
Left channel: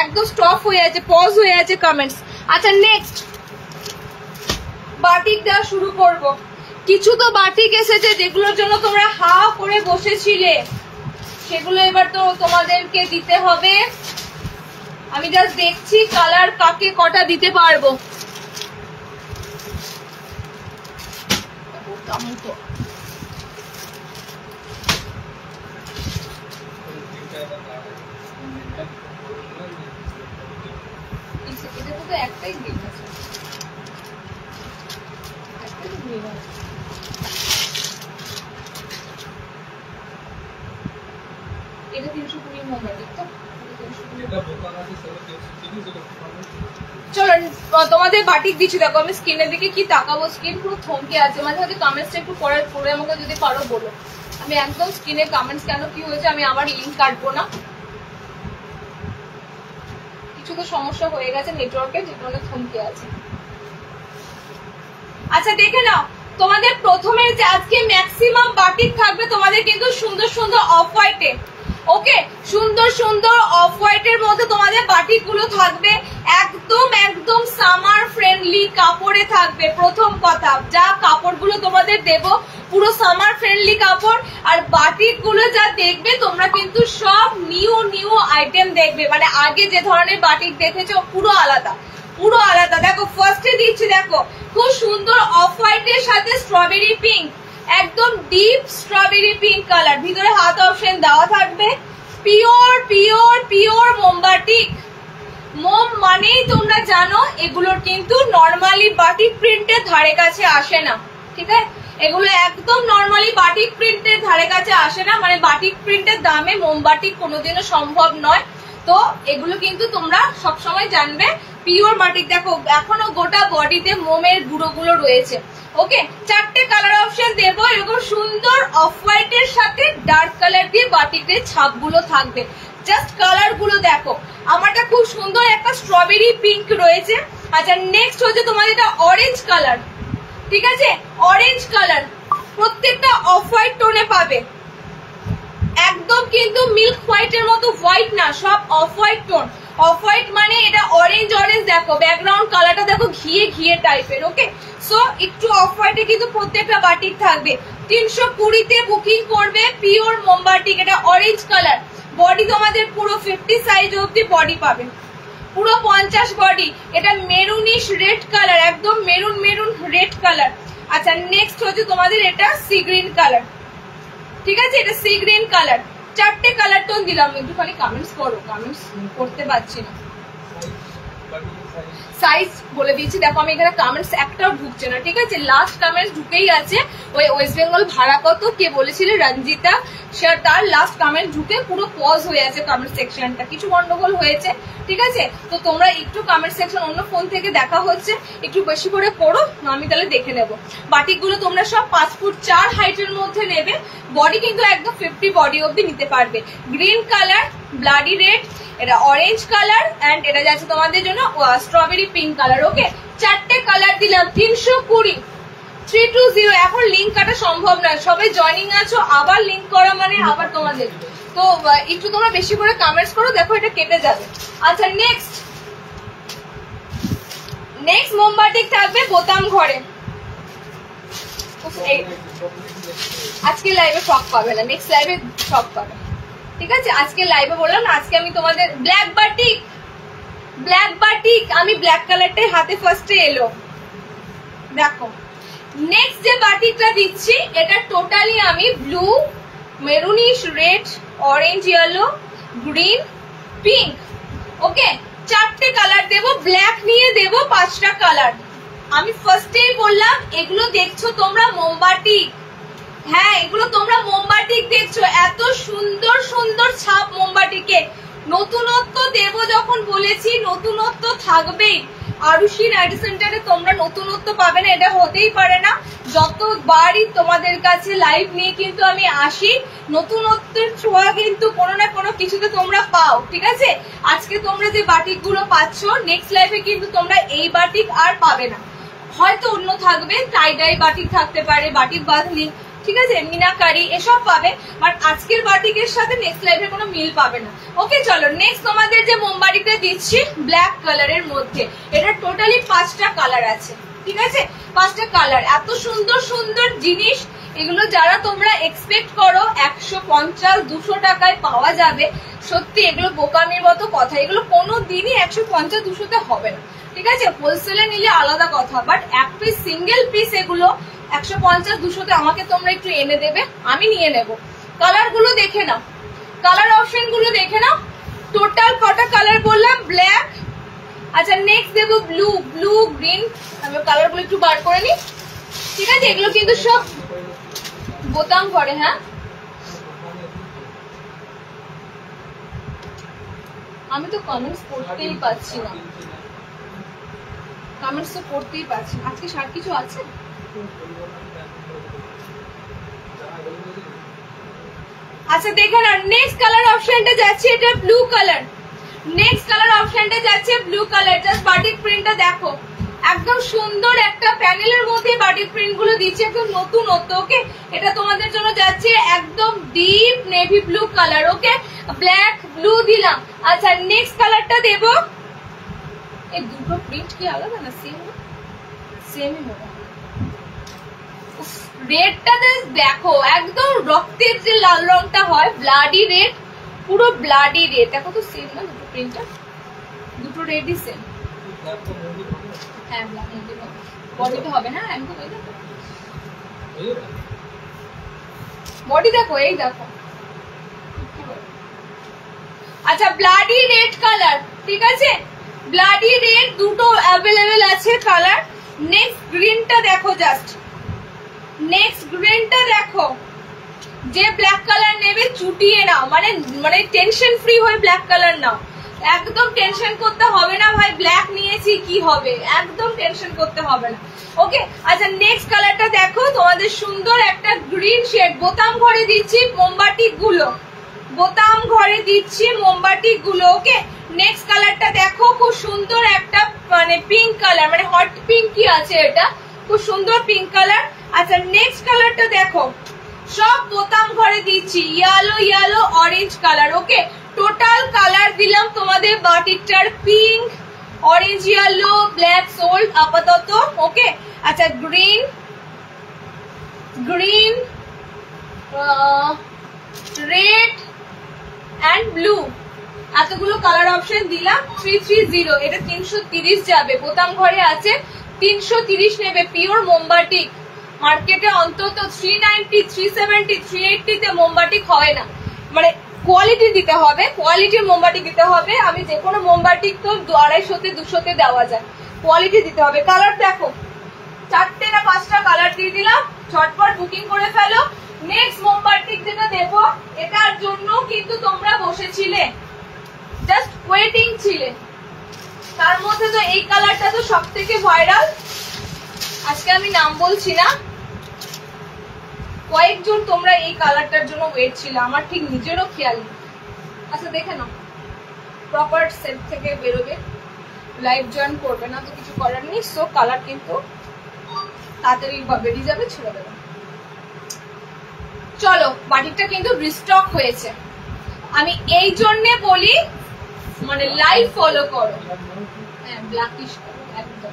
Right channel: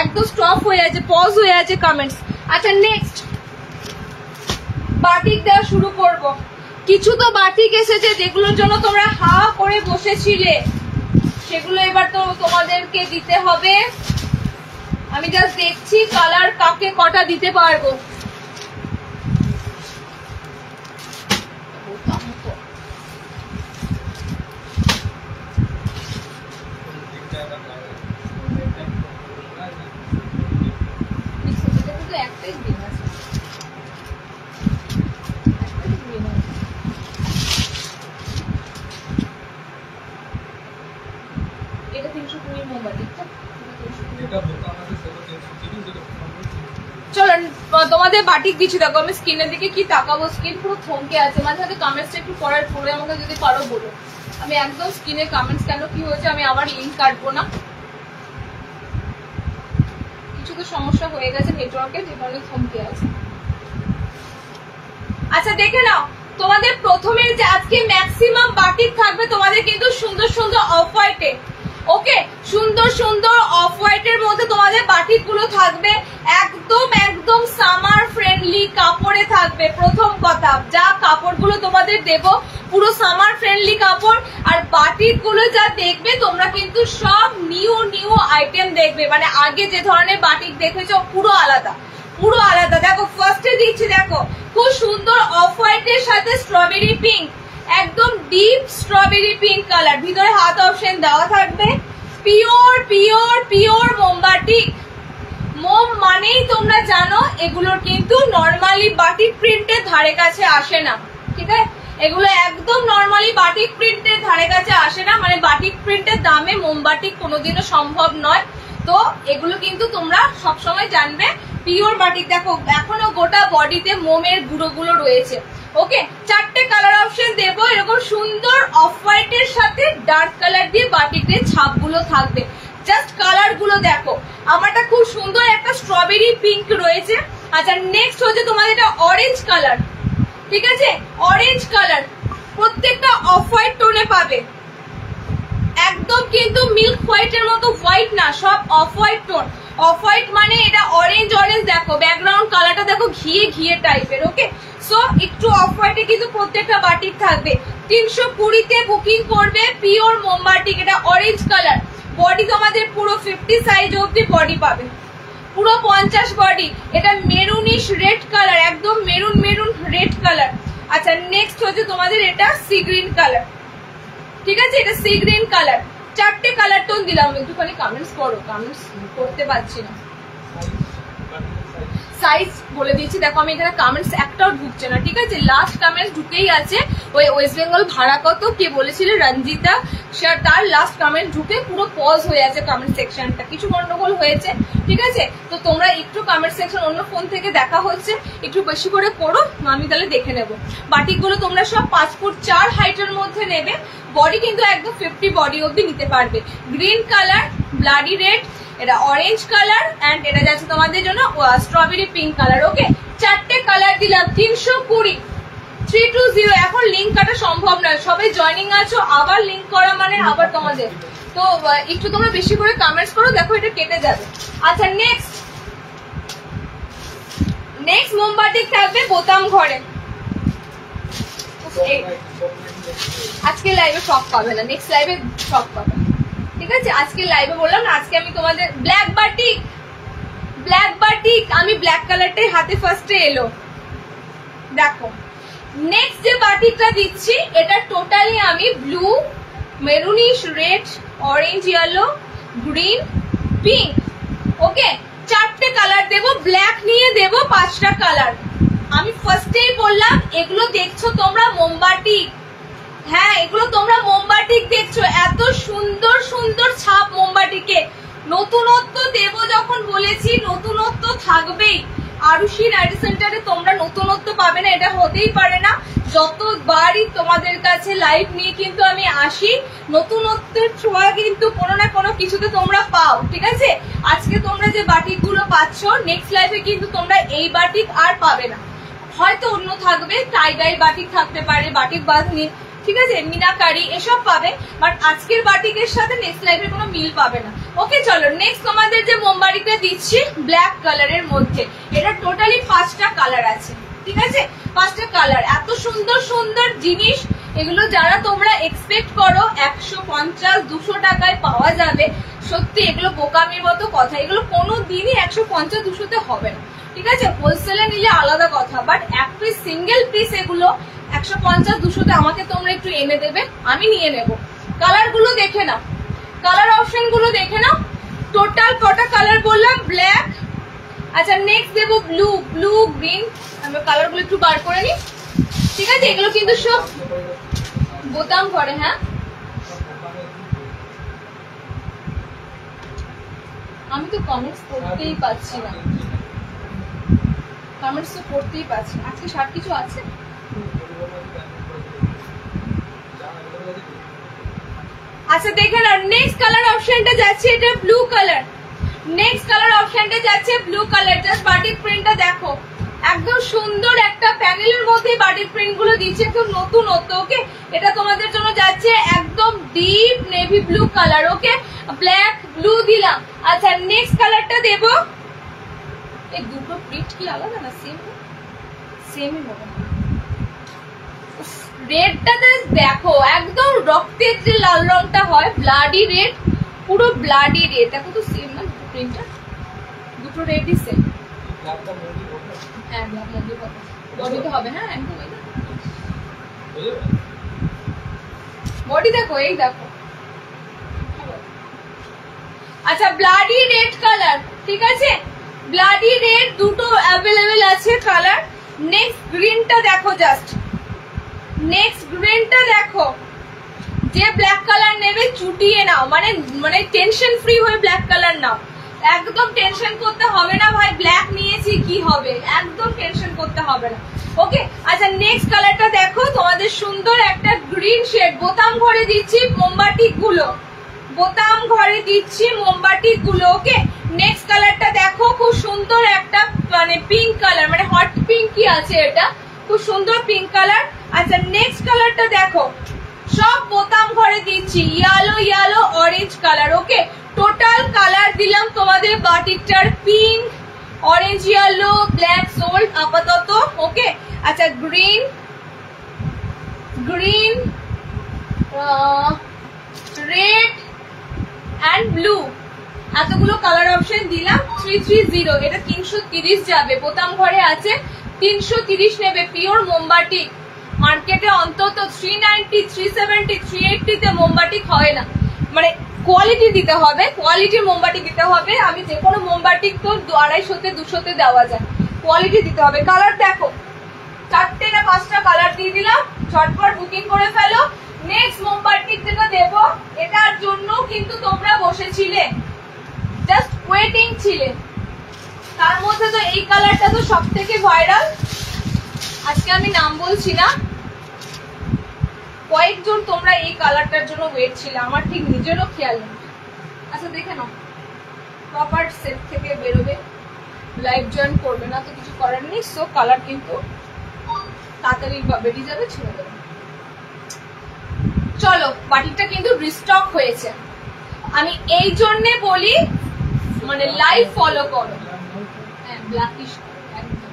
একদম স্টপ হয়ে আছে, পজ হয়ে আছে কমেন্টস। আচ্ছা, নেক্সট বাটিক দেওয়া শুরু করব। কিছু তো বাটিক এসেছে যেগুলোর জন্য তোমরা হা করে বসেছিলে, সেগুলো এবার তো তোমাদেরকে দিতে হবে। আমি জাস্ট দেখছি কালার কাকে কটা দিতে পারবো। একটাই গ্রিন আছে, একটাই গ্রিন আছে। এটা 320 মোমবাতি তো, চলো তোমাদের বাটিক দিচ্ছি। দেখো আমি স্কিনের দিকে কি তাকাবো, স্কিন পুরো থমকে আছে। মাঝে মাঝে কমেন্টসটা একটু পড়ার পরে আমাকে যদি পারো বলো। আমি একদম স্কিনের কমেন্টস কেন কি হয়েছে আমি আবার লিঙ্ক কাটবো না, কিছু তো সমস্যা হয়ে গেছে নেটওয়ার্কের, যে কারণে থমকে আছে। আচ্ছা, দেখে নাও তোমাদের প্রথমে যে আজকে ম্যাক্সিমাম বাটিক থাকবে তোমাদের কিন্তু সুন্দর সুন্দর অফ হোয়াইটে। ওকে, সুন্দর সুন্দর অফ হোয়াইটের মধ্যে তোমাদের বাটিক গুলো থাকবে, একদম একদম সামার ফ্রেন্ডলি কাপড়ে থাকবে। প্রথম কথা, যা কাপড়গুলো তোমাদের দেব পুরো সামার ফ্রেন্ডলি কাপড়, আর বাটিক গুলো যা দেখবে তোমরা কিন্তু সব নিউ নিউ আইটেম দেখবে। মানে আগে যে ধরনের বাটিক দেখেছো পুরো আলাদা, পুরো আলাদা। দেখো ফার্স্টে দিচ্ছি, দেখো খুব সুন্দর অফ হোয়াইটের সাথে স্ট্রবেরি পিঙ্ক, একদম ডিপ স্ট্রবেরি পিঙ্ক কালার, ভিতরে হাত অপশন দেওয়া থাকবে। পিওর পিওর পিওর মোমবাটিক। মোম মানেই তোমরা জানো এগুলোর কিন্তু নর্মালি বাটিক প্রিন্টের ধারে কাছে আসে না, ঠিক আছে? এগুলো একদম নর্মালি বাটিক প্রিন্টের ধারে কাছে আসে না, মানে বাটিক প্রিন্টের দামে মোমবাটিক কোনোদিনও সম্ভব নয়। তো এগুলো কিন্তু তোমরা সবসময় জানবে পিওর বাটিক। দেখো এখনো গোটা বডিতে মোমের গুঁড়োগুলো রয়েছে। ওকে, চারটে কালার অপশন দেবো, এরকম সুন্দর অফ হোয়াইটের সাথে ডার্ক কালার দিয়ে বাটিকের ছাপগুলো থাকবে। জাস্ট কালার গুলো দেখো, আমারটা খুব সুন্দর একটা স্ট্রবেরি পিঙ্ক রয়েছে। আচ্ছা, নেক্সট হচ্ছে তোমাদের এটা অরেঞ্জ কালার, ঠিক আছে? অরেঞ্জ কালার প্রত্যেকটা অফ হোয়াইট টোনে পাবে, একদম কিন্তু মিল্ক হোয়াইটের মতো হোয়াইট না, সব off white tone. Off white মানে এটা অরেঞ্জ অরেঞ্জ, দেখো ব্যাকগ্রাউন্ড কালারটা দেখো ঘিয়ে ঘিয়ে টাইপের। ওকে, সো একটু অফ হোয়াইটে কিন্তু প্রত্যেকটা বাটিক থাকবে। 320 তে বুকিং করবে, পিওর মোমবাটিক। এটা অরেঞ্জ কালার, বডি তোমাদের পুরো 50 সাইজ অব্দি বডি পাবে, পুরো 50 বডি। এটা মেরুনিশ রেড কালার, একদম মেরুন মেরুন রেড কালার। আচ্ছা, নেক্সট হচ্ছে তোমাদের এটা সি গ্রিন কালার, ঠিক আছে? এটা সি গ্রিন কালার। চারটে কালার টোন দিলাম, একটুখানি কমেন্টস করো, কমেন্টস করতে পারছি না। সাইজ বলে দিয়েছি, দেখো আমি এখানে কমেন্টস একটাও ঢুকছে না, ঠিক আছে, লাস্ট কমেন্টস ঢুকেই আছে। ওই ওয়েস্ট বেঙ্গল ভাড়া কত কে বলেছিল, রঞ্জিতা, তার লাস্ট কমেন্ট ঢুকে পুরো পজ হয়ে আছে কমেন্ট সেকশনটা, কিছু গন্ডগোল হয়েছে, ঠিক আছে। তো তোমরা একটু কমেন্ট সেকশন অন্য ফোন থেকে দেখা হচ্ছে, একটু বেশি করে পড়ো, আমি তাহলে দেখে নেবো। বাটিকগুলো তোমরা সব 5 ফুট 4 হাইটের মধ্যে নেবে, বডি কিন্তু একদম 50 বডি অব্দি নিতে পারবে। গ্রিন কালার, ব্লাডি রেড, এটা অরেঞ্জ কালার, এন্ড এটা যাচ্ছে তোমাদের জন্য স্ট্রবেরি পিঙ্ক কালার। ওকে, 4টে কালার দিলাম 320 320। এখন লিঙ্ক কাটা সম্ভব নয়, সবাই জয়নিং আছো, আবার লিঙ্ক করা মানে আবার তোমাদের, তো একটু তোমরা বেশি করে কমেন্টস করো, দেখো এটা কেটে যাবে। আচ্ছা নেক্সট মোমবাটিক থাকবে বোতাম ঘরে। আজকে লাইভে শক পাবে না, নেক্সট লাইভে শক পাবে, ঠিক আছে। আজকে লাইভে বললাম না, আজকে আমি তোমাদের ব্ল্যাক বাটিক আমি ব্ল্যাক কালারটাই হাতে ফার্স্টে এলো। দেখো নেক্সট যে বাটিকটা দিচ্ছি, এটা টোটালি আমি blue, maroonish red, orange yellow, green, pink, okay 4টে কালার দেবো, ব্ল্যাক নিয়ে দেবো 5টা কালার। আমি ফার্স্টেই বললাম এগুলো দেখছো তোমরা মোমবাটিক, হ্যাঁ এগুলো তোমরা মোমবাটিক দেখছো, এত সুন্দর সুন্দর ছাপ মোমবাটিকে। নতুনত্ব দেব যখন বলেছি, নতুনত্ব থাকবেই। আরুষি নাইট সেন্টারে তোমরা নতুনত্ব পাবে না, এটা হতেই পারে না। যতবারই তোমাদের কাছে লাইভ নিয়ে কিন্তু আমি আসি, নতুনত্বের ছোঁয়া কিন্তু কোনো না কোনো কিছুতে তোমরা পাও, ঠিক আছে। আজকে তোমরা যে বাটিক গুলো পাচ্ছ, নেক্সট লাইভে কিন্তু তোমরা এই বাটিক আর পাবে না, হয়তো অন্য থাকবে, টাই ডাই বাটিক থাকতে পারে, বাটিক বাঁধনি, ঠিক আছে, মিনাকারি এসব পাবে, বাট আজকের বাটিকের সাথে নেক্সট লাইভের কোনো মিল পাবে না। ওকে চলো নেক্সট তোমাদের যে মোমবাটিকটা দিচ্ছি ব্ল্যাক কালারের মধ্যে, এটা টোটালি 5টা কালার আছে, ঠিক আছে, 5টা কালার। এত সুন্দর সুন্দর জিনিস, এগুলো যারা তোমরা এক্সপেক্ট করো 150-200 টাকায় পাওয়া যাবে, সত্যি এগুলো বোকামির মতো কথা, এগুলো কোনো দিনই 150-200তে হবে না, ঠিক আছে। হোলসেলে নিলে আলাদা কথা, বাট এক পিস সিঙ্গেল পিস এগুলো 150-200তে আমাকে তোমরা একটু এনে দেবে, আমি নিয়ে নেব। কালার গুলো দেখে নাও, কালার অপশন গুলো দেখে নাও, টোটাল কটা কালার বললাম, ব্ল্যাক, আচ্ছা নেক্সট দেবো ব্লু, গ্রিন, আমি কালার গুলো একটু বার করে নি, ঠিক আছে। এগুলো কিন্তু সব বোতাম ঘরে, হ্যাঁ আমি তো কমেন্টস পড়তেই পাচ্ছি না, কমেন্টস তো পড়তেই পাচ্ছি। আজকে সার কিছু আছে, আচ্ছা দেখে না। নেক্সট কালার অপশনটা যাচ্ছে এটা ব্লু কালার, নেক্সট কালার অপশনটা যাচ্ছে ব্লু কালার। জাস্ট বাটিক প্রিন্টটা দেখো, একদম সুন্দর একটা প্যানেলের মধ্যে বাটিক প্রিন্ট গুলো দিচ্ছে, একদম নতুনত্ব। ওকে, এটা তোমাদের জন্য যাচ্ছে একদম ডিপ নেভি ব্লু কালার, ওকে, ব্ল্যাক ব্লু দিলাম। আচ্ছা নেক্সট কালারটা দেব, এই দুটো প্রিন্ট কি আলাদা না, সেমই মনে হয়। রেডটা দেখো, একদম রক্তের যে লাল রংটা হয়, ব্লাডি রেড, পুরো ব্লাডি রেড, দেখো তো সেম না দুটো প্রিন্টটা, দুটো রেডই সেম। হ্যাঁ ব্ল্যাক মধ্যে হবে, বডিতে হবে, হ্যাঁ একদম বডি দেখো, এই দেখো। আচ্ছা ব্লাডি রেড কালার, ঠিক আছে, ব্লাডি রেড দুটো অ্যাভেলেবেল আছে কালার। নেক্সট গ্রিনটা দেখো, জাস্ট নেক্সট গ্রিনটা দেখো, যে ব্ল্যাক কালার নেবে চুটিয়ে নাও, মানে টেনশন ফ্রি হয়ে ব্ল্যাক কালার নাও, একদম টেনশন করতে হবে না ভাই ব্ল্যাক নিয়েছি কি হবে, একদম টেনশন করতে হবে না। ওকে আচ্ছা নেক্সট কালারটা দেখো, তোমাদের সুন্দর একটা গ্রিন শেড, বোতাম ঘরে দিচ্ছি মোমবাটিক গুলো, বোতাম ঘরে দিচ্ছি মোমবাটিক গুলো। ওকে নেক্সট কালারটা দেখো, খুব সুন্দর একটা মানে পিঙ্ক কালার, মানে হট পিঙ্ক কি আছে, এটা খুব সুন্দর পিঙ্ক কালার। আচ্ছা নেক্সট কালারটা দেখো, সব বোতাম ঘরে দিচ্ছি yellow orange colour. Okay total colour দিলাম তোমাদের বাটিকটার pink, orange, yellow, black sold আপাতত। ওকে আচ্ছা গ্রিন, রেড অ্যান্ড ব্লু, এতগুলো কালার অপশন দিলাম। 330, এটা 330 যাবে, বোতাম ঘরে আছে 330 নেবে, পিওর মোমবাটিক। মার্কেটে অন্তত 390, 370, 380 তে মোমবাটিক হয় না, মানে কোয়ালিটি দিতে হবে, কোয়ালিটির মোমবাতি দিতে হবে। আমি যে কোনো মোমবাতি তো 250-তে 200-তে দেওয়া যায়, কোয়ালিটি দিতে হবে। কালার দেখো, 4টে না 5টা কালার দিয়ে দিলাম, ঝটপট বুকিং করে ফেলো। নেক্সট মোমবাতি যেটা দেবো, এটার জন্য কিন্তু তোমরা বসেছিলে, জাস্ট ওয়েটিং ছিলে। তার মধ্যে তো এই কালারটা তো সব থেকে ভাইরাল। আজকে আমি নাম বলছি না, কয়েকজন তোমরা এই কালারটার জন্য ওয়েট ছিল, আমার ঠিক নিজেরও খেয়াল নেই। আচ্ছা দেখে নাও, প্রপার সেট থেকে বেরোবে, লাইভ জয়েন করবে না তো কিছু করার নেই। সো কালার কিন্তু তাড়াতাড়ি বেরিয়ে যাবে, ছেড়ে দেবে। চলো, বাটিকটা কিন্তু রিস্টক হয়েছে। আমি এই জন্যে বলি, মানে লাইভ ফলো করো। হ্যাঁ, ব্ল্যাকিশ একদম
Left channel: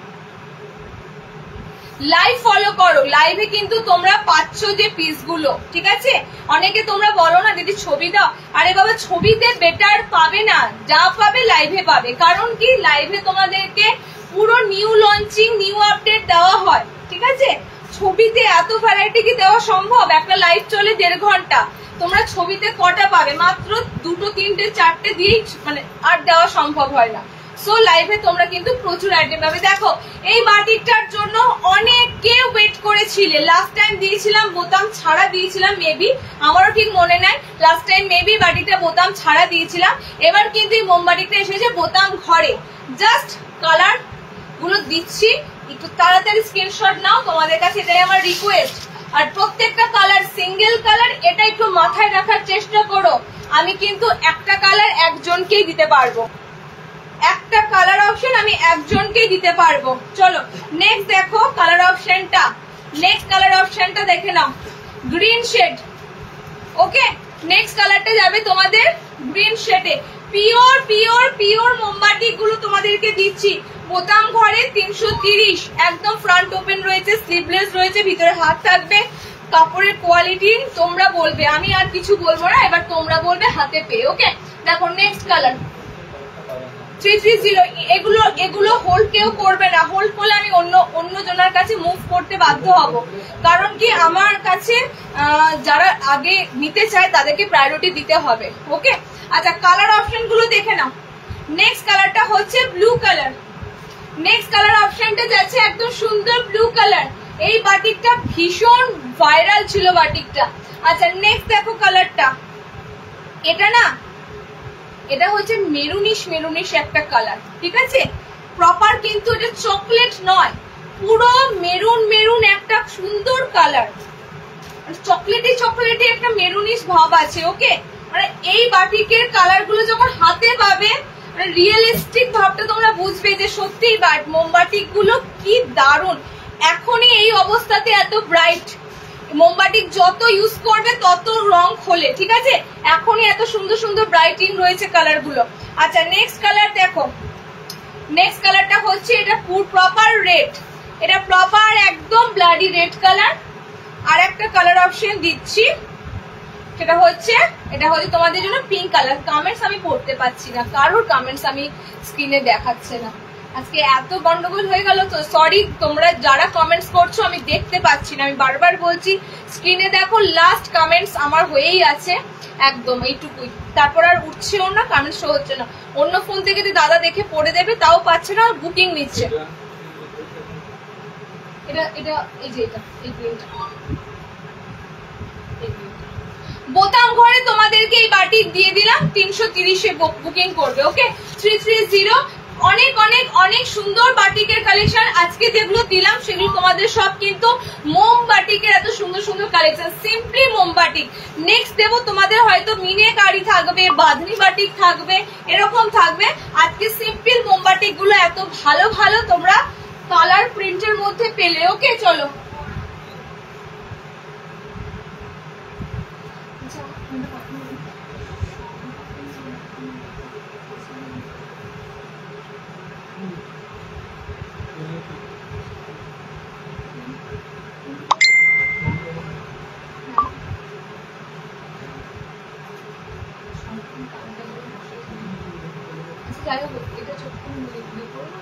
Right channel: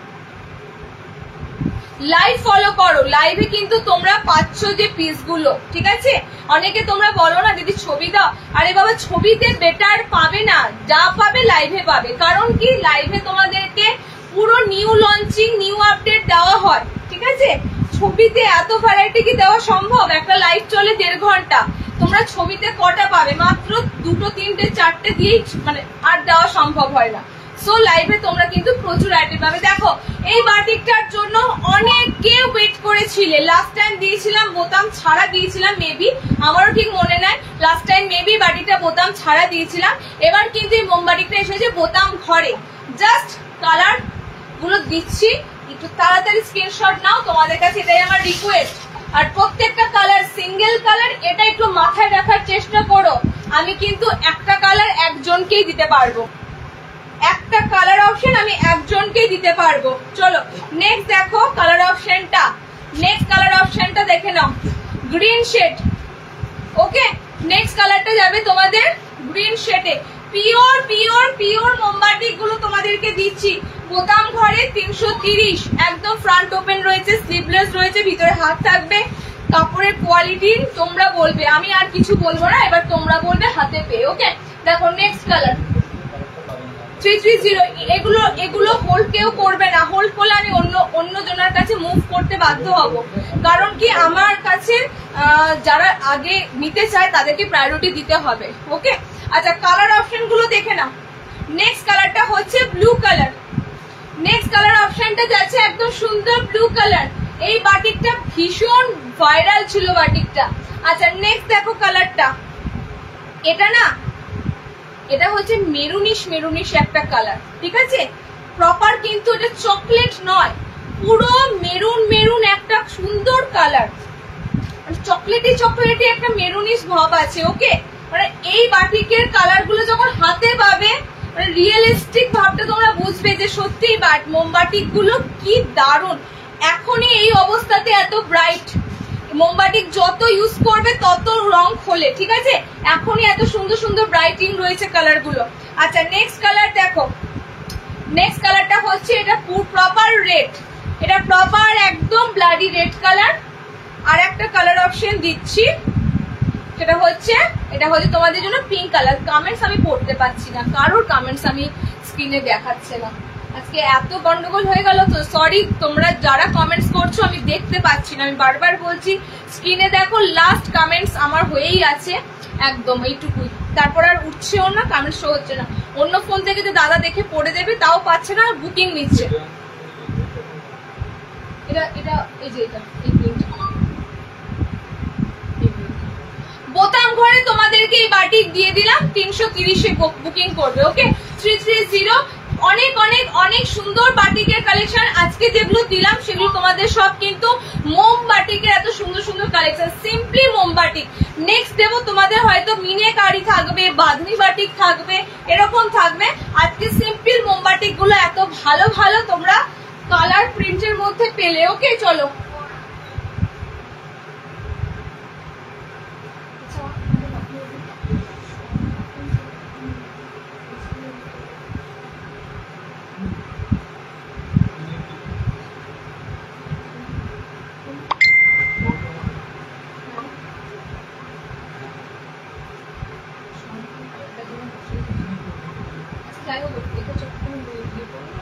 লাইভ ফলো করো। লাইভে কিন্তু তোমরা পাচ্ছ যে পিস গুলো, ঠিক আছে? অনেকে তোমরা বলো না দিদি ছবি দাও, আরে বাবা ছবিতে বেটার পাবে না, যা পাবে লাইভে পাবে। কারণ কি, লাইভে তোমাদেরকে পুরো নিউ লঞ্চিং, নিউ আপডেট দেওয়া হয়, ঠিক আছে? ছবিতে এত ভ্যারাইটি কি দেওয়া সম্ভব? একটা লাইভ চলে 1.5 ঘন্টা, তোমরা ছবিতে কটা পাবে? মাত্র 2, 3, 4টে দিয়েই মানে আর দেওয়া সম্ভব হয় না। সো লাইভে তোমরা কিন্তু প্রচুর আইটেম পাবে। দেখো, এই বাটিকটার জন্য অনেকে ওয়েট করেছিলে। লাস্ট টাইম দিয়েছিলাম বোতাম ছাড়া দিয়েছিলাম, মেবি, আমারও ঠিক মনে নাই। লাস্ট টাইম মেবি বাটিকটা বোতাম ছাড়া দিয়েছিলাম। এবার কিন্তু এই মোমবাটিকটা এসেছে বোতাম ঘরে। জাস্ট কালার গুলো দিচ্ছি, একটু তাড়াতাড়ি স্ক্রিনশট নাও, তোমাদের কাছে এটাই আমার রিকোয়েস্ট। আর প্রত্যেকটা কালার সিঙ্গেল কালার, এটা একটু মাথায় রাখার চেষ্টা করো। আমি কিন্তু একটা কালার একজনকেই দিতে পারবো, একটা কালার অপশন আমি একজনকেই দিতে পারবো। চলো নেক্সট দেখো কালার অপশনটা, নেক্সট কালার অপশনটা দেখে নাও, গ্রিন শেড। ওকে, নেক্সট কালারটা যাবে তোমাদের গ্রিন শেডে। পিওর পিওর পিওর মোমবাতি গুলো তোমাদেরকে দিচ্ছি। বোতাম ঘরে 330, একদম ফ্রন্ট ওপেন রয়েছে, স্লিভলেস রয়েছে, ভিতরে হাত থাকবে। কাপড়ের কোয়ালিটি তোমরা বলবে, আমি আর কিছু বলবো না, এবার তোমরা বলবে হাতে পেয়ে। ওকে, দেখো নেক্সট কালার 330। এগুলো হোল্ড কেউ করবে না, হোল্ড করলে আমি অন্য জনের কাছে মুভ করতে বাধ্য হব। কারণ কি, আমার কাছে যারা আগে নিতে চায় তাদেরকে প্রায়োরিটি দিতে হবে। ওকে, আচ্ছা কালার অপশন গুলো দেখে নাও। নেক্সট কালারটা হচ্ছে ব্লু কালার। নেক্সট কালার অপশনটা যাচ্ছে একদম সুন্দর ব্লু কালার। এই বাটিকটা ভীষণ ভাইরাল ছিল বাটিকটা। আচ্ছা নেক্সট দেখো কালারটা, এটা না, এটা হচ্ছে মেরুনিশ মেরুনিশ একটা কালার, ঠিক আছে? প্রপার কিন্তু এটা চকলেট নয়, পুরো মেরুন মেরুন একটা সুন্দর কালার, চকলেটি চকলেটি একটা মেরুনিশ ভাব আছে। ওকে, মানে এই বাটিকের কালার গুলো যখন হাতে পাবে, মানে রিয়েলিস্টিক ভাবটা তোমরা বুঝবে যে সত্যি মোমবাতি গুলো কি দারুণ। এখনই এই অবস্থাতে এত ব্রাইট মোমবাতি যত ইউজ করবে তত রং খোলে, ঠিক আছে? এখনই এত সুন্দর সুন্দর ব্রাইটিং রয়েছে কালার গুলো। আচ্ছা নেক্সট কালার দেখো, নেক্সট কালারটা হচ্ছে এটা প্রপার রেড, এটা প্রপার একদম ব্লাডি রেড কালার। আর একটা কালার অপশন দিচ্ছি, সেটা হচ্ছে এটা হচ্ছে তোমাদের জন্য পিঙ্ক কালার। কমেন্টস আমি পড়তে পাচ্ছি না, কারোর কমেন্টস আমি স্ক্রিনে দেখাচ্ছে না। আজকে এত গন্ডগোল হয়ে গেল তো সরি, তোমরা যারা কমেন্টস করছো আমি দেখতে পাচ্ছি না। আমি বারবার বলছি স্ক্রিনে দেখো, লাস্ট কমেন্টস আমার হয়েই আছে, একদম এইটুকুই। তারপর আর উঠছেও না, কমেন্টস শো হচ্ছে না। অন্য ফোন থেকে যে দাদা দেখে পড়ে দেবে তাও পাচ্ছে না, বুকিং নিচ্ছে। এটা এটা এই যে এটা এই গ্রিনটা, বোতাম ঘরে তোমাদেরকে এই বাটিক দিয়ে দিলাম, 330-এ বুকিং করবে। ওকে, 330। অনেক অনেক অনেক সুন্দর বাটিকের কালেকশন আজকে যেগুলো দিলাম সেগুলো তোমাদের সব কিন্তু মোম বাটিকের এত সুন্দর সুন্দর কালেকশন, সিম্পলি মোম বাটিক। নেক্সট দেবো তোমাদের হয়তো মিনাকারি থাকবে, বাঁধনি বাটিক থাকবে, এরকম থাকবে। আজকে সিম্পল মোম বাটিক গুলো এত ভালো ভালো তোমরা কালার প্রিন্টের মধ্যে পেলে। ওকে চলো, এটা যখন ইয়ে করো না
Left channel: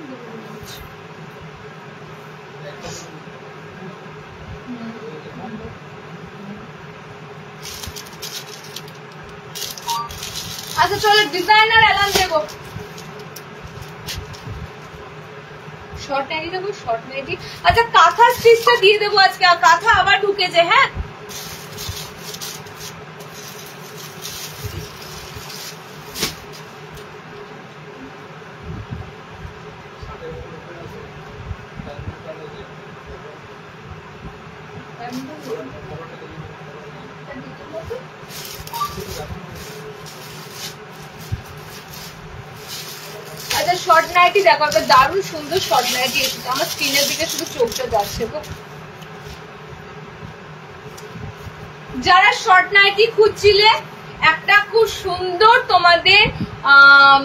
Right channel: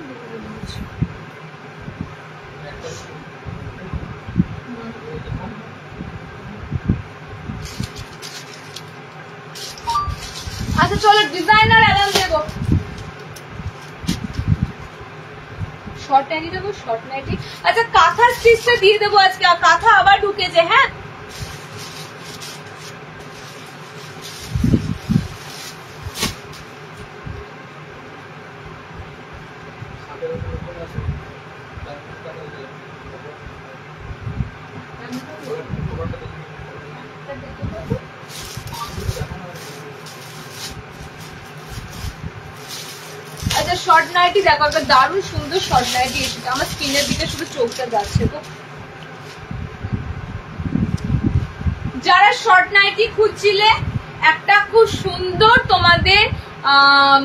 আচ্ছা চলো ডিজাইনার অ্যালান দেবো। শর্ট নাইটি দেবো, শর্ট নাইটি। আচ্ছা কাঁথা স্টিচটা দিয়ে দেবো আজকে, কাঁথা আবার ঢুকেছে। হ্যাঁ আচ্ছা শর্ট নাইটি দেখো, একটা দারুণ সুন্দর শর্ট নাইটি এসেছে। আমার স্ক্রিনের দিকে শুধু চোখটা যাচ্ছে। তো যারা শর্ট নাইটি খুঁজছিলে, একটা খুব সুন্দর তোমাদের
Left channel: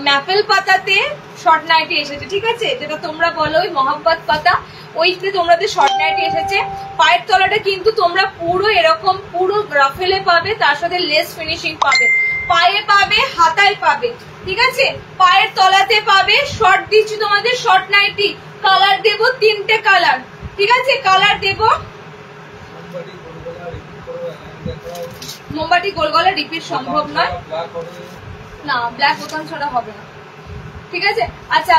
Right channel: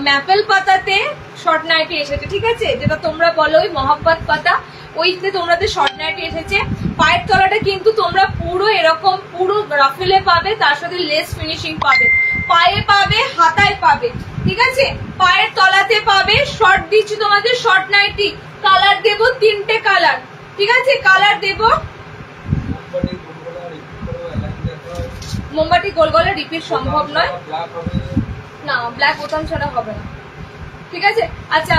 ম্যাপেল পাতাতে শর্ট নাইটি এসেছে, ঠিক আছে, যেটা তোমরা বলো ওই মহব্বত পাতা, ওইতে তোমাদের শর্ট নাইটি এসেছে। পায়ের তলাটা কিন্তু তোমরা পুরো এরকম পুরো রাফেলে পাবে, তার সাথে লেস ফিনিশিং পাবে, পায়ে পাবে, হাতায় পাবে, ঠিক আছে, পায়ের তলাতে পাবে। শর্ট দিচ্ছি তোমাদের শর্ট নাইটি, কালার দেবো 3টে কালার, ঠিক আছে, কালার দেবো। মোমবাতি গোল গলা রিপিট সম্ভব নয়, না ব্ল্যাক বোতাম ছাড়া হবে না, ঠিক আছে। আচ্ছা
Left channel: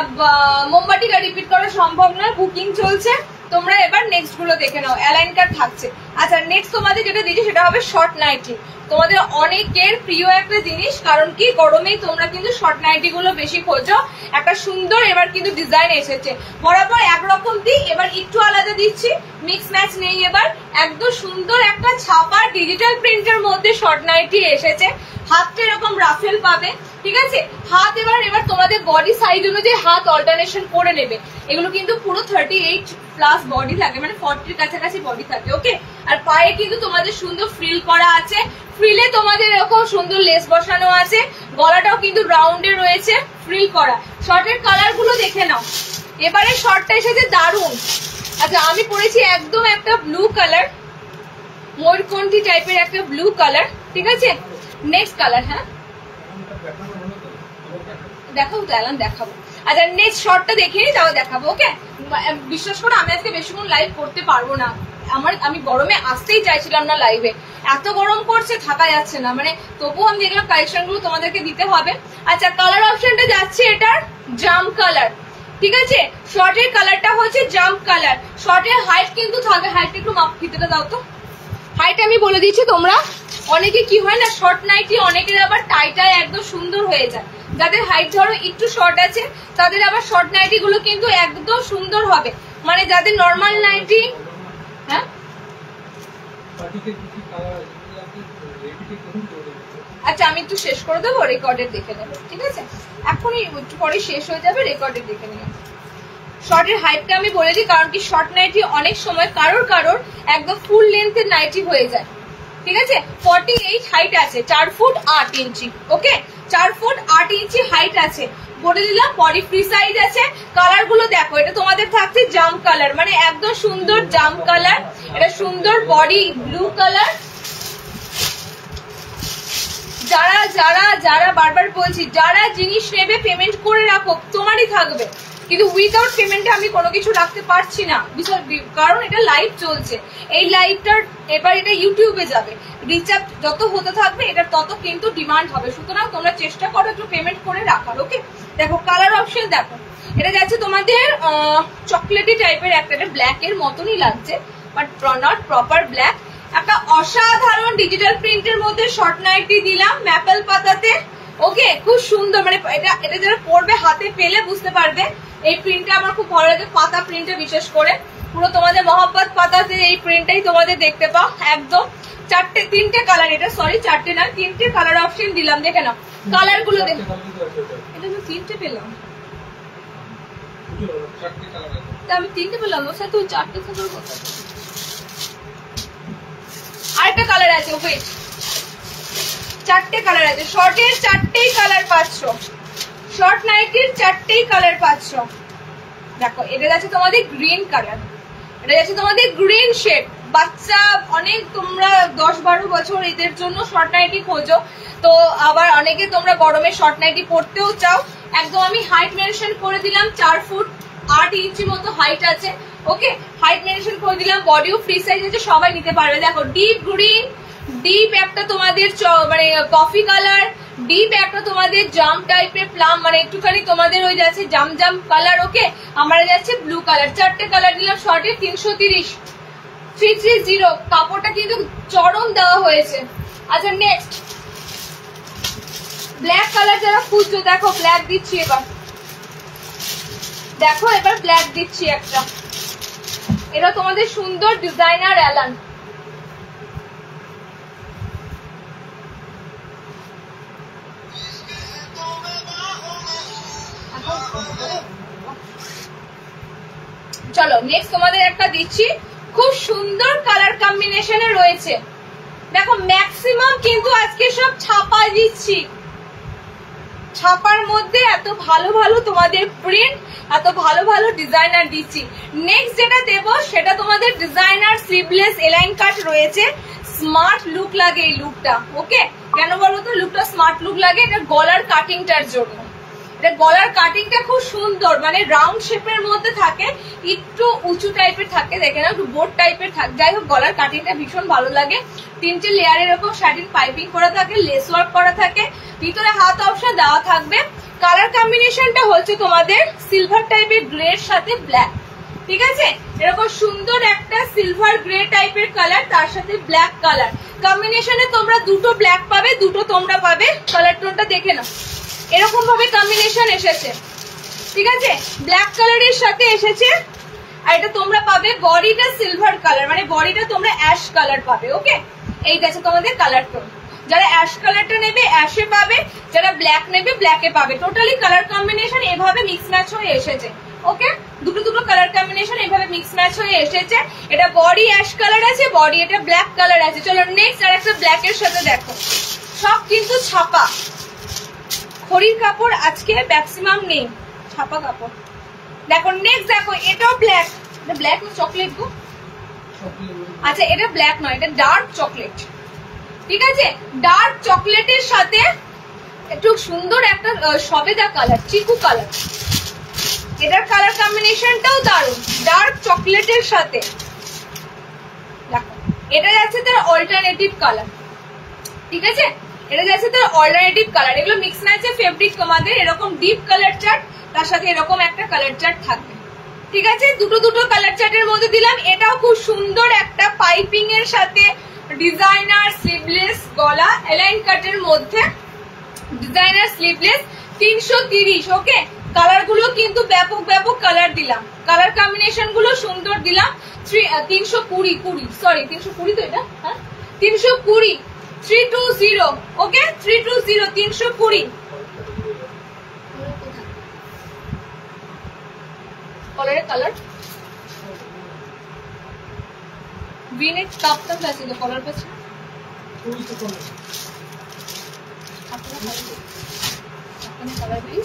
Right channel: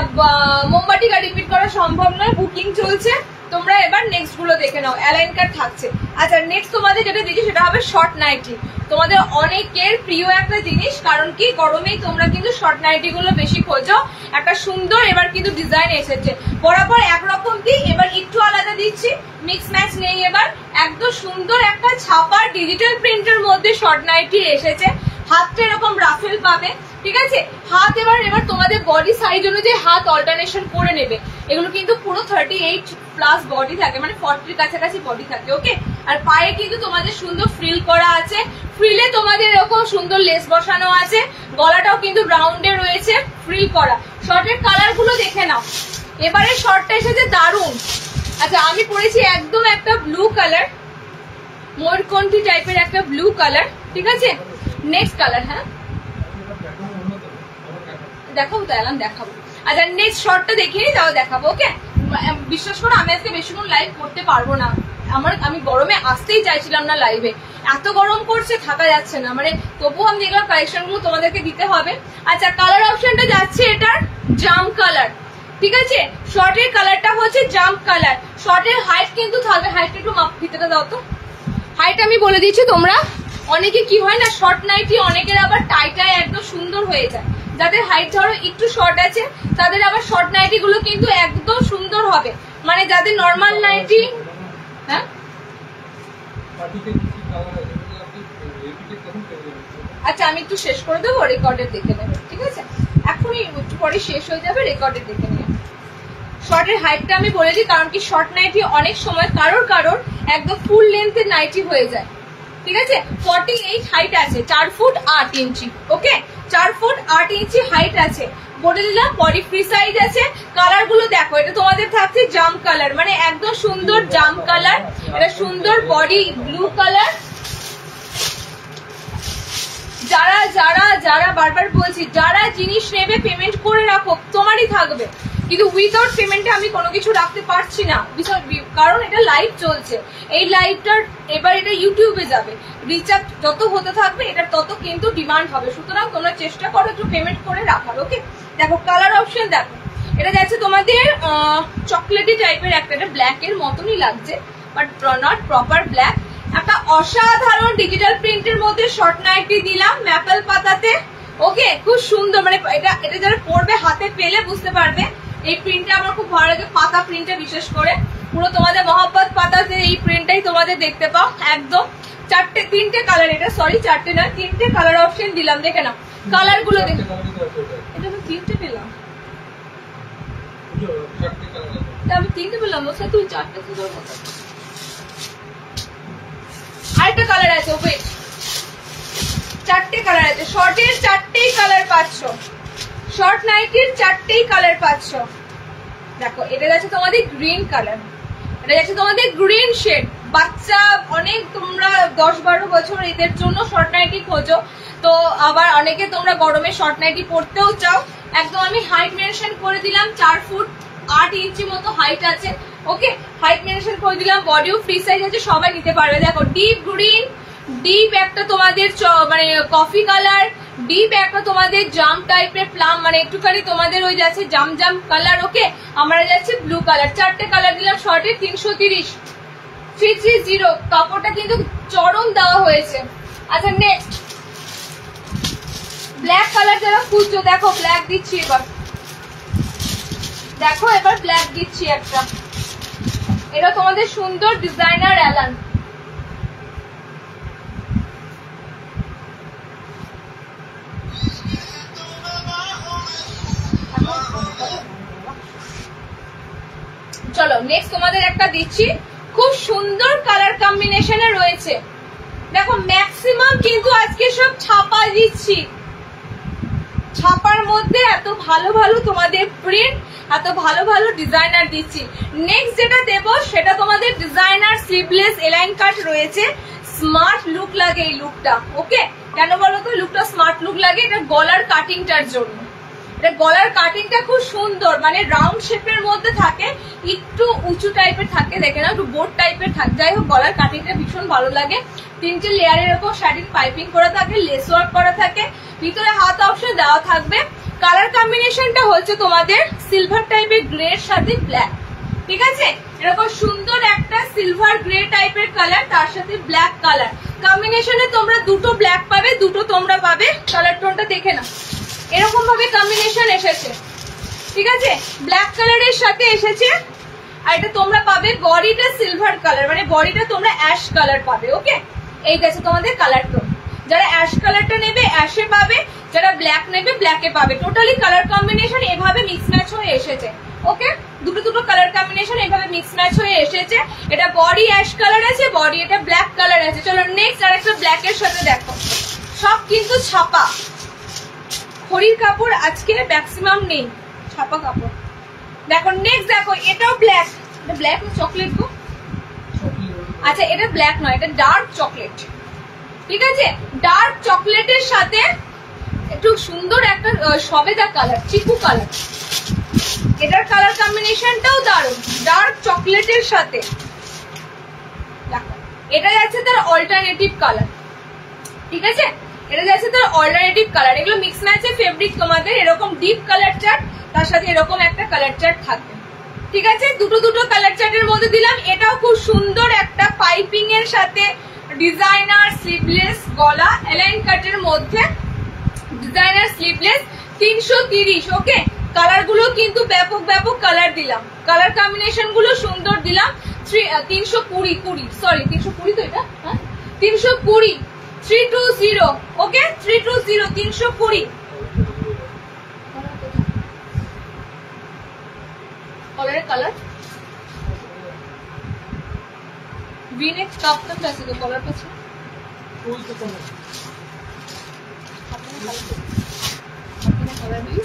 মোমবাতিটা রিপিট করা সম্ভব নয়, বুকিং চলছে, তোমরা এবার নেক্সট গুলো দেখে নাও, অ্যালাইন কার্ড থাকছে। আচ্ছা নেক্সট তোমাদের যেটা দিচ্ছি সেটা হবে শর্ট নাইটি, তোমাদের অনেকের প্রিয় একটা জিনিস, কারণ কি গরমেই তোমরা কিন্তু শর্ট নাইটি গুলো বেশি খোঁজো। একটা সুন্দর এবার কিন্তু ডিজাইন এসেছে, বরাবর একরকম দিই, এবার একটু আলাদা দিচ্ছি, মিক্স ম্যাচ নেই, এবার একদম সুন্দর একটা ছাপার ডিজিটাল প্রিন্টের মধ্যে শর্ট নাইটি এসেছে। হাতটা এরকম রাফেল পাবে, ঠিক আছে। হাত এবার তোমাদের বডি সাইজ অনুযায়ী হাত অল্টারনেশন করে নেবে। এগুলো কিন্তু পুরো 38+ বডি থাকে, মানে 40 কাছাকাছি বডি থাকে, ওকে। আর পায়ে কিন্তু তোমাদের সুন্দর ফ্রিল করা আছে, ফ্রিলে তোমাদের এরকম সুন্দর লেস বসানো আছে, গলাটাও কিন্তু রাউন্ডে রয়েছে, ফ্রিল করা। শর্টের কালার গুলো দেখে নাও, এবারে শর্টটা এসেছে দারুন। আচ্ছা আমি পরেছি একদম একটা ব্লু কালার, ময়ূরকণ্ঠী টাইপের একটা ব্লু কালার, ঠিক আছে। নেক্সট কালার, হ্যাঁ দেখাবো তো অ্যালান, দেখাবো। আচ্ছা নেক্সট শর্টটা দেখিয়ে নিই, তাও দেখাবো, ওকে। বিশ্বাস করো আমি আজকে বেশিক্ষণ লাইভ করতে পারবো না, আমি গরমে আসতেই চাইছিলাম না লাইভে, এত গরম করছে থাকা যাচ্ছে না, মানে তবুও আমি দেখলাম কালেকশন গুলো তোমাদেরকে দিতে হবে। আচ্ছা কালার অপশনটা যাচ্ছে এটার জাম কালার, ঠিক আছে। শর্টের কালারটা হচ্ছে জাম কালার, শর্টের হাইট কিন্তু থাকবে, হাইট একটু মাপ ফিতেটা দাও তো, হাইট আমি বলে দিচ্ছি। তোমরা অনেকে কি হয় না, শর্ট নাইটি অনেকের আবার টাইটাই একদম সুন্দর হয়ে যায়, যাদের হাইট ধরো একটু শর্ট আছে তাদের আবার শর্ট নাইটি গুলো কিন্তু একদম সুন্দর হবে, মানে যাদের নর্মাল নাইটি। হ্যাঁ আচ্ছা আমি একটু শেষ করে দেবো, রেকর্ডের দেখে নেবো, ঠিক আছে, এখনই একটু পরে শেষ হয়ে যাবে, রেকর্ডের দেখে নেবো। শর্টের হাইটটা আমি বলে দিই, কারণ কি শর্ট নাইটি অনেক সময় কারোর একদম ফুল লেন্থের নাইটি হয়ে যায়, ঠিক আছে। 48 হাইট আছে, 4 ফুট 8 ইঞ্চি, ওকে, 4 ফুট 8 ইঞ্চি হাইট আছে, বলে দিলাম। বডি ফ্রি সাইজ আছে। কালার গুলো দেখো, এটা তোমাদের থাকছে জাম কালার, মানে একদম সুন্দর জাম কালার, এটা সুন্দর বডি ব্লু কালার। যারা যারা যারা বারবার বলছি, যারা জিনিস নেবে পেমেন্ট করে রাখো, তোমারই থাকবে, কিন্তু উইদাউট পেমেন্টে আমি কোনো কিছু রাখতে পারছি না, কারণ এটা লাইভ চলছে, এই লাইভটার এবার এটা ইউটিউবে যাবে, রিচার্জ যত হতে থাকবে এটা তত কিন্তু ডিমান্ড হবে, সুতরাং তোমরা চেষ্টা করো একটু পেমেন্ট করে রাখার, ওকে। দেখো কালার অপশন দেখো, এটা যাচ্ছে তোমাদের চকলেটি টাইপের একটা, ব্ল্যাক এর মতনই লাগছে, বাট নট প্রপার ব্ল্যাক। একটা অসাধারণ ডিজিটাল প্রিন্টের মধ্যে শর্ট নাইটি দিলাম ম্যাপেল পাতাতে, ওকে, খুব সুন্দর, মানে এটা যারা পরবে হাতে পেলে বুঝতে পারবে। এই প্রিন্টটা আমার খুব ভালো লাগে, পাতা প্রিন্টে বিশেষ করে, পুরো তোমাদের মহব্বত পাতাতে এই প্রিন্টটাই তোমাদের দেখতে পাও একদম। 3টে কালার, এটা সরি 4টে না, 3টে কালার অপশন দিলাম, দেখে নাও কালার গুলো দেখে। এটা তো 3টে পেলাম, আমি 3টে পেলাম, ওর সাথে 4টে থেকে আরেকটা কালার আছে, ওয়েট, 4টে কালার আছে, শর্টের 4টেই কালার পাচ্ছ, শর্ট নাইটির 4টেই কালার পাচ্ছ। দেখো এটা যাচ্ছে তোমাদের গ্রিন কালার, এটা যাচ্ছে তোমাদের গ্রিন শেড। বাচ্চা অনেক, তোমরা 10-12 বছর এদের জন্য শর্ট নাইটি খোঁজো, তো আবার অনেকে তোমরা গরমে শর্ট নাইটি পরতেও চাও। একদম আমি হাইট মেনশন করে দিলাম, 4 ফুট 8 ইঞ্চি মতো হাইট আছে, ওকে, হাইট মেনশন করে দিলাম। বডিও ফ্রি সাইজ আছে, সবাই নিতে পারবে। দেখো ডিপ গ্রিন, ডিপ একটা তোমাদের মানে কফি কালার, ডিপ একটা তোমাদের জাম টাইপের প্লাম, মানে একটুখানি তোমাদের ওই যাচ্ছে জাম জাম কালার। ওকে, আমরা যাচ্ছে ব্লু কালার। 4টে কালার দিলাম শর্টে 330 330। কাপড়টা কিন্তু চরম দেওয়া হয়েছে। আচ্ছা নেক্সট ব্ল্যাক কালার যারা খুঁজছো, দেখো ব্ল্যাক দিচ্ছি এবার, দেখো এবার ব্ল্যাক দিচ্ছি একটা। এটা তোমাদের সুন্দর ডিজাইনার অ্যালান। চলো নেক্সট তোমাদের একটা দিচ্ছি, খুব সুন্দর কালার কম্বিনেশনে রয়েছে। দেখো ম্যাক্সিমাম কিন্তু আজকে সব ছাপা দিচ্ছি, ছাপার মধ্যে এত ভালো ভালো তোমাদের প্রিন্ট, এত ভালো ভালো ডিজাইনার দিচ্ছি। নেক্সট যেটা দেব সেটা তোমাদের ডিজাইনার স্লিভলেস এলাইন কাট রয়েছে। স্মার্ট লুক লাগে এই লুকটা। ওকে, কেন বলো তো লুকটা স্মার্ট লুক লাগে? এটা গলার কাটিংটার জন্য। এটা গলার কাটিংটা খুব সুন্দর, মানে রাউন্ড শেপের মধ্যে থাকে, একটু উঁচু টাইপের থাকে, দেখে না একটু বোর্ড টাইপের থাকে। যাই হোক গলার কাটিংটা ভীষণ ভালো লাগে। 3টে লেয়ারের এরকম শাড়ির পাইপিং করা থাকে, লেস ওয়ার্ক করা থাকে, ভিতরে হাত অপশন দেওয়া থাকবে। কালার কম্বিনেশনটা হচ্ছে তোমাদের সিলভার টাইপের গ্রের সাথে ব্ল্যাক। ঠিক আছে, এরকম সুন্দর একটা সিলভার গ্রে টাইপের কালার, তার সাথে ব্ল্যাক কালার কম্বিনেশনে তোমরা দুটো ব্ল্যাক পাবে, দুটো তোমরা পাবে। কালার টোনটা দেখে না, এরকম ভাবে কম্বিনেশন এসেছে। ঠিক আছে, ব্ল্যাক কালারের সাথে এসেছে। আর এটা তোমরা পাবে বডিটা সিলভার কালার, মানে বডিটা তোমরা অ্যাশ কালার পাবে। ওকে, এই গেছে তোমাদের কালার টোন। যারা অ্যাশ কালারটা নেবে অ্যাশে পাবে, যারা ব্ল্যাক নেবে ব্ল্যাকে পাবে। টোটালি কালার কম্বিনেশন এভাবে মিক্স ম্যাচ হয়ে এসেছে। ওকে, দুটো দুটো কালার কম্বিনেশন এভাবে মিক্স ম্যাচ হয়ে এসেছে। এটা বডি অ্যাশ কালার আছে, বডি এটা ব্ল্যাক কালার আছে। চলো নেক্সট আর একটা ব্ল্যাক এর সাথে দেখো, সব কিন্তু ছাপা খড়ির কাপড়, আজকে ম্যাক্সিমাম নেই, ছাপা কাপড়। দেখো নেক্সট দেখো, এটাও ব্ল্যাক। এটা ব্ল্যাক না চকলেট গো? আচ্ছা এটা ব্ল্যাক নয়, এটা ডার্ক চকলেট। ঠিক আছে, ডার্ক চকলেটের সাথে একটু সুন্দর একটা সবেদা কালার, চিকু কালার। এটার কালার কম্বিনেশনটাও দারুণ, ডার্ক চকলেটের সাথে। দেখো এটা যাচ্ছে তার অল্টারনেটিভ কালার। ঠিক আছে, এটা যাচ্ছে তার অল্টারনেটিভ কালার। এগুলো মিক্স ম্যাচে ফেব্রিক তোমাদের এরকম ডিপ কালার চার্ট, তার সাথে এরকম একটা কালার চার্ট থাকবে। ঠিক আছে, দুটো দুটো কালার চার্টের মধ্যে দিলাম। এটাও খুব সুন্দর একটা পাইপিং এর সাথে ডিজাইনার স্লিভলেস গলা, এলাইন কাটের মধ্যে ডিজাইনার স্লিভলেস 330। ওকে, কালার গুলো কিন্তু ব্যাপক ব্যাপক কালার দিলাম, কালার কম্বিনেশন গুলো সুন্দর দিলাম। 320 সরি 320 তো এটা, হ্যাঁ 320 320। ওকে 320 320। कलर कलर वी-नेक कापता पैसे तो कलर पे अपने कलर भी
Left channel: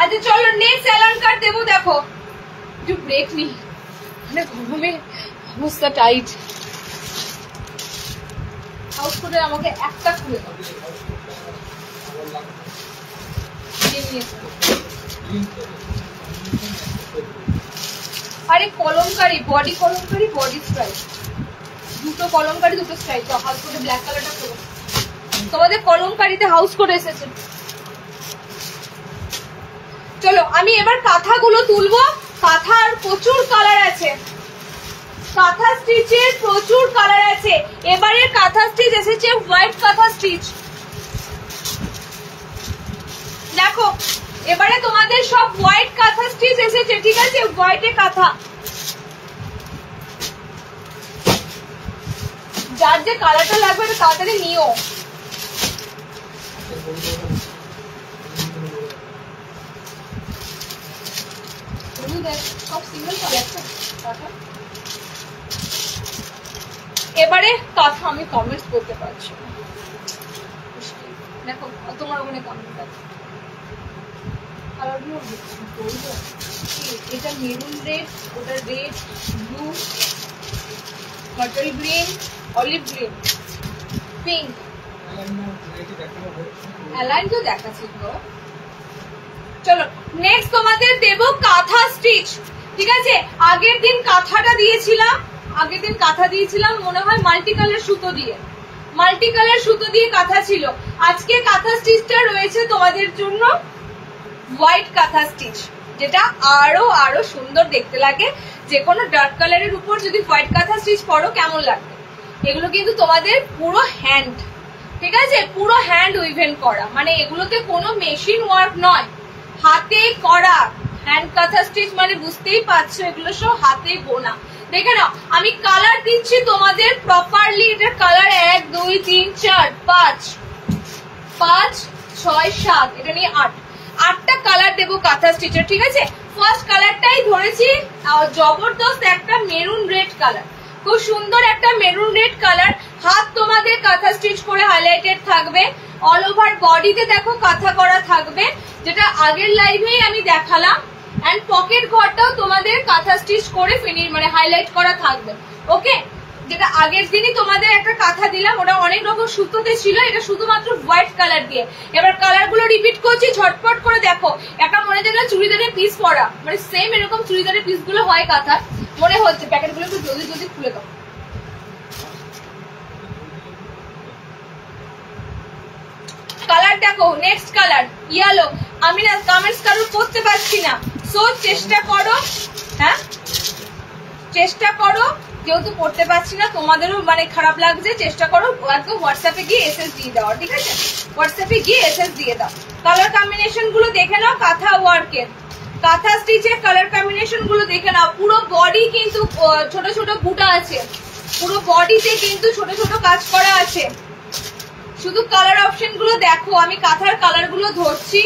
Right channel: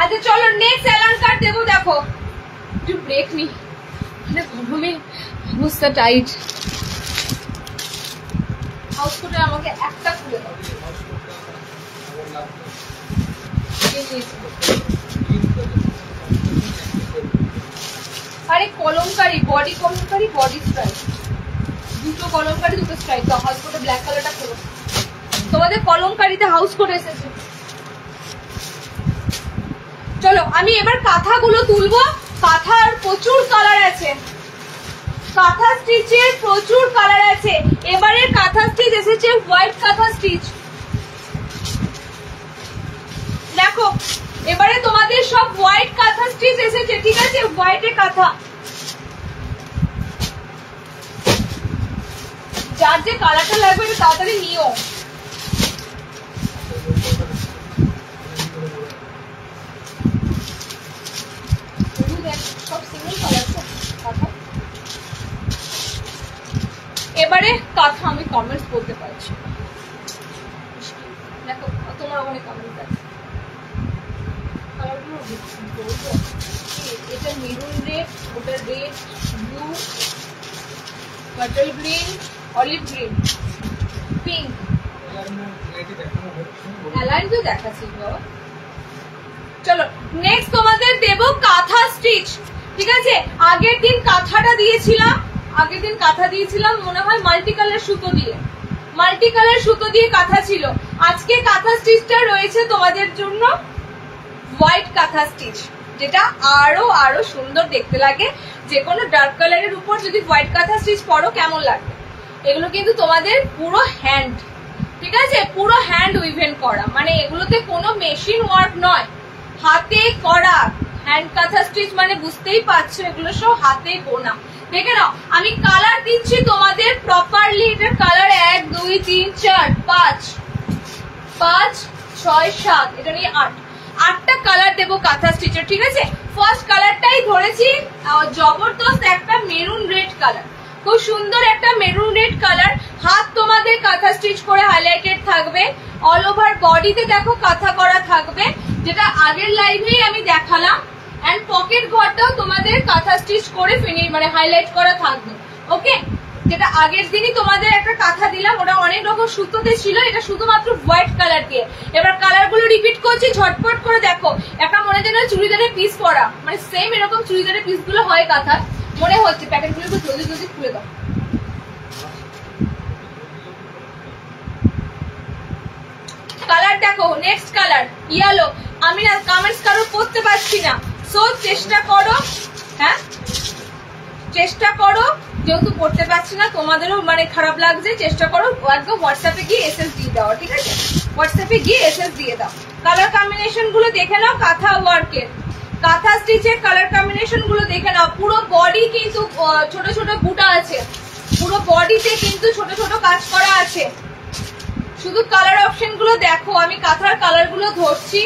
अच्छा चलो नेक्स्ट एलान कार्ड देबो देखो जो ब्रेक नहीं मैं घुमे मुझसे टाइट हाउस করে আমাকে একটা খুলে দাও আরে Kalamkari body Kalamkari body stripe দুটো কলমকারী দুটো স্ট্রাইপ তো হাউস করে ব্ল্যাক কালারটা খোলো তোমাদের কলমকারীতে হাউস করে এসেছে চলো আমি এবার কাঁথাগুলো তুলবো কাঁথার প্রচুর কালার আছে কাঁথা স্টিচের প্রচুর কালার আছে এবারে কাঁথা স্টিচ এসেছে হোয়াইট কাঁথা স্টিচ দেখো এবারে তোমাদের সব হোয়াইট কাঁথা স্টিচ এসেছে ঠিক আছে হোয়াইটে কাঁথা যার যে কালারটা লাগবে এটা তাড়াতাড়ি নিও সব সিঙ্গেল কালার তো কাঁথা এবারে কাঁথা আমি কমেন্টস করতে পারছি দেখো তোমার ওখানে কমেন্ট আছে এটা মেরুন রেড ওটা red blue bottle green olive green pink align তো দেখাচ্ছি চলো নেক্সট তোমাদের দেবো কাঁথা স্টিচ। ঠিক আছে, আগের দিন কাঁথাটা দিয়েছিলাম, মনে হয় মাল্টি কালার সুতো দিয়ে কাঁথা ছিল। আজকে কাঁথা স্টিচটা রয়েছে তোমাদের জন্য হোয়াইট কাঁথা স্টিচ, যেটা আরো সুন্দর দেখতে লাগে। যে কোনো ডার্ক কালারের উপর যদি হোয়াইট কাঁথা স্টিচ পরো কেমন লাগবে। এগুলো কিন্তু তোমাদের পুরো হ্যান্ড, ঠিক আছে, পুরো হ্যান্ড উইভেন করা, মানে এগুলোতে কোনো মেশিন ওয়ার্ক নয়, হাতে করা হ্যান্ড কাঁথা স্টিচ, মানে বুঝতেই পারছো এগুলো সব হাতে বোনা। দেখে নাও আমি কালার দিচ্ছি তোমাদের প্রপারলি। এটার কালার 1 2 3 4 5 5 6 7, এটা নিয়ে 8টা কালার দেবো কাঁথা স্টিচের। ঠিক আছে, ফার্স্ট কালারটাই ধরেছি জবরদস্ত একটা মেরুন রেড কালার, খুব সুন্দর একটা মেরুন রেড কালার। হাত তোমাদের কাঁথা স্টিচ করে হাইলাইটেড থাকবে, অল ওভার বডিতে দেখো কাঁথা করা থাকবে, যেটা আগের লাইভেই আমি দেখালাম। এন্ড পকেট ঘরটাও তোমাদের কাঁথা স্টিচ করে ফিনিশ মানে হাইলাইট করা থাকবে। ওকে, যেটা আগের দিনই তোমাদের একটা কাঁথা দিলাম, ওটা অনেক রকম সুতোতে ছিল, এটা শুধুমাত্র হোয়াইট কালার দিয়ে। এবার কালার গুলো রিপিট করছি, ঝটপট করে দেখো। একটা মনে যেন চুড়িদারের পিস পরা, মানে সেম এরকম চুড়িদারের পিস গুলো হয় কাঁথা মনে হচ্ছে। প্যাকেট গুলো একটু জলদি খুলে দাও। কালার দেখো, নেক্সট কালার ইয়েলো। আমি না কমেন্টস কারো করতে পারছি না, সো চেষ্টা করো, হ্যাঁ চেষ্টা করো, যেহেতু পড়তে পারছি না তোমাদেরও মানে খারাপ লাগছে, চেষ্টা করো একদম হোয়াটসঅ্যাপে গিয়ে এসএস দিয়ে দাও। ঠিক আছে, হোয়াটসঅ্যাপে গিয়ে এসএস দিয়ে দাও। কালার কম্বিনেশন গুলো দেখে নাও, কাঁথা ওয়ার্কের কাঁথা স্টিচের কালার কম্বিনেশন গুলো দেখে নাও। পুরো বডি কিন্তু ছোট ছোট বুটা আছে, পুরো বডিতে কিন্তু ছোট ছোট কাজ করা আছে। শুধু কালার অপশন গুলো দেখো, আমি কাঁথার কালার গুলো ধরছি,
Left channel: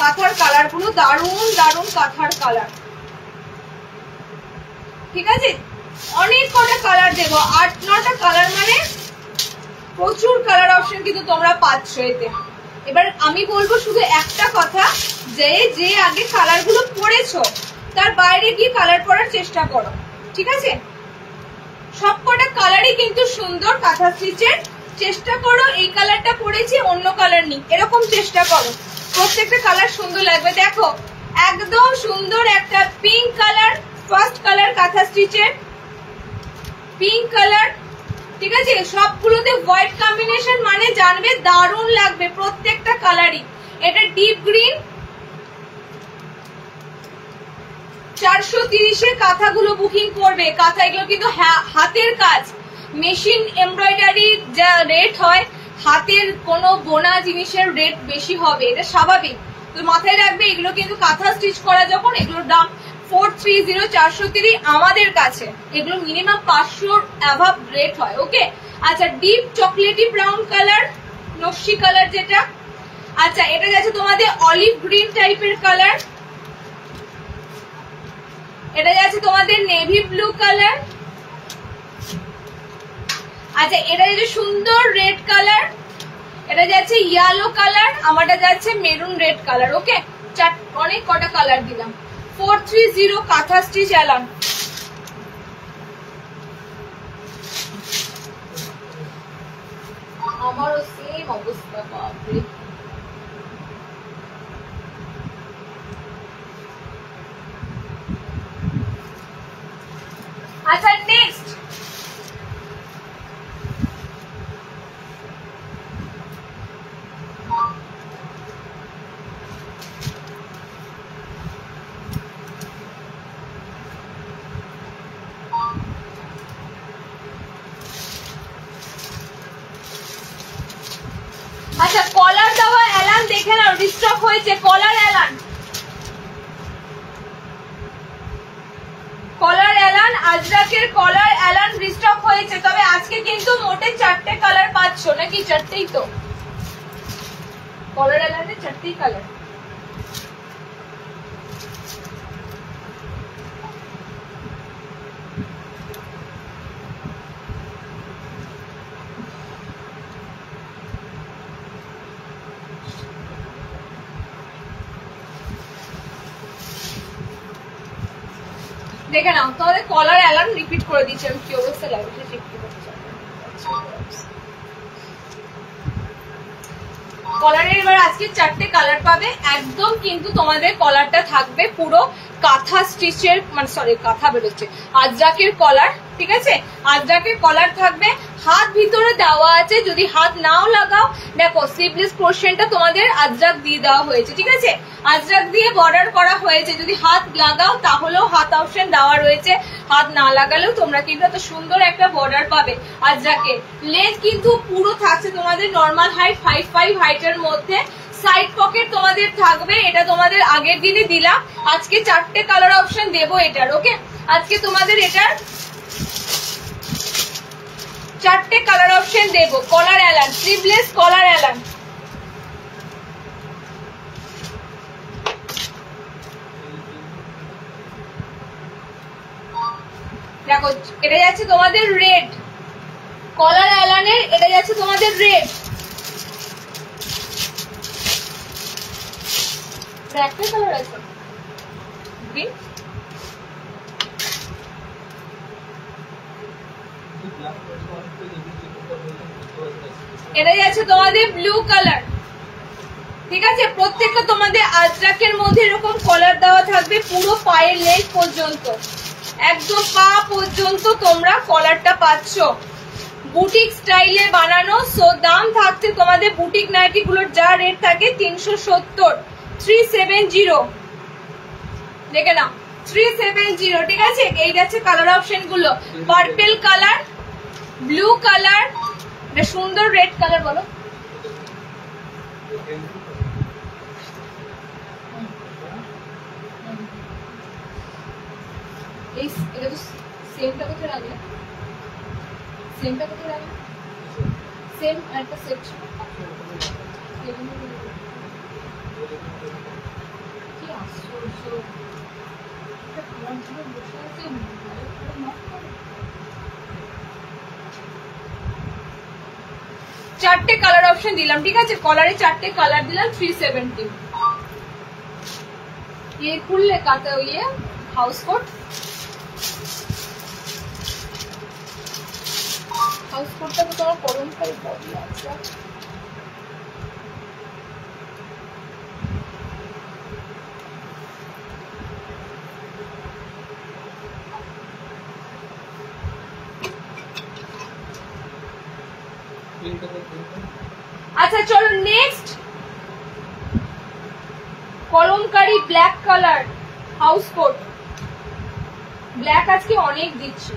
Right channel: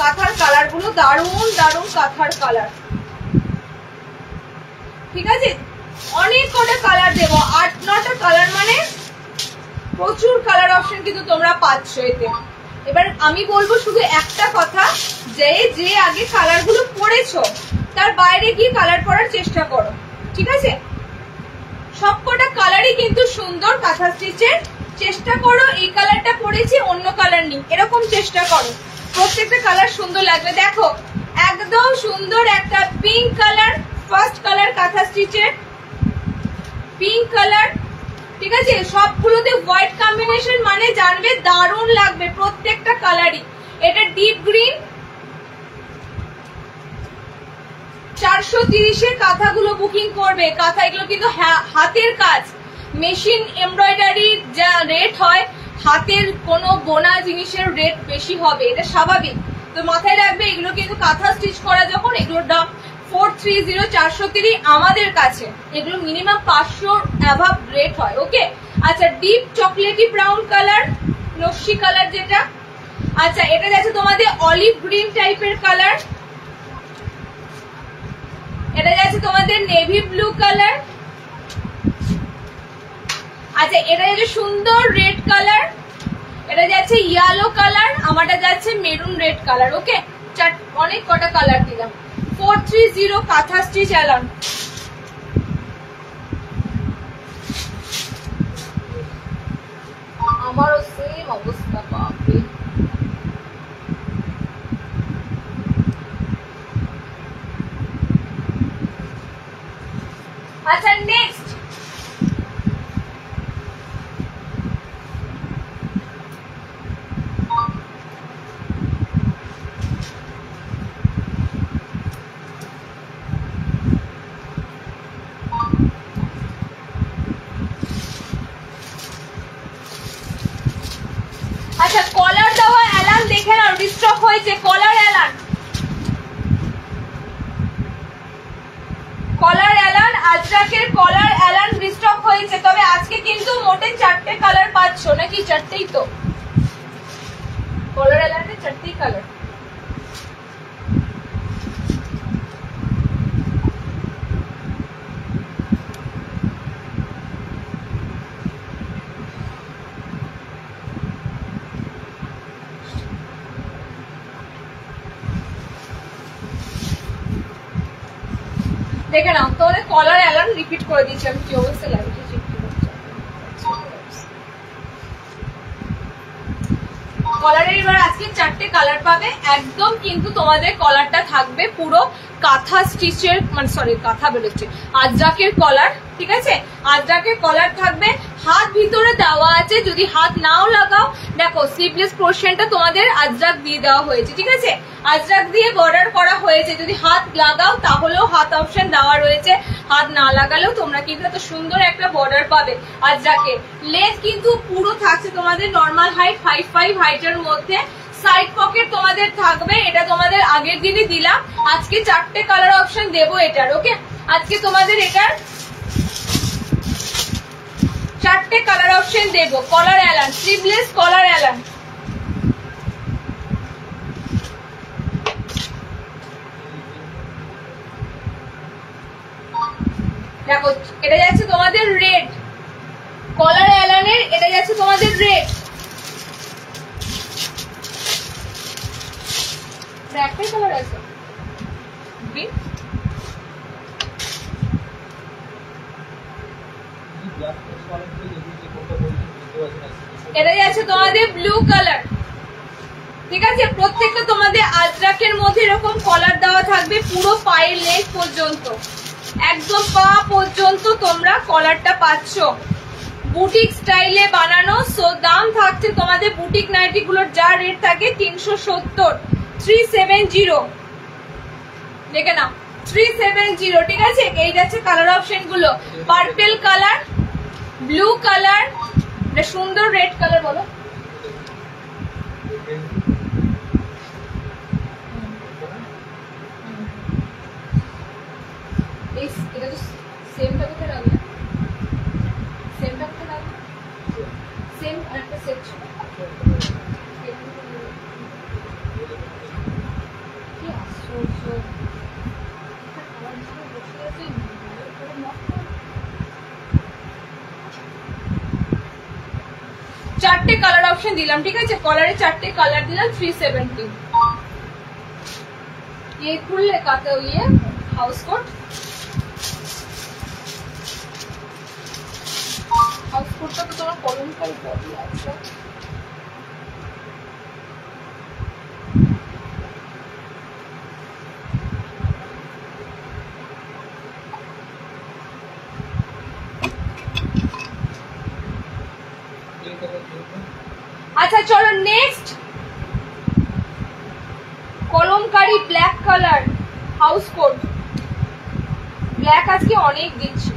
কাঁথার কালার গুলো দারুন দারুন কাঁথার কালার। ঠিক আছে, অনেক কটা কালার দেবো, 8-9টা কালার, মানে প্রচুর কালার অপশন কিন্তু তোমরা পাচ্ছ এতে। এবার আমি বলবো শুধু একটা কথা, যে যে আগে কালার গুলো পড়েছো তার বাইরে গিয়ে কালার পরার চেষ্টা করো। ঠিক আছে, সবকটা কালারই কিন্তু সুন্দর কাঁথা স্টিচের। চেষ্টা করো এই কালারটা পরেছি অন্য কালার নেই, এরকম চেষ্টা করো, প্রত্যেকটা কালার সুন্দর লাগবে। দেখো একদম সুন্দর একটা পিঙ্ক কালার, ফার্স্ট কালার কাঁথা স্টিচের পিঙ্ক কালার। ঠিক আছে, সবগুলোতে হোয়াইট কম্বিনেশন, মানে জানবে দারুণ লাগবে প্রত্যেকটা কালারই। এটা ডিপ গ্রিন, 430-এর কাঁথাগুলো বুকিং করবে। কাঁথা এগুলো কিন্তু হাতের কাজ, মেশিন এমব্রয়ডারি যা রেট হয়, হাতের কোনো বোনা জিনিসের রেট বেশি হবে, এটা স্বাভাবিক। তো মাথায় রাখবে এগুলো কিন্তু কাঁথা স্টিচ করা যখন, এগুলোর দাম 430 430 আমাদের কাছে, এগুলো মিনিমাম 500 অ্যাভাব রেট হয়। ওকে, আচ্ছা ডিপ চকলেটি ব্রাউন কালার, নকশি কালার যেটা। আচ্ছা এটা যাচ্ছে তোমাদের অলিভ গ্রিন টাইপের কালার, এটা যাচ্ছে তোমাদের নেভি ব্লু কালার। আচ্ছা এটা যাচ্ছে সুন্দর রেড কালার, এটা যাচ্ছে ইয়েলো কালার, আমারটা যাচ্ছে মেরুন রেড কালার। ওকে, অনেক কটা কালার দিলাম। 430 কাঁথা স্টিচ অ্যালন। আমারও সেম অবস্থা পাবে। আচ্ছা নেক্সট আচ্ছা কলার দেওয়া অ্যালান দেখে নাও, রিস্টক হয়েছে কলার অ্যালান, কলার অ্যালান আজরাকের কলার অ্যালান রিস্টক হয়েছে। তবে আজকে কিন্তু মোটে 4টে কালার পাচ্ছ, নাকি 4টেই? তো কলার অ্যালানের 4টেই কালার। দেখে নাও তোমাদের কলার অ্যালান রিপিট করে দিচ্ছি আমি, কি অবস্থা লাগছে। কলারের এবার আজকে 4টে কালার পাবে, একদম কিন্তু তোমাদের কলারটা থাকবে পুরো কাঁথা স্টিচের, মানে সরি কাঁথা বেরোচ্ছে, আজরাকের কলার, ঠিক আছে? আজরাকের কলার থাকবে, হাত ভিতরে দেওয়া আছে, যদি হাত নাও লাগাও দেখো স্লিভলেস পোর্শনটা তোমাদের আজরাক দিয়ে দেওয়া হয়েছে, ঠিক আছে? আজরাক দিয়ে বর্ডার করা হয়েছে, যদি হাত লাগাও তাহলেও হাত অপশন দেওয়া রয়েছে, হাত না লাগালেও তোমরা কিন্তু এত সুন্দর একটা বর্ডার পাবে আজরাকের। লেন্থ কিন্তু পুরো থাকছে তোমাদের নর্মাল হাইট 5'5" হাইটের মধ্যে, সাইড পকেট তোমাদের থাকবে, এটা তোমাদের আগের দিনই দিলাম, আজকে 4টে কালার অপশন দেবো এটার, ওকে? আজকে তোমাদের এটার 4টে কালার অপশন দেবো। কলার অ্যালান, স্লিভলেস কলার অ্যালান, দেখো এটা যাচ্ছে তোমাদের রেড, কলার অ্যালানের এটা যাচ্ছে তোমাদের রেড, একটাই কালার আছে গ্রিন, এটা যাচ্ছে তোমাদের ব্লু কালার, ঠিক আছে? প্রত্যেকটা তোমাদের আজরাকের মধ্যে এরকম কলার দেওয়া থাকবে পুরো পায়ের লেগ পর্যন্ত, একদম পা পর্যন্ত তোমরা কলারটা পাচ্ছ, বুটিক স্টাইলে বানানো। সো দাম থাকছে তোমাদের বুটিক নাইটি গুলোর যা রেট থাকে 370, 370, দেখে নাও 370, ঠিক আছে? এই যাচ্ছে কালার অপশন গুলো, পার্পেল কালার, ব্লু কালার, সুন্দর রেড কালার, বলো এটা তো সেমটা কোথায় লাগবে, সেমটা কোথায় লাগবে, সেম আরেকটা সেট ছিল, কি আশ্চর্য, বসে আছে নক করে। 4টে কালার অপশন দিলাম, ঠিক আছে? কলারে 4টে কালার দিলাম, 370। ये खुले काटे हुए हाउस कोट, हाउस कोटটা তো তোমার কলমকারী বডি আছে, আচ্ছা চলো next Kalamkari black colour house coat, black আজকে অনেক দিচ্ছি,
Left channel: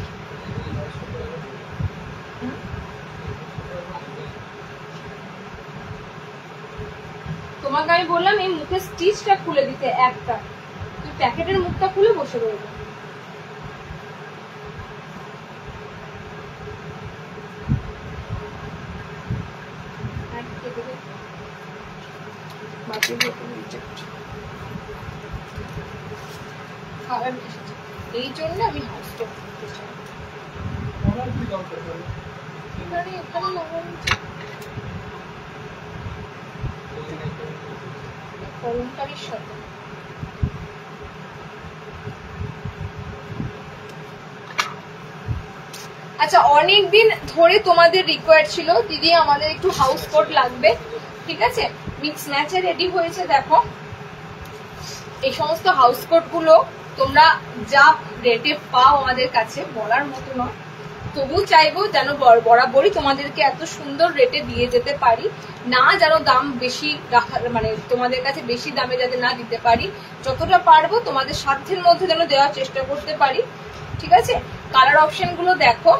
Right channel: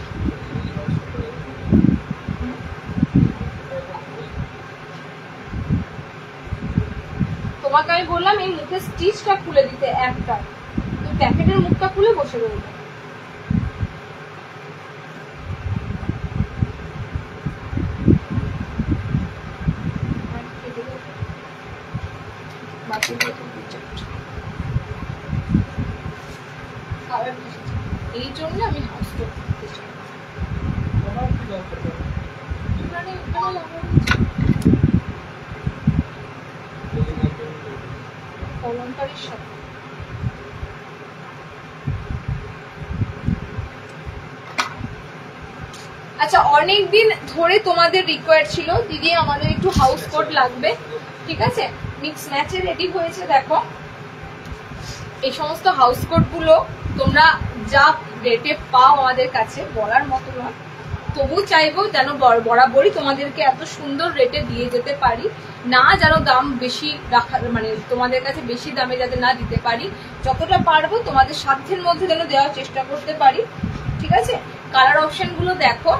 তোমাকে আমি বললাম এই মুখের স্টিচটা খুলে দিতে একটা, তুই প্যাকেটের মুখটা খুলে বসে রইল। এই জন্য আমি হাউস কোট করতে চাই, কলমকারীর সাথে আচ্ছা অনেকদিন ধরে তোমাদের রিকোয়ার্ড ছিল দিদি আমাদের একটু হাউস কোট লাগবে, ঠিক আছে? মিক্স ম্যাচে রেডি হয়েছে, দেখো এই সমস্ত হাউস কোট গুলো তোমরা যা রেটে পাও আমাদের কাছে বলার মতো নয়, তবু চাইবো যেন বরাবরই তোমাদেরকে এত সুন্দর রেটে দিয়ে যেতে পারি, না যেন দাম বেশি রাখা, মানে তোমাদের কাছে বেশি দামে যাতে না দিতে পারি, যতটা পারবো তোমাদের সাধ্যের মধ্যে যেন দেওয়ার চেষ্টা করতে পারি, ঠিক আছে? কালার অপশন গুলো দেখো,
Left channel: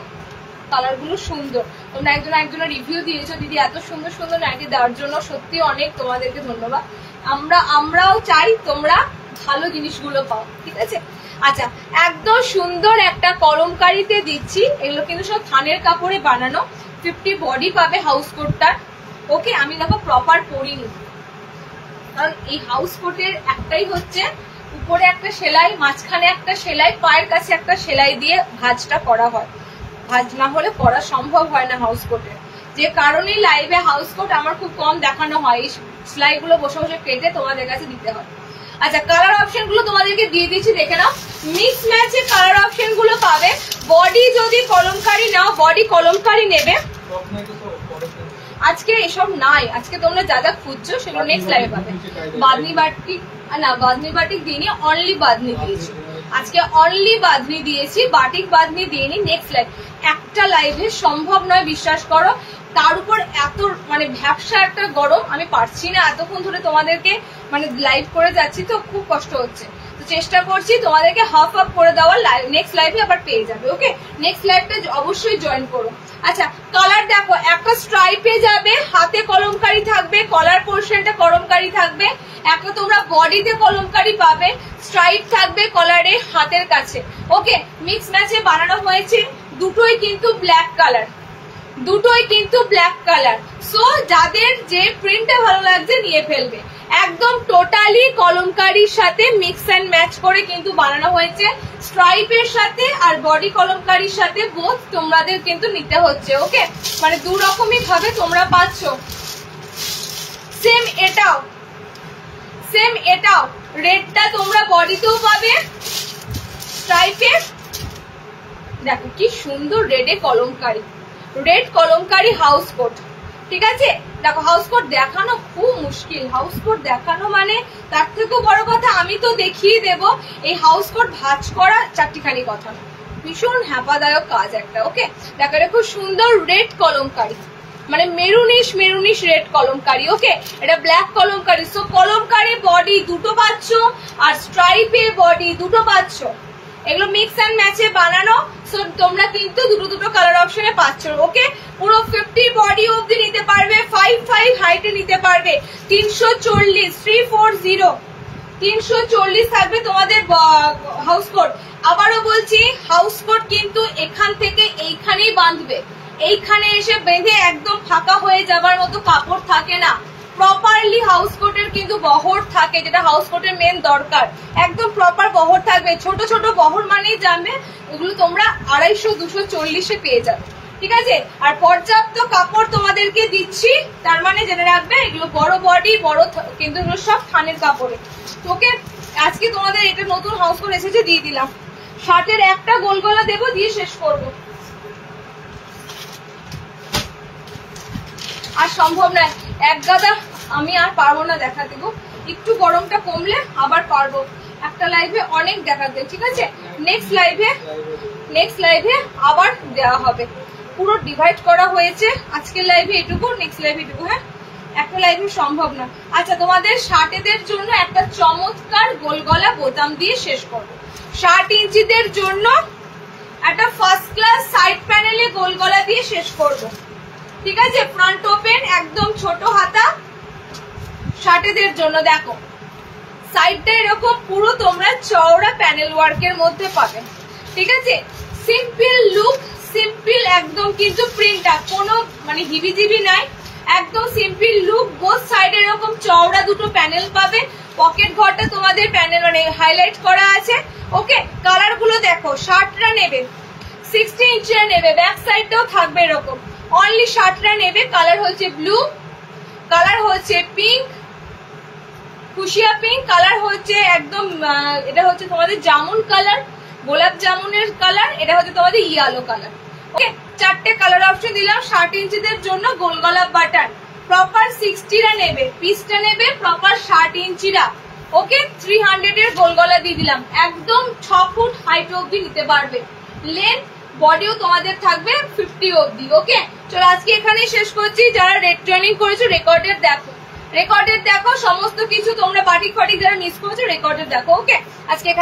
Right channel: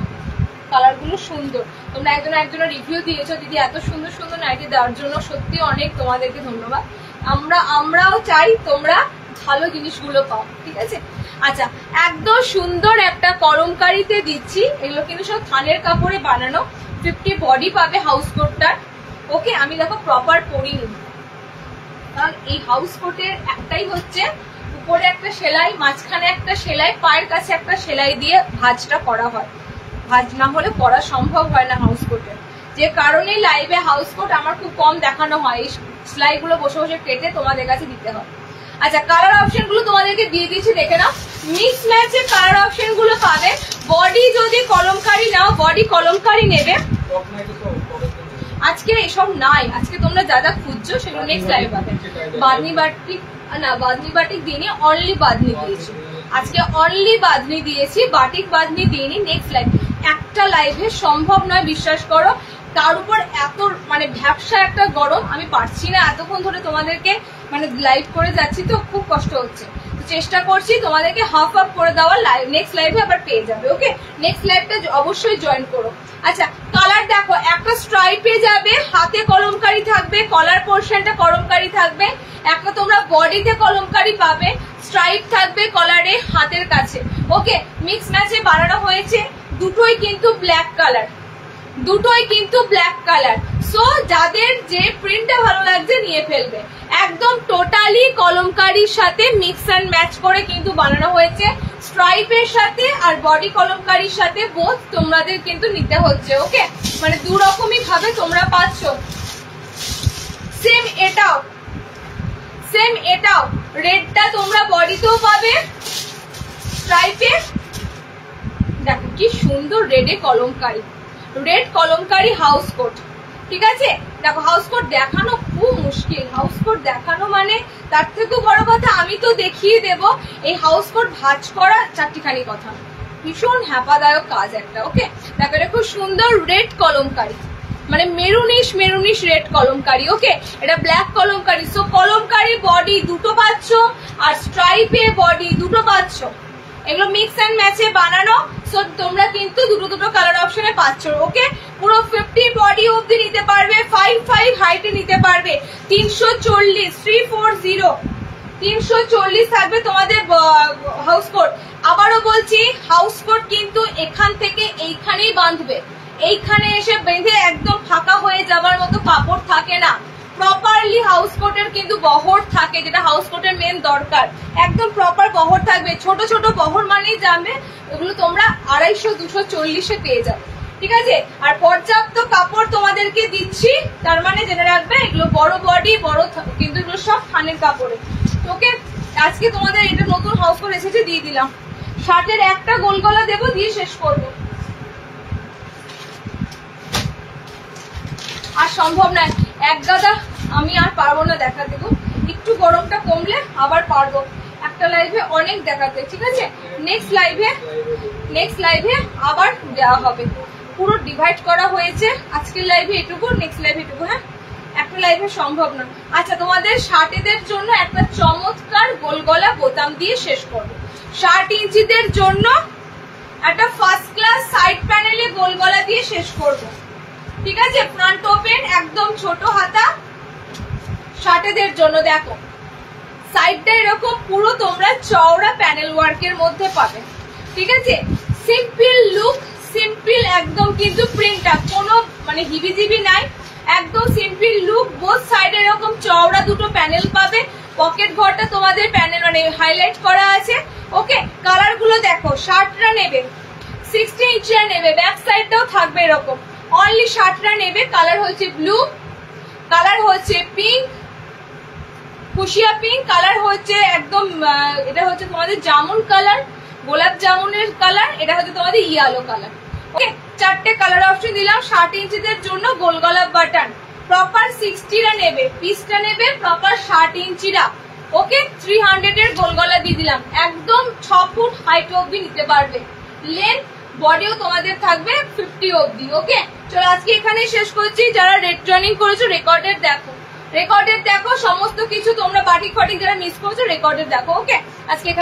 কালার গুলো সুন্দর, তোমরা একজনের রিভিউ দিয়েছো দিদি এত সুন্দর সুন্দর নাইটি দেওয়ার জন্য, সত্যি অনেক তোমাদেরকে ধন্যবাদ। আমরাও চাই তোমরা ভালো জিনিসগুলো পাও, ঠিক আছে? আচ্ছা একদম সুন্দর একটা কলমকারীতে দিচ্ছি, এগুলো কিন্তু সব থানের কাপড়ে বানানো, 50 বডি পাবে হাউস কোটটার, ওকে? আমি দেখো প্রপার পরিনি, কারণ এই হাউস কোটের একটাই হচ্ছে উপরে একটা সেলাই, মাঝখানে একটা সেলাই, পায়ের কাছে একটা সেলাই দিয়ে ভাঁজটা করা হয়, ভাঁজ না হলে পরা সম্ভব হয় না হাউস কোটের, যে কারণে লাইভে হাউস কোট আমার খুব কম দেখানো হয়, এই সেলাই গুলো বসে বসে কেটে তোমাদের কাছে দিতে হয়। আচ্ছা কালার অপশন গুলো তোমাদেরকে দিয়ে দিচ্ছি, দেখে নাও, মিক্স ম্যাচে কালার অপশন গুলো পাবে। বডি যদি কলমকারী নাও, বডি কলমকারী নেবে, আজকে এসব নাই, আজকে তোমরা যা যা খুঁজছো সেগুলো নেক্সট লাইভে পাবে। বাঁধনি বাটিক না, বাঁধনি বাটিক দিইনি, অনলি বাঁধনি দিয়েছি আজকে, অনলি বাঁধনি দিয়েছি, বাটিক বাঁধনি দিইনি। নেক্সট লাইভ, একটা লাইভে সম্ভব নয়, বিশ্বাস করো। তার উপর এত মানে ভ্যাবসা একটা গরম, আমি পারছি না এতক্ষণ ধরে তোমাদেরকে মানে লাইভ করে যাচ্ছি, তো খুব কষ্ট হচ্ছে। তো চেষ্টা করছি তোমাদেরকে হাফ হাফ করে দেওয়ার, নেক্সট লাইভে আবার পেয়ে যাবে। ওকে, নেক্সট লাইভটা অবশ্যই জয়েন করো। আচ্ছা, কালার দেখো, একটা স্ট্রাইপে যাবে, হাতে কলমকারি থাকবে, কলার পোর্শনটা কলমকারি থাকবে, একটা তোমরা বডিতে কলমকারি পাবে, স্ট্রাইপ থাকবে কলারে হাতের কাছে। ওকে, মিক্স ম্যাচে বানানো হয়েছে, দুটোই কিন্তু ব্ল্যাক কালার, দুটোই কিন্তু ব্ল্যাক কালার। সো যাদের যে প্রিন্টটা ভালো লাগছে নিয়ে ফেলবে। একদম টোটালি কলমকারির সাথে মিক্স অ্যান্ড ম্যাচ করে কিন্তু বানানো হয়েছে, স্ট্রাইপের সাথে আর বডি কলমকারির সাথে বোথ তোমাদের কিন্তু নিতে হচ্ছে। ওকে, মানে দু রকমই ভাবে তোমরা পাচ্ছ। সেম এটাও, সেম এটাও রেডটা তোমরা বডিতেও পাবে, স্ট্রাইপে দেখো কি সুন্দর রেডে kalamkari, red kalamkari house coat. ঠিক আছে, দেখো হাউস কোট দেখানো খুব মুশকিল, হাউস কোট দেখানো মানে তার থেকেও বড় কথা আমি তো দেখিয়ে দেব। এই হাউস কোট ভাঁজ করা চারটিখানি কথা, ভীষণ হ্যাপাদায়ক কাজ একটা। ওকে, দেখো এটা খুব সুন্দর রেড কলমকারি, মানে মেরুনিশ মেরুনিশ রেড কলমকারি। ওকে, এটা black kalamkari. So kalamkari body দুটো পাচ্ছ আর স্ট্রাইপে বডি দুটো পাচ্ছ, এগুলো মিক্স অ্যান্ড ম্যাচে বানানো। সো তোমরা কিন্তু দুটো দুটো কালার অপশনে পাচ্ছ। ওকে, পুরো 50 বডি অবধি নিতে পারবে, 5'5" হাইটে নিতে পারবে, 340 340 340 থাকবে তোমাদের হাউস কোট। আবারও বলছি, হাউস কোট কিন্তু এখান থেকে এইখানেই বাঁধবে, এইখানে এসে বেঁধে একদম ফাঁকা হয়ে যাবার মতো কাপড় থাকে না। প্রপারলি হাউস কোটের কিন্তু বহর থাকে, যেটা হাউস কোটের মেন দরকার, একদম প্রপার বহর থাকবে। ছোট ছোট বহর মানেই জানবে এগুলো তোমরা 250-240 পেয়ে যাবে। ঠিক আছে, আর পর্যাপ্ত কাপড় তোমাদেরকে দিচ্ছি, তার মানে জেনে রাখবে এগুলো বড় বডি বড়, কিন্তু এগুলো সব থানের কাপড়ে। তোকে আজকে তোমাদের এটা নতুন হাউস কোট এসেছে, দিয়ে দিলাম। শার্টের একটা গোল গলা দেবো, দিয়ে শেষ করবে, আর সম্ভব নয় এক গাদা, আমি আর পারবো না দেখা দেবো, একটু গরমটা কমলে আবার পারবো একটা লাইভে অনেক দেখাতে। ঠিক আছে, নেক্সট লাইভে আবার দেওয়া হবে, পুরো ডিভাইড করা হয়েছে। আজকের লাইভে এটুকু, নেক্সট লাইভে এটুকু। হ্যাঁ, একটা লাইভে সম্ভব না। আচ্ছা, তোমাদের শার্টেদের জন্য একটা চমৎকার গোল গলা বোতাম দিয়ে শেষ করবো। 60 ইঞ্চিদের জন্য একটা ফার্স্ট ক্লাস সাইড প্যানেলে গোল গলা দিয়ে শেষ করবো। ঠিক আছে, ফ্রন্ট ওপেন, একদম ছোট হাতা শার্টেদের জন্য। দেখো সাইডটা এরকম পুরো তোমরা চওড়া প্যানেল ওয়ার্কের মধ্যে পাবে। ঠিক আছে, সিম্পল লুক, সিম্পল একদম, কিন্তু প্রিন্টটা কোনো মানে হিবিজিবি নাই, একদম সিম্পল লুক। বোথ সাইডে এরকম চওড়া দুটো প্যানেল পাবে, পকেট ঘরটা তোমাদের প্যানেল মানে হাইলাইট করা আছে। ওকে, কালার গুলো দেখো, শার্টরা নেবে 60 ইঞ্চিরা নেবে, ব্যাক সাইডটাও থাকবে এরকম। অনলি শার্টরা নেবে, কালার হচ্ছে ব্লু, কালার হচ্ছে পিঙ্ক, ফুসিয়া পিঙ্ক, কালার হচ্ছে একদম, এটা হচ্ছে তোমাদের জামুন কালার, গোলাপ জামুনের কালার, এটা হচ্ছে তোমাদের ইয়েলো কালার। ওকে, চারটে কালার অপশন দিলাম। 60 ইঞ্চিদের জন্য গোল গলা বাটন, প্রপার 60রা নেবে, পিসটা নেবে প্রপার 60 ইঞ্চিরা। ওকে, 300 এর গোল গলা দিয়ে দিলাম, একদম 6 ফুট হাইট অব্দি নিতে পারবে, লেন্থ বডিও তোমাদের থাকবে 50 অব্দি। ওকে, চলো আজকে এখানে শেষ করছি। যারা রেড জয়েনিং করেছো রেকর্ডের দেখো, রেকর্ডের দেখো সমস্ত কিছু, তোমরা বাটিক ফাটিক যারা মিস করেছো রেকর্ডের দেখো। ওকে, আজকে